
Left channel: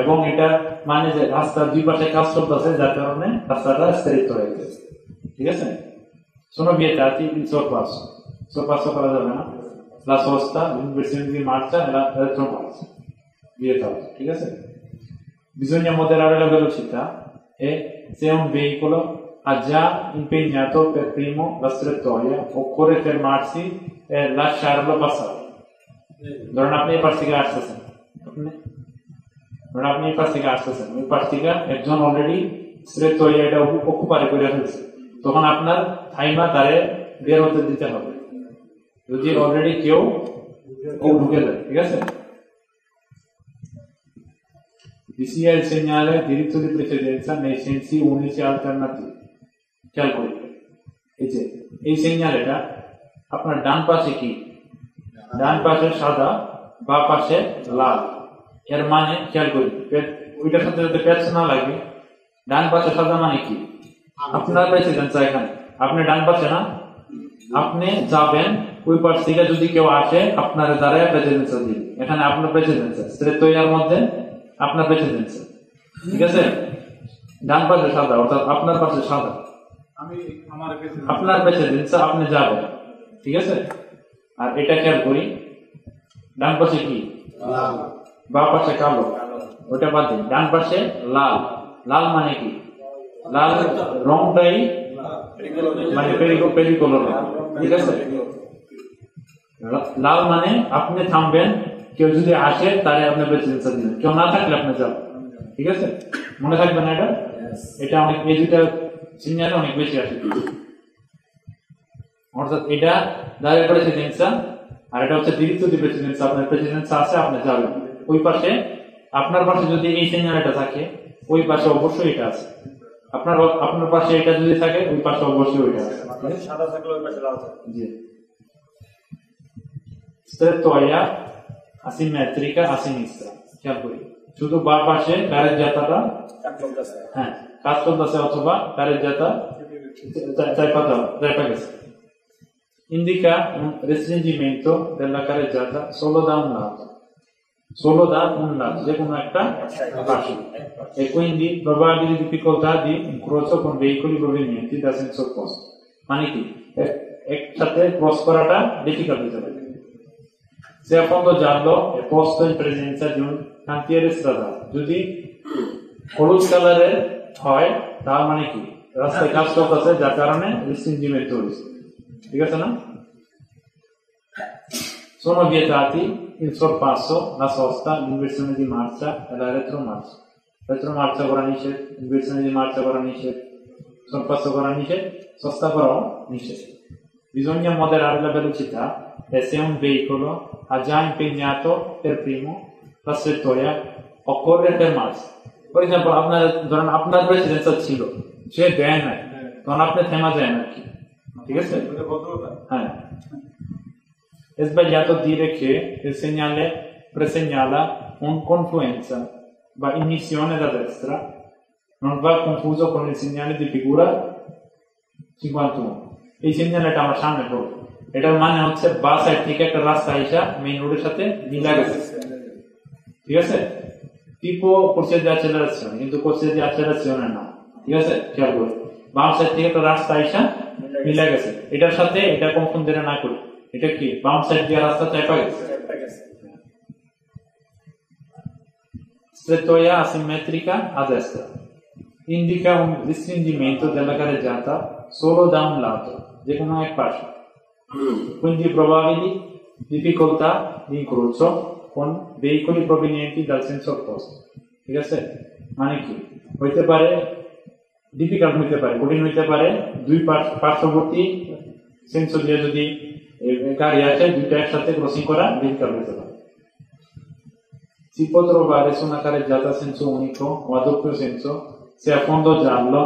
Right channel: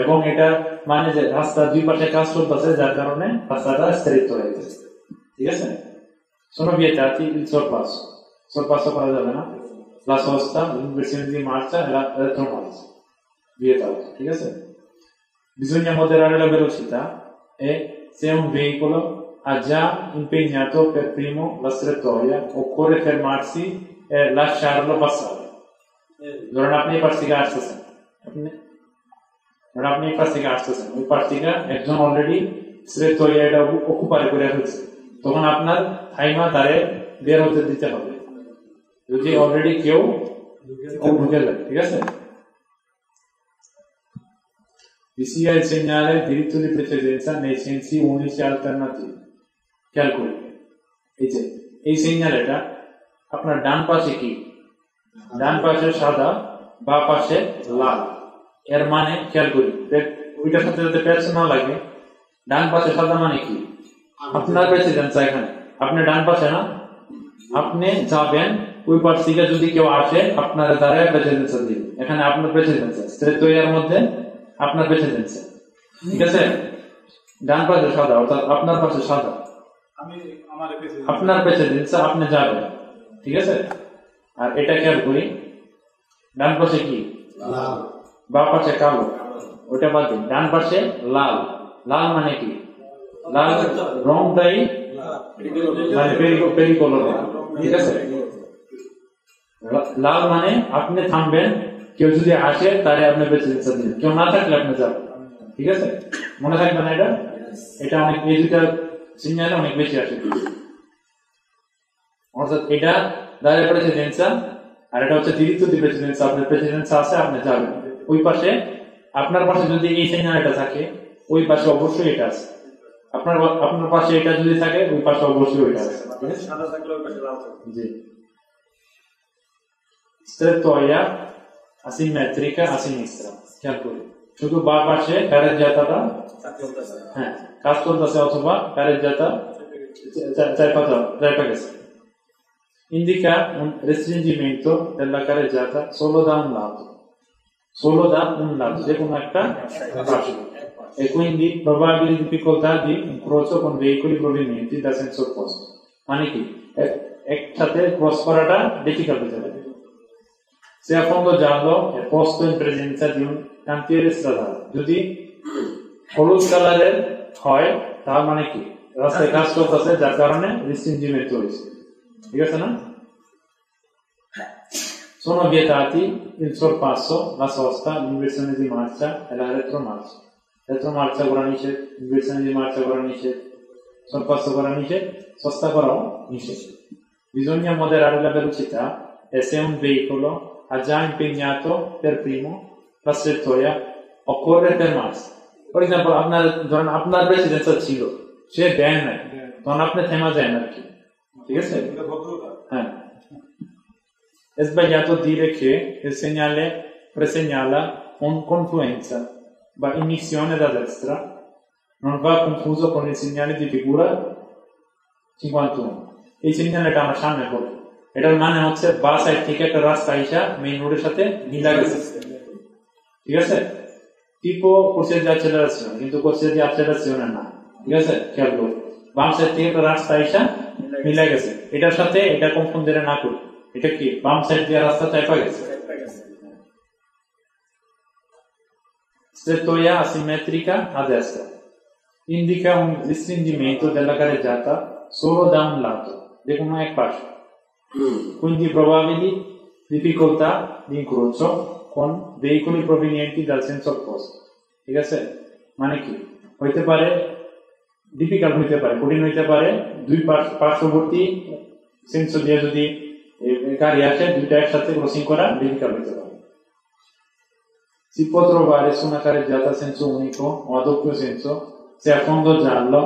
এবং এটা মানে যে রাস্তার দুই পাশে কাজ চলতেছে, যার কারণে রাস্তাটা স্ট্রেট হয়ে গেছে, ঠিক আছে? Sono vietati il sorpasso করা যাবে না, la sosta, l'inversione di marcia e la retromarcia, vietato, ঠিক আছে? Bisogna moderare la velocità e se un veicolo ha già impegnato per primo la strettoia, occorre fermarsi e lasciarlo passare. ধরেন আপনি এই পাশ থেকে আসতেছেন, ওই পাশ থেকে একজন অলরেডি strettoia এটা অকুপাই করে ফেলছে, তখন আপনার থাইবা তারে বের হতে দিতে হবে যদি অলরেডি কেউ ঢুকে যায়, ঠিক আছে? Vi sia il segnale diritto di precedenza nei sensi unici alternativi. খেয়াল করি, এই সিগন্যাল এটা আপনার ডান পাশে কি, ডান পাশে সাদা, বা পাশে লাল, এর মানে খেয়াল করি ওইটার সাথে যদি প্যাচ না লাগে, ডান পাশে সাদা মানে কি আপনার প্রেসিডেন্স, এখানে আপনি ডান পাশে না, আপনি যাবেন ওই পাশ থেকে যদি কেউ আসে আপনার দ্বারা প্রেসিডেন্স দিবে, এখানে আপনার প্রেসিডেন্স স্ট্রেটওয়ের মধ্যে আপনার প্রেসিডেন্স, ঠিক আছে? ডান পাশে সাদা অর্থাৎ আপনার পাশে সাদা, আপনার প্রেসিডেন্স আপনি যাবেন, ঠিক আছে? আর এটা খেয়াল করি ডান পাশে কি, বা পাশে কালো, ওটা বাদ দিন, ডান পাশে লাল, লাল মানে কি, লাল রংটাই মানে পেরিকোনো রং, ঠিক আছে? লাল মানে আপনি থামবেন, কেউ যদি আসে তাহলে আপনি প্রেসিডেন্স দিবেন, কেউ না থাকলে আপনি যাবেন, ঠিক আছে? মনে থাকবে না এটা অনেক এই দুইটা সিগন্যাল অনেক বেশি আসে, অর্থাৎ এটা দাঁড়িয়ে প্রেসিডেন্স আর এটা হচ্ছে diritto di precedenza, আপনার প্রেসিডেন্স আছে আপনি যাবেন ওই পাশে, আপনার পাশে যদি এই সিগন্যালটা থাকে ওই পাশে অবশ্যই এটা আছে, আপনার পাশে এটা যদি থাকে ওই পাশে অবশ্যই ওইটা আছে, সাদা থাকলে ওই পাশে লাল থাকে। জি, strettoia asimmetrica a sinistra, খেয়াল করি শুধু বা পাশে কারেজ্জাতাটা হ্যাঁ কাজ করতেছে অথবা কারেজ্জাতা চাইপা গেছে। Indica un restringimento della carreggiata solo da un lato, যে কোনো একটা পাশে, e quindi probabili difficoltà di incrocio con veicoli provenienti da senso opposto, মানে কি একসাথে ক্রস করাটা ডিফিকাল্ট হতে পারে। Se a fondo giallo è posto in presenza di un cantiere stradale, যদি হলুদ কালারের হয় তার মানে কি রাস্তায় কাজ চলতেছে, যার কারণে রেস্ট্রিংমেন্ট হয়েছে, ঠিক আছে না? Sono vietati il sorpasso, la sosta, l'inversione di marcia e la retromarcia. Retromarcia করা নিষেধ, inversione di marcia করা নিষেধ, sorpasso করা নিষেধ, sosta করাও নিষেধ। Bisogna moderare la velocità e se un veicolo ha già impegnato per primo la strettoia occorre fermarsi. For esempio, আপনার precedence ছিল, সে দেয় নাই, তখন আপনি থেমা যায় না, ঠিক আছে? হ্যাঁ, è sbagliato dire che il segnale presegnala un confluenza, va in missione da destra, non va confuso con il segnale di figura 51. এই সিগন্যালটা আমার সামনে পড়বে, এটার মানে হচ্ছে বা সাইড থেকে একটা রাস্তা আইসা মেইন রোডের সাথে মিলা গেছে, ঠিক আছে? tipo corsia di accelerazione, কিন্তু corsia di accelerazione না, ঠিক আছে? খেয়াল করুন বাম সাইড থেকে একটা রাস্তা আইসা মিলা গেছে, এটার সাথে এটা কনফুন্ড না করুন, এটা কি বাম সাইড দিয়ে রাস্তা চাইপা গেছে। Strettoia asimmetrica a destra indica un restringimento della carreggiata solo da un lato, di কোনো এক পাশে, quindi probabili difficoltà di incrocio con veicoli provenienti dal senso opposto, ঠিক আছে? মানে কি হইতে পারে, ডিফিকাল্ট হইতে পারে, কঠিন হইতে পারে, দুই পার্শ্ববর্তী সেন্স দিয়ে যদি গাড়ি আসে দুইটা একসাথে ক্রসিং করা difficult হতে পারে। Si può trovare su una carreggiata a senso unico o a doppio senso se a fondo giallo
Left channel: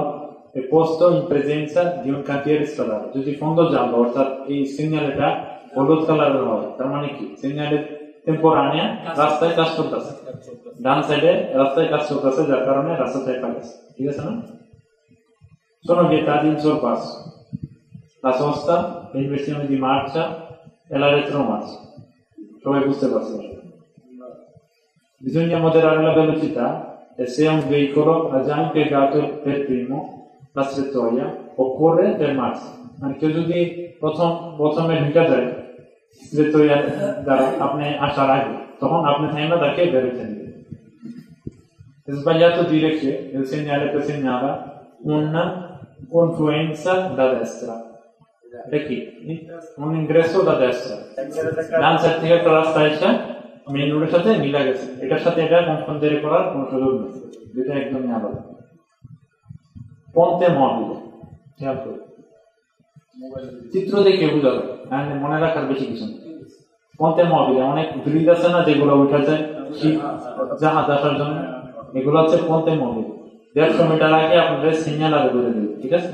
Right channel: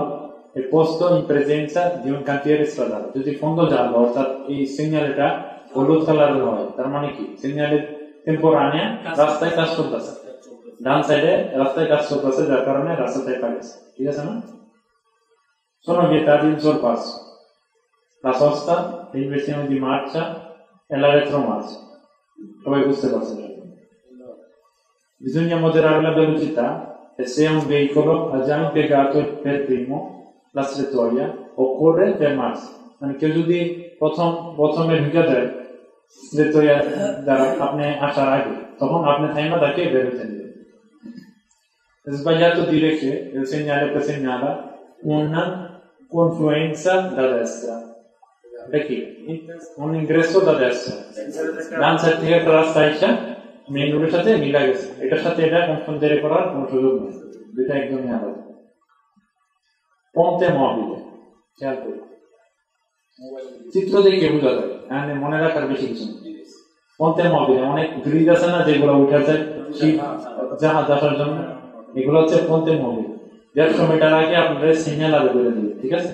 è posto in presenza di un cantiere stradale, যদি fondo giallo অর্থাৎ এই সিগন্যালটা হলুদ কালারের হয়, তার মানে কি সিগন্যালের টেম্পোরানিয়া রাস্তায় কাজ করতেছে, ডান সাইডে রাস্তায় কাজ করতেছে, যার কারণে রাস্তা চাইপা গেছে, ঠিক আছে না? Sono vietati il sorpasso, la sosta, l'inversione di marcia e la retromarcia. Dove queste cose? Bisogna moderare la velocità e se un veicolo ha già impiegato per primo la strettoia occorre fermarsi, perché যদি প্রথমে ঢুকে যায় strettoia দ্বারা আপনি আসার আগে, তখন আপনি থাইমা তাকে বের হতে দিবেন, Sbagliato dire che il segnale presegnava una confluenza da destra. দেখি un ingresso da destra ডান সাইড থেকে একটা রাস্তা এসে মেইন রোডের সাথে মিলা গেছে এটার সাথে এটা কনফার্ম করার কোনো সুযোগ নেই দুইটা একদমই আলাদা ponte mobile খেয়াল করুন চিত্র দেখে বোঝা যায় আর মনে রাখার বেশি কিছু নেই ponte mobile অনেক ব্রিজ আছে না যেগুলো উঠেছে জাহাজ আসার জন্য এগুলো হচ্ছে ponte mobile 150 মিটার আগে আপনাদের সিগন্যাল আগে করে দিন ঠিক আছে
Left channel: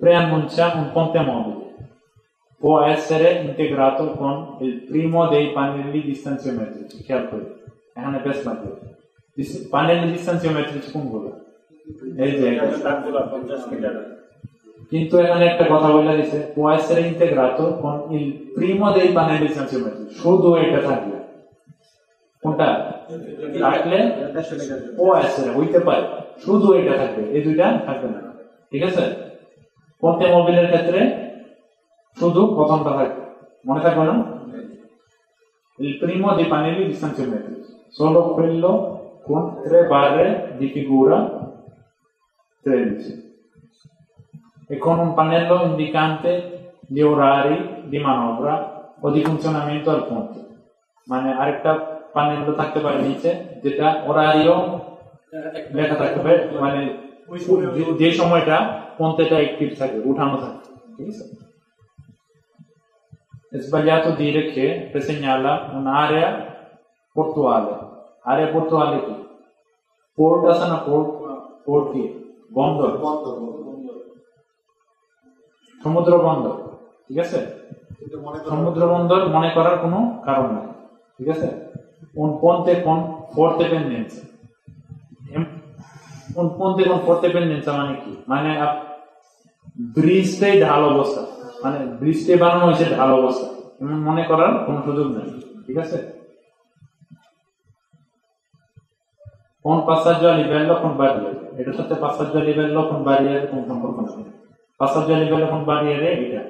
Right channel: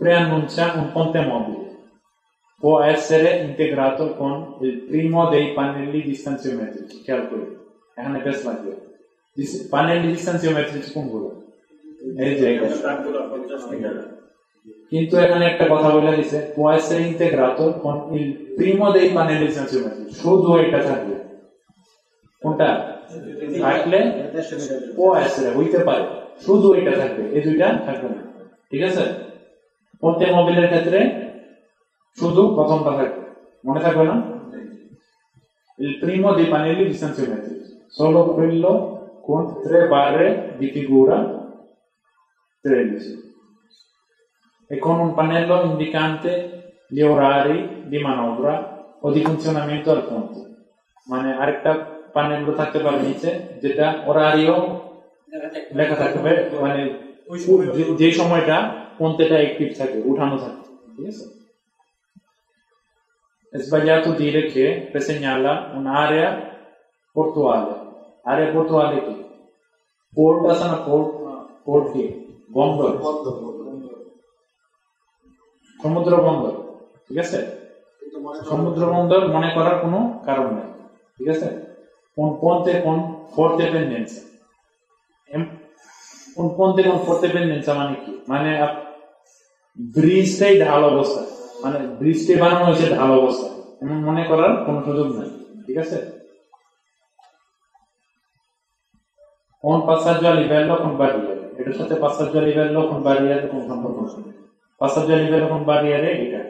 preannuncia un ponte mobile può essere integrato con il primo dei pannelli distanziometrici খেয়াল করুন এখানে বেশ লাগবে pannelli distanziometrici কোনগুলো এই যে কিন্তু এখানে একটা কথা বলে দিয়েছে può essere integrato con il primo dei pannelli distanziometrici শুধু এটা থাকবে কোনটা থাকলে può essere হইতে পারে শুধু এটা থাকবে এই দুইটা থাকবে না ঠিক আছে ponte mobile এর ক্ষেত্রে শুধু প্রথমটা থাকবে মনে থাকবে না il primo dei pannelli distanziometrici solo quello con 3 barre di figura 13 e con un pannello indicante gli orari di manovra o di funzionamento al ponte মানে আরেকটা প্যানেল থাকতে পারে নিচে যেটা orario লেখা থাকবে মানে যে সময়টা ponteটা অ্যাক্টিভ থাকে উঠানো থাকে ঠিক আছে sbagliato dire che segnala un'area portuale area portuale কি পোর্ট আছে না পোর্ট কি বন্দর সমুদ্র বন্দর ঠিক আছে সমুদ্র বন্দর মনে করার কোনো কারণ নেই ঠিক আছে un ponte con forte pendenza un ponte con forte pendenza মানে কি মানে ব্রিজটাই ঢাল অবস্থা মানে ব্রিজটাই বানানো হয়েছে ঢাল অবস্থা এমন মনে করার কোনো সুযোগ নেই ঠিক আছে un passaggio a livello con barriere এটার সাথে passaggio a livello con barriere কোনো সম্পর্ক নেই passaggio a livello con barriere এটা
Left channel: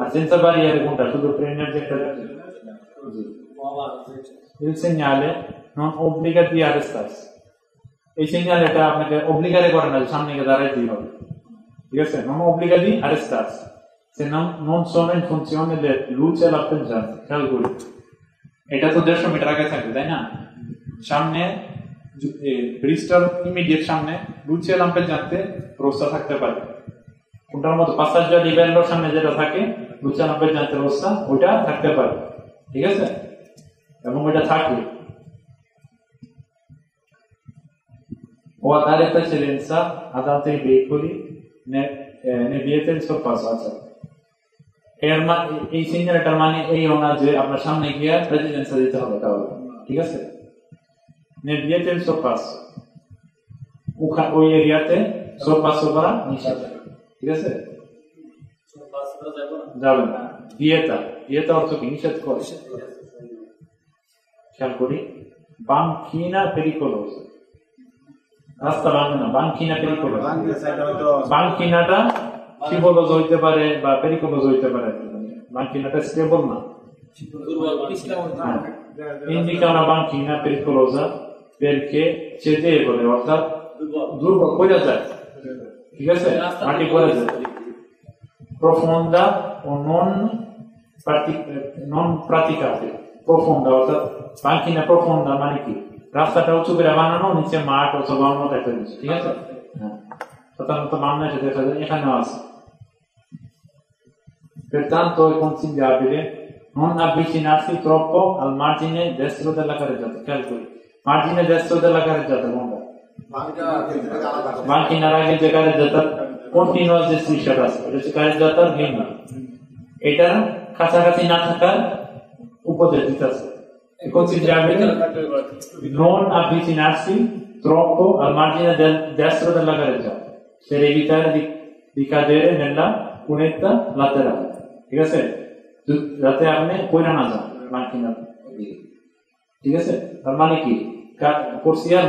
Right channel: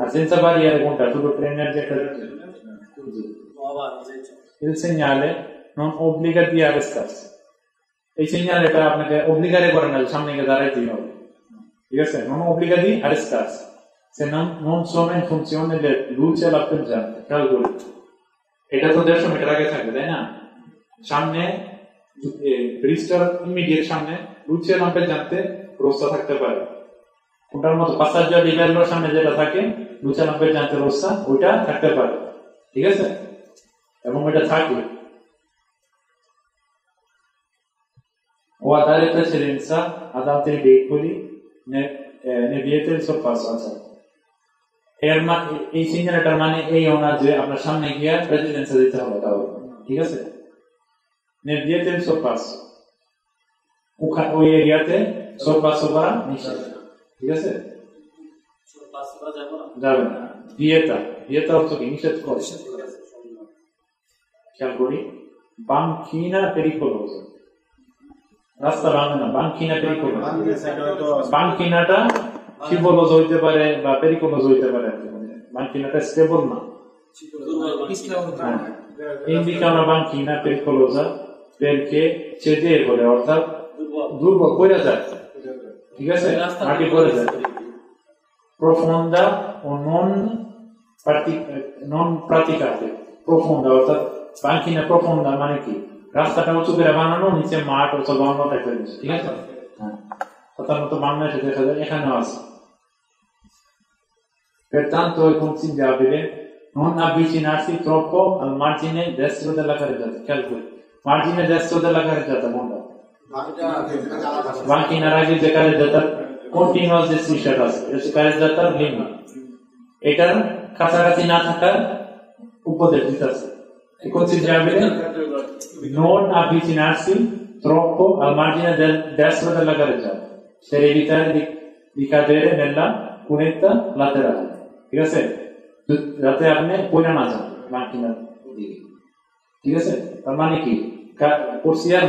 আর senza barriere কোনটা শুধু ট্রেনের যেটা il segnale non obbliga di arrestarsi এই সিগন্যাল এটা আপনাকে অব্লিগারে করে না সামনে গিয়ে দাঁড়াতে হবে ঠিক আছে non obbliga di arrestarsi se non sono in funzione del luce lampeggiante calcoli এটা তো 150 মিটার আগে থাকবে তাই না সামনে ব্রিজটার ইমিডিয়েট সামনে luce lampeggiante rossa থাকতে পারে কোনটার মতো passaggio a livello সামনে যেটা থাকে luce lampeggiante rossa ওটা থাকতে পারে ঠিক আছে এবং ওটা থাকে o a dare precedenza ad altri veicoli ne vieta il sorpasso এই সিগন্যালটার মানে এই না যে আপনার সামনে গিয়ে প্রেসিডেন্সা দিতে হবে তাহলে ঠিক আছে ne vieta il sorpasso ওই এরিয়াতে sorpasso করা নিষেধ ঠিক আছে sorpasso যাবে না vieta অর্থ কি নিষেধ করে খেয়াল করি banchina pericolosa রাস্তা বাঁধে না banchina pericolosa banchinaটা scivolos হইতে পারে বা pericoloso হইতে পারে banchinaটা স্টেবল না এই যে কারণে banchina pericolosa perché cedevole অর্থাৎ দুর্বল পড়ে যায় ঠিক আছে মাটি পড়ে যায় profonda o non praticate profonda অর্থাৎ banchina profonda মানে কি রাস্তাটা উঁচু করে বানানো নিচে মাঠ অথবা অন্য টাইপের কিছু ঠিক আছে সাধারণত বাংলাদেশে দেখা যায় এখানেও আছে pertanto è consigliabile non avvicinarsi troppo al margine destro della carreggiata calcoli margine destro della carreggiata কোনটা banchinaর আগে যে carreggiata continuous যে strisciata আছে এটা carreggiata linea এটা কাছাকাছি না থাকার উপদেশ দিতেছে è consigliabile non avvicinarsi troppo al margine destro della carreggiata per evitare di cadere nella cunetta laterale ঠিক আছে যাতে আপনি পড়ে না যান মার্কিনা ঠিক আছে তার মানে কি কুরসিয়ার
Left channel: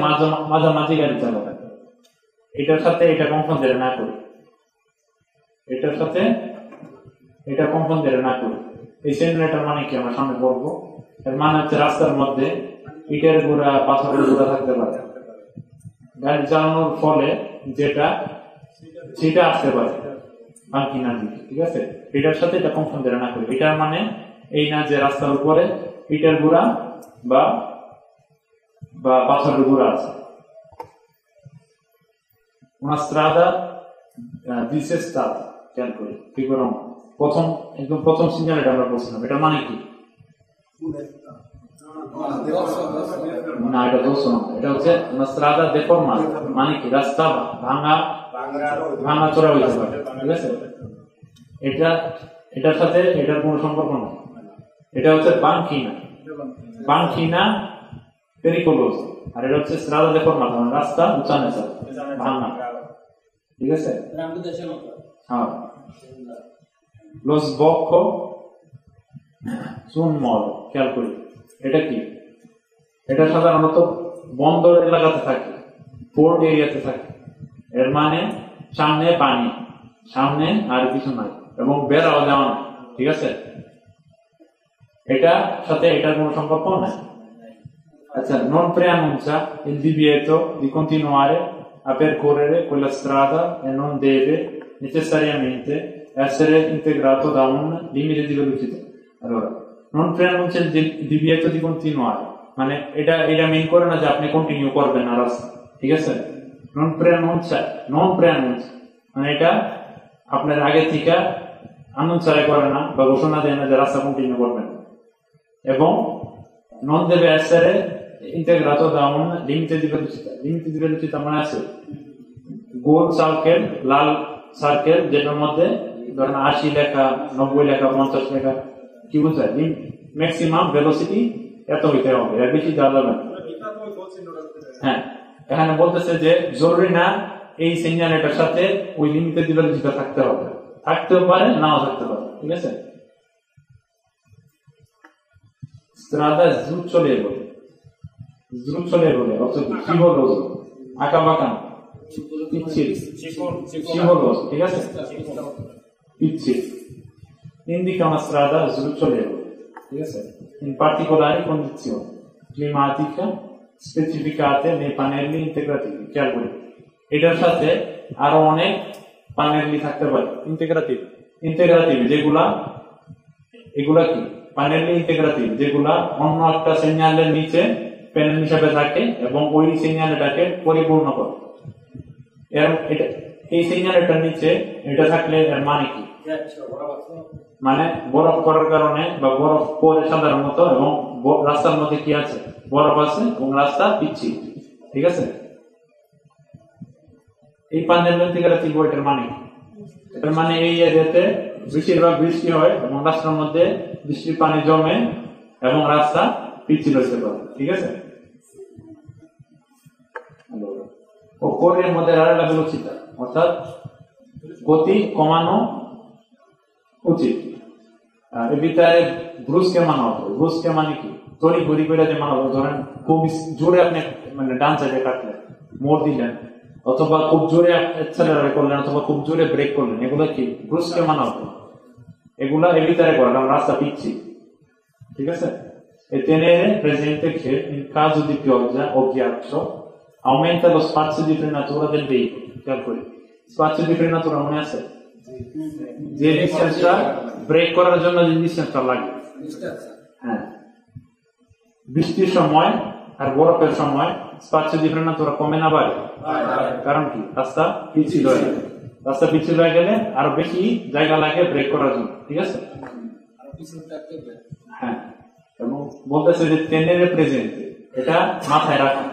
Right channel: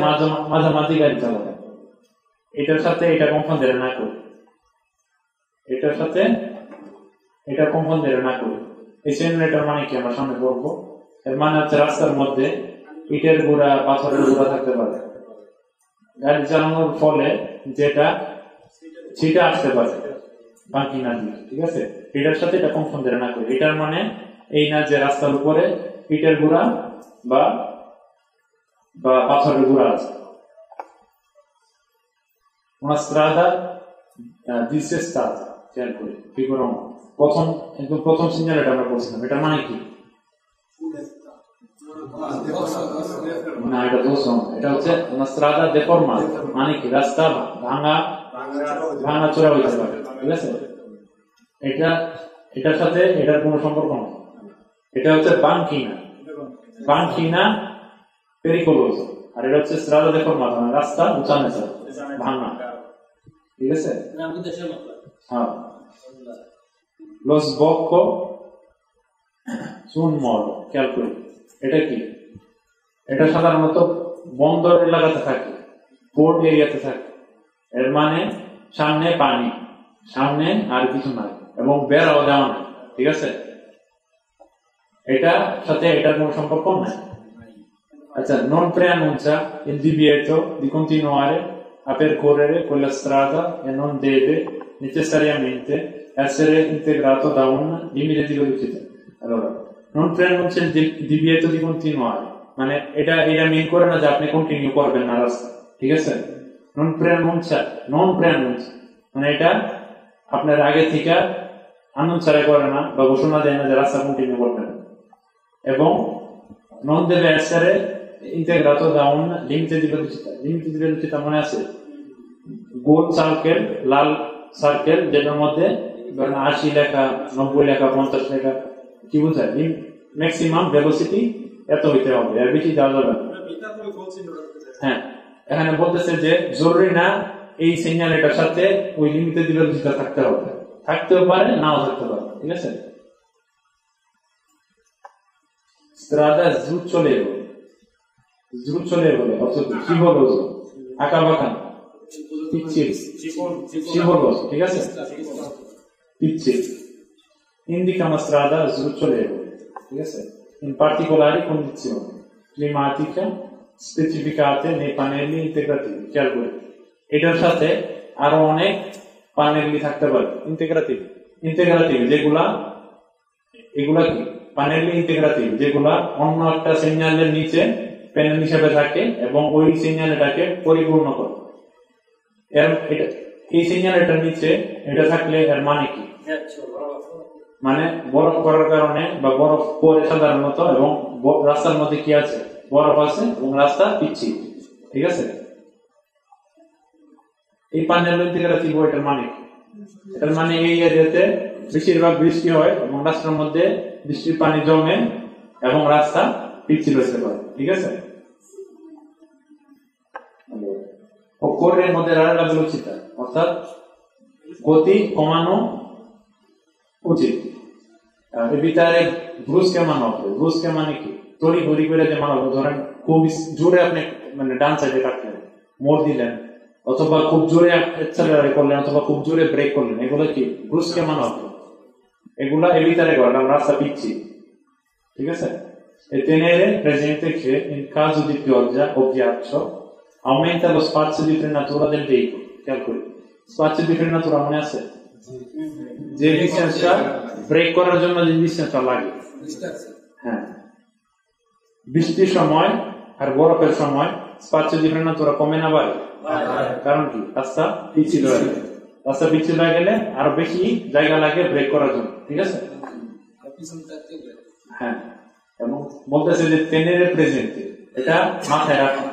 মাঝামাঝি গাড়ি চালানো এটার সাথে এটা কনফারেন্স না করে এটার সাথে এটা কনফারেন্স না করে এই সিমুলেটর মানে কি আমরা সামনে বলবো এর মানে হচ্ছে রাস্তার মধ্যে ইটের গোড়া পাথরের গোড়া থাকতে পারে। গাড়ি চালানোর ফলে যেটা সেটা আসতে পারে বাকি না দিকে, ঠিক আছে? এটার সাথে এটা কনফাউন্ড না করে, এটার মানে এই না যে রাস্তার উপরে ইটের গোড়া বা পাথরের গোড়া আছে। Una strada dissestata, খেয়াল করে বিবরণ প্রথম সিগন্যাল এটা আমরা বলছিলাম, এটার মানে কি? না, এটা দোষ না, এটা হচ্ছে una strada deformata, মানে কি রাস্তা ভাঙা চোরা হয়ে যাবে, ঠিক আছে? এটার সাথে এটার কোনো সম্পর্ক নেই। এটা হচ্ছে banchina pericolosa, আর এটা হচ্ছে strada deformata, রাস্তা উঁচা নিচা ভাঙা, ঠিক আছে? হ্যাঁ, lo sbocco su un molo, খেয়াল করি এটা কি? এটা সাধারণত বন্দর এলাকাতে থাকে, পোর্ট এরিয়াতে থাকে। এর মানে সামনে পানি, সামনে আর কিছু নাই, এবং বেড়াও দেওয়া নাই, ঠিক আছে? এটা সাথে এটার কোনো সম্পর্ক নাই। আচ্ছা, non preannuncia il divieto di continuare a percorrere quella strada e non deve necessariamente essere integrato da un limite di velocità. Allora, non preannuncia il divieto di continuare, মানে এটা মিন করে না যে আপনি কন্টিনিউ করবেন না রাস্তা, ঠিক আছে? non preannuncia মানে এটা আপনার আগে থেকে আনুঞ্চারে করে না বা ঘোষণা দেয় না যে রাস্তা কন্টিনিউ করবেন, এবং non deve essere integrato da un limite di velocità। limite di velocità মানে আছে গোল সার্কেল, লাল সার্কেল, যেটার মধ্যে ধরেন 80 লেখা, 90 লেখা, 50 লেখা, কি বোঝায়? ম্যাক্সিমাম ভেলোসিটি এত হইতে হবে, এর বেশি যাওয়া যাবে না। হ্যাঁ, এখানে বলতেছে যে জরুরি না এই সিগন্যালটার সাথে ওই লিমিটেড ভেলোসিটি থাকতেও পারে, নাও থাকতে পারে, ঠিক আছে? strada sdrucciolevole, scivoloso, acabacano, scivoloso, ঠিক আছে? Indica una strada sdrucciolevole, ঠিক আছে? In particolari condizioni climatiche specificate nei pannelli integrativi, খেয়াল করি এটার সাথে আরো অনেক প্যানেলি থাকতে পারে ইন্টিগ্রেটিভ, এগুলা কি প্যানেলি ইন্টিগ্রেটিভ, যেগুলা অন্য একটা সিগন্যালের নিচে প্যানেল হিসেবে থাকে এবং ওই সিগন্যালটাকে পরিপূর্ণ করে। এই সিগন্যালটার নিচে এটা থাকলে এর মানে কি? মানে বরফ করার কারণে বা বরফ পরে সাধারণত, এবং রাস্তার মধ্যে কি আছে? বরফ আছে এবং রাস্তা পিচ্ছিল, ঠিক আছে? এই প্যানেল ইন্টিগ্রেটিভ এটার মানে কি? এটার মানে এই এরিয়াতে বেশিরভাগ বৃষ্টি হয় এবং রাস্তার মধ্যে বৃষ্টির পানি জমে এবং রাস্তা পিচ্ছিল হতে পারে, ঠিক আছে? occorre moderare la velocità, অর্থাৎ গতি কমানো উচিত, evitare brusche manovre। brusche মানে কি? তড়িঘড়ি করে যে মানবর, ধরেন খুব জোরে আপনি মানে ডান সাইডে কাটলেন, মোড় দিলেন, অথবা খুব জোরে অ্যাক্সেলারেট করলেন, অথবা খুব জোরে ব্রেক করলেন, এগুলা কি brusche manovre? এগুলা evitare করলাম, রাস্তা পিচ্ছিল, ঠিক আছে? E tenere presente che in caso di pioggia o ghiaccio aumenta lo spazio di frenatura del veicolo, খেয়াল করি spazio di frenatura মনে আছে? যে ডিসটেন্সটা ব্রেক করার জন্য যে ডিসটেন্সটা লাগে, হ্যাঁ, বৃষ্টির সময় আর বরফের সময় spazio di frenatura কমে না বাড়ে? কারণ কি? রাস্তা পিচ্ছিল হয়ে গেলে আরো বেশি জায়গা লাগে ব্রেক করার জন্য, ঠিক আছে? হ্যাঁ, এবং বলতেছে যে tenere presente, এটা মাথায় রাখা।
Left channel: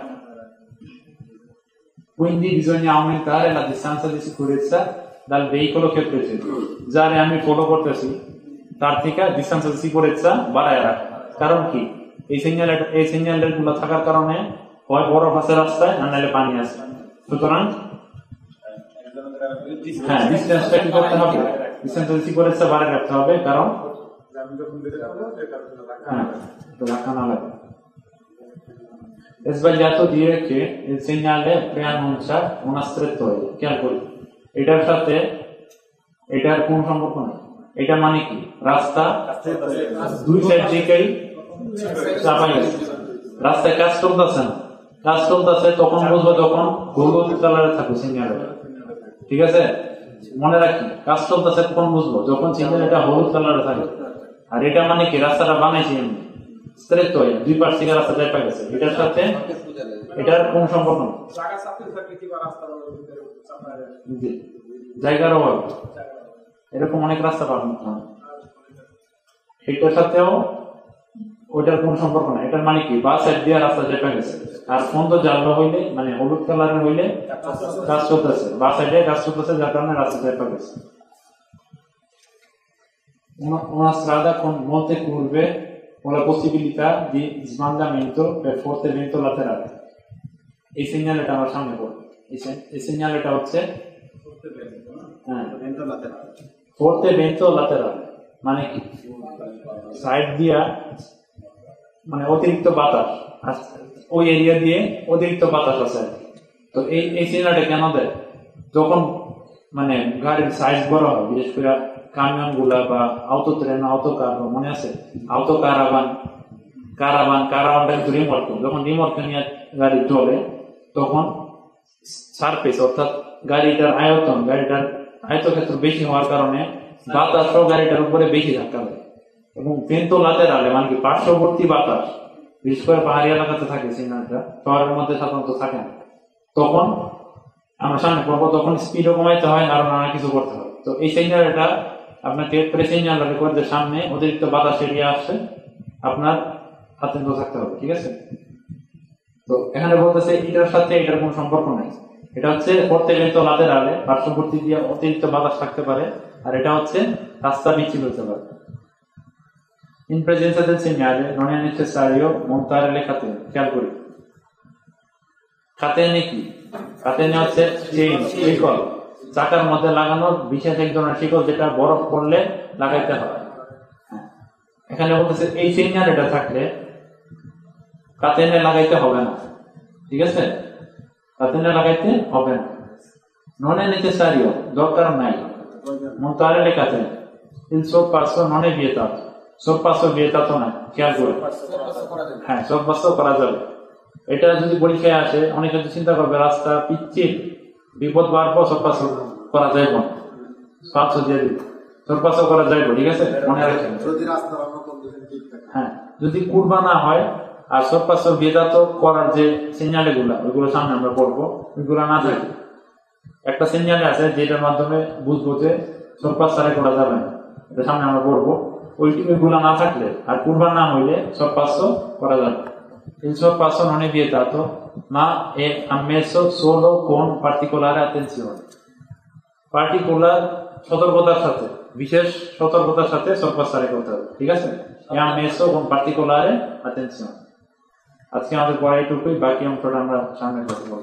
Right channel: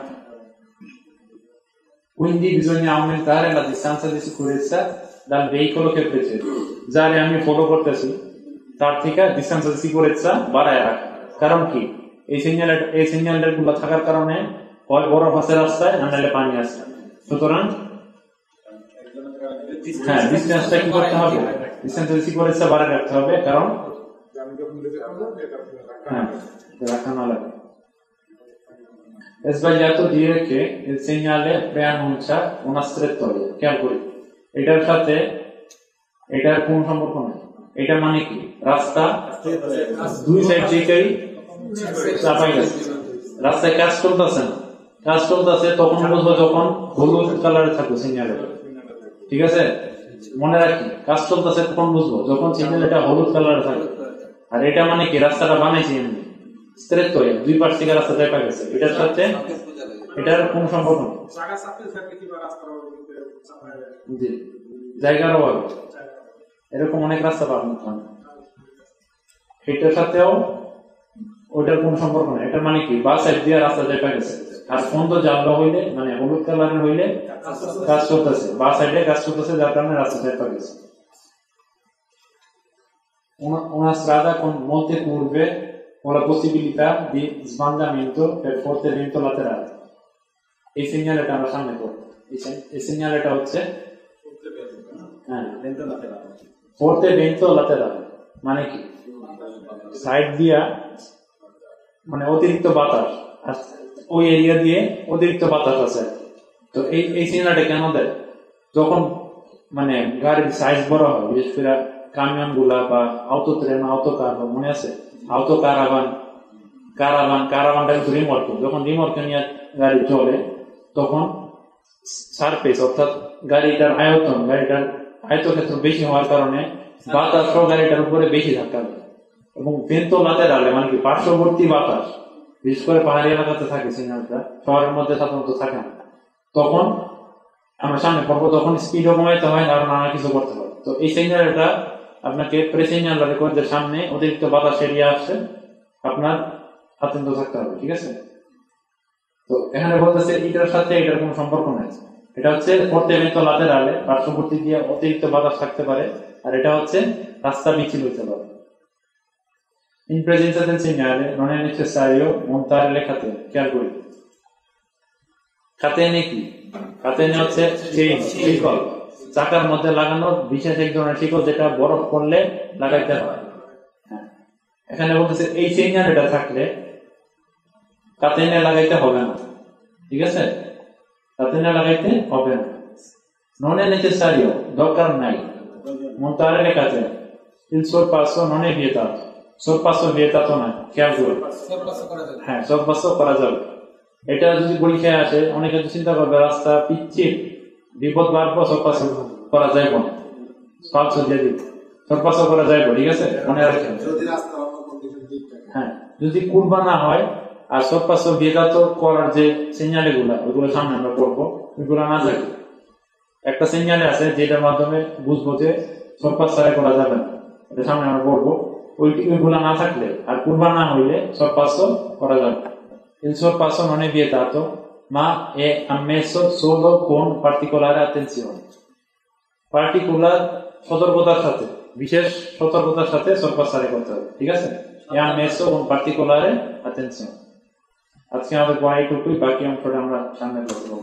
Quindi bisogna aumentare la distanza di sicurezza dal veicolo che precede, যারে আমি ফলো করতেছি তার থেকে ডিসটেন্স অফ সিকিউরিটি বাড়ায় রাখা। কারণ কি? এই সিগন্যালটার গুলো থাকার কারণে হয় বরফ আছে রাস্তায়, না নাহলে পানি আছে। সুতরাং হ্যাঁ, ডিসটেন্সটা কি করতে হবে? ডিসটেন্স অফ সিকিউরিটি বাড়ায় রাখতে হবে, কারণ রাখা না লাগে। È sbagliato dire che il segnale preannuncia una strettoia, খেয়াল করি এটার সাথে এটার কোন সম্পর্ক নাই। এটা মানে কি? রাস্তা দুই সাইড থেকেই চাপাই আছে, রাস্তায় কাজ চলতেছে না, কাজ চলতেছে তখন বুঝবো যখন হলুদ কালারে থাকবে সিগন্যালটা। ঠিক আছে, মনে রাখি কাজ চলতেছে তখন বুঝবো যখন সিগন্যালটা হলুদ কালারে থাকবে। আর এটা মানে কি রাস্তাটা বানাইছি স্ট্রেট হয়ে দুই পাশ থেকে রাস্তা দিয়ে পাই গেছে, এটার সাথে এটার কোনো সম্পর্ক নেই। জায়গার অভাব এরকম অনেক রাস্তা পাবো, এটার সাথেও ওইটার কোন সম্পর্ক না। এটা মানে কি বাস এক দিয়ে রাস্তা দিয়ে পাই গেছে। আর ফোন তো জানলো হইলে মানে হলুদ কালারের হইলে কাজ চলতেছে, বাস এক দিয়ে কাজ চলতেছে যার কারণে রাস্তা দিয়ে পাই গেছে। Una strada con molte curve o la possibilità di sbandamento per forte vento laterale. এই সিগন্যালটা আমার সামনে করব, এই সিগন্যালটা হচ্ছে forte vento laterale মানে কি সাইড দিয়া মানে অতিরিক্ত বাতাস ওই এরিয়া দিয়ে অতিরিক্ত বাতাস আছে। তো এই সিগন্যালটা কেন দেয়? যখন মানে গাড়ির সাইজ বড় হয়, বিশেষ করে কামিয়ন গুলা বা অটো ট্রেন, অটো কার, মনে আছে অটো কারাবানটা কিন্তু রিমোট, যখন রিমোট নিয়ে গাড়ি চলে তখন সারফেস অর্থাৎ গাড়িটার আয়তক্ষেত্র বেশি হওয়ার কারণে বাতাস গাড়িটার উপরে বেশি থাকতে হবে। এবং ভেন্টো লাতেরালে মানে কি পার্শ্ববর্তী বাতাস, বিশেষ করে পাহাড়ি এলাকাতে থাকে সিগন্যালটা, শহরের মধ্যে সাধারণত থাকে না। তখন আমরা সামনে পাবো, তখন স্পিডও কমাইতে হয় আর নানা কিছু করতে হয়। তো এই সিগন্যালটা আপনাকে প্রেসিগন্যাল করে সামনে অতিরিক্ত বাতাস এরিয়া আসছে, আপনার আতঙ্ক থাকতে হবে। ঠিক আছে, তো এখানে বলতেছে এটার সাথে এটার কোনো সম্পর্ক নাই। এটা হচ্ছে forte vento laterale, পার্শ্ববর্তী দিয়ে অতিরিক্ত বাতাস থাকতে পারে, আর এটা হচ্ছে রাস্তা পিচ্ছিল হতে পারে। In presenza del segnale non è necessario montare le catene. খেয়াল করি catene কি? catene হচ্ছে শিকল, চাকার মধ্যে লাগানো বিশেষ এক ধরনের শিকল যেটা বরফ পড়লে লাগাইতে হয়। এখানে বলতেছে এই সিগন্যালটা থাকলে catene লাগাইতে হবে না। ঠিক আছে, catene লাগাইতে হবে না, non è necessario, দরকার নাই montare le catene, il sorpasso non è vietato, sorpasso vietato না। খেয়াল করুন, হ্যাঁ sorpasso করা যাবে। এটা যদি পরীক্ষায় আসে অনেকে চিন্তা করবে রাস্তা পিচ্ছিল, বিপদ বাড়বো, sorpasso করা যাইব না, স্পার্শ দিয়ে দিবে, sorpasso করা যাইব। ঠিক আছে, মনে রাখবেন হ্যাঁ, যদি কুরবা না হয় আর sorpasso vietato করার যে সিগন্যাল ওগুলো সামনে আমরা পড়বো, ওইগুলো না থাকে। একটা সিগন্যাল আছে যেটার মাধ্যমে বুঝবো যে sorpasso করা যাবে না, এটা সামনে আমরা পড়বো। ওইগুলো না থাকলে আর কুরবা না হইলে sorpasso করা যাবে। Il sorpasso non è vietato, ma è ammesso solo con particolare attenzione. Particular সতর্কতার সাথে, বিশেষ সতর্কতার সাথে sorpasso করতে হবে। ঠিক আছে, è ammesso con particolare attenzione। আজকে আমাদের পড়া এইটুকুই, বাকি অংশটা আমরা সামনে করবো।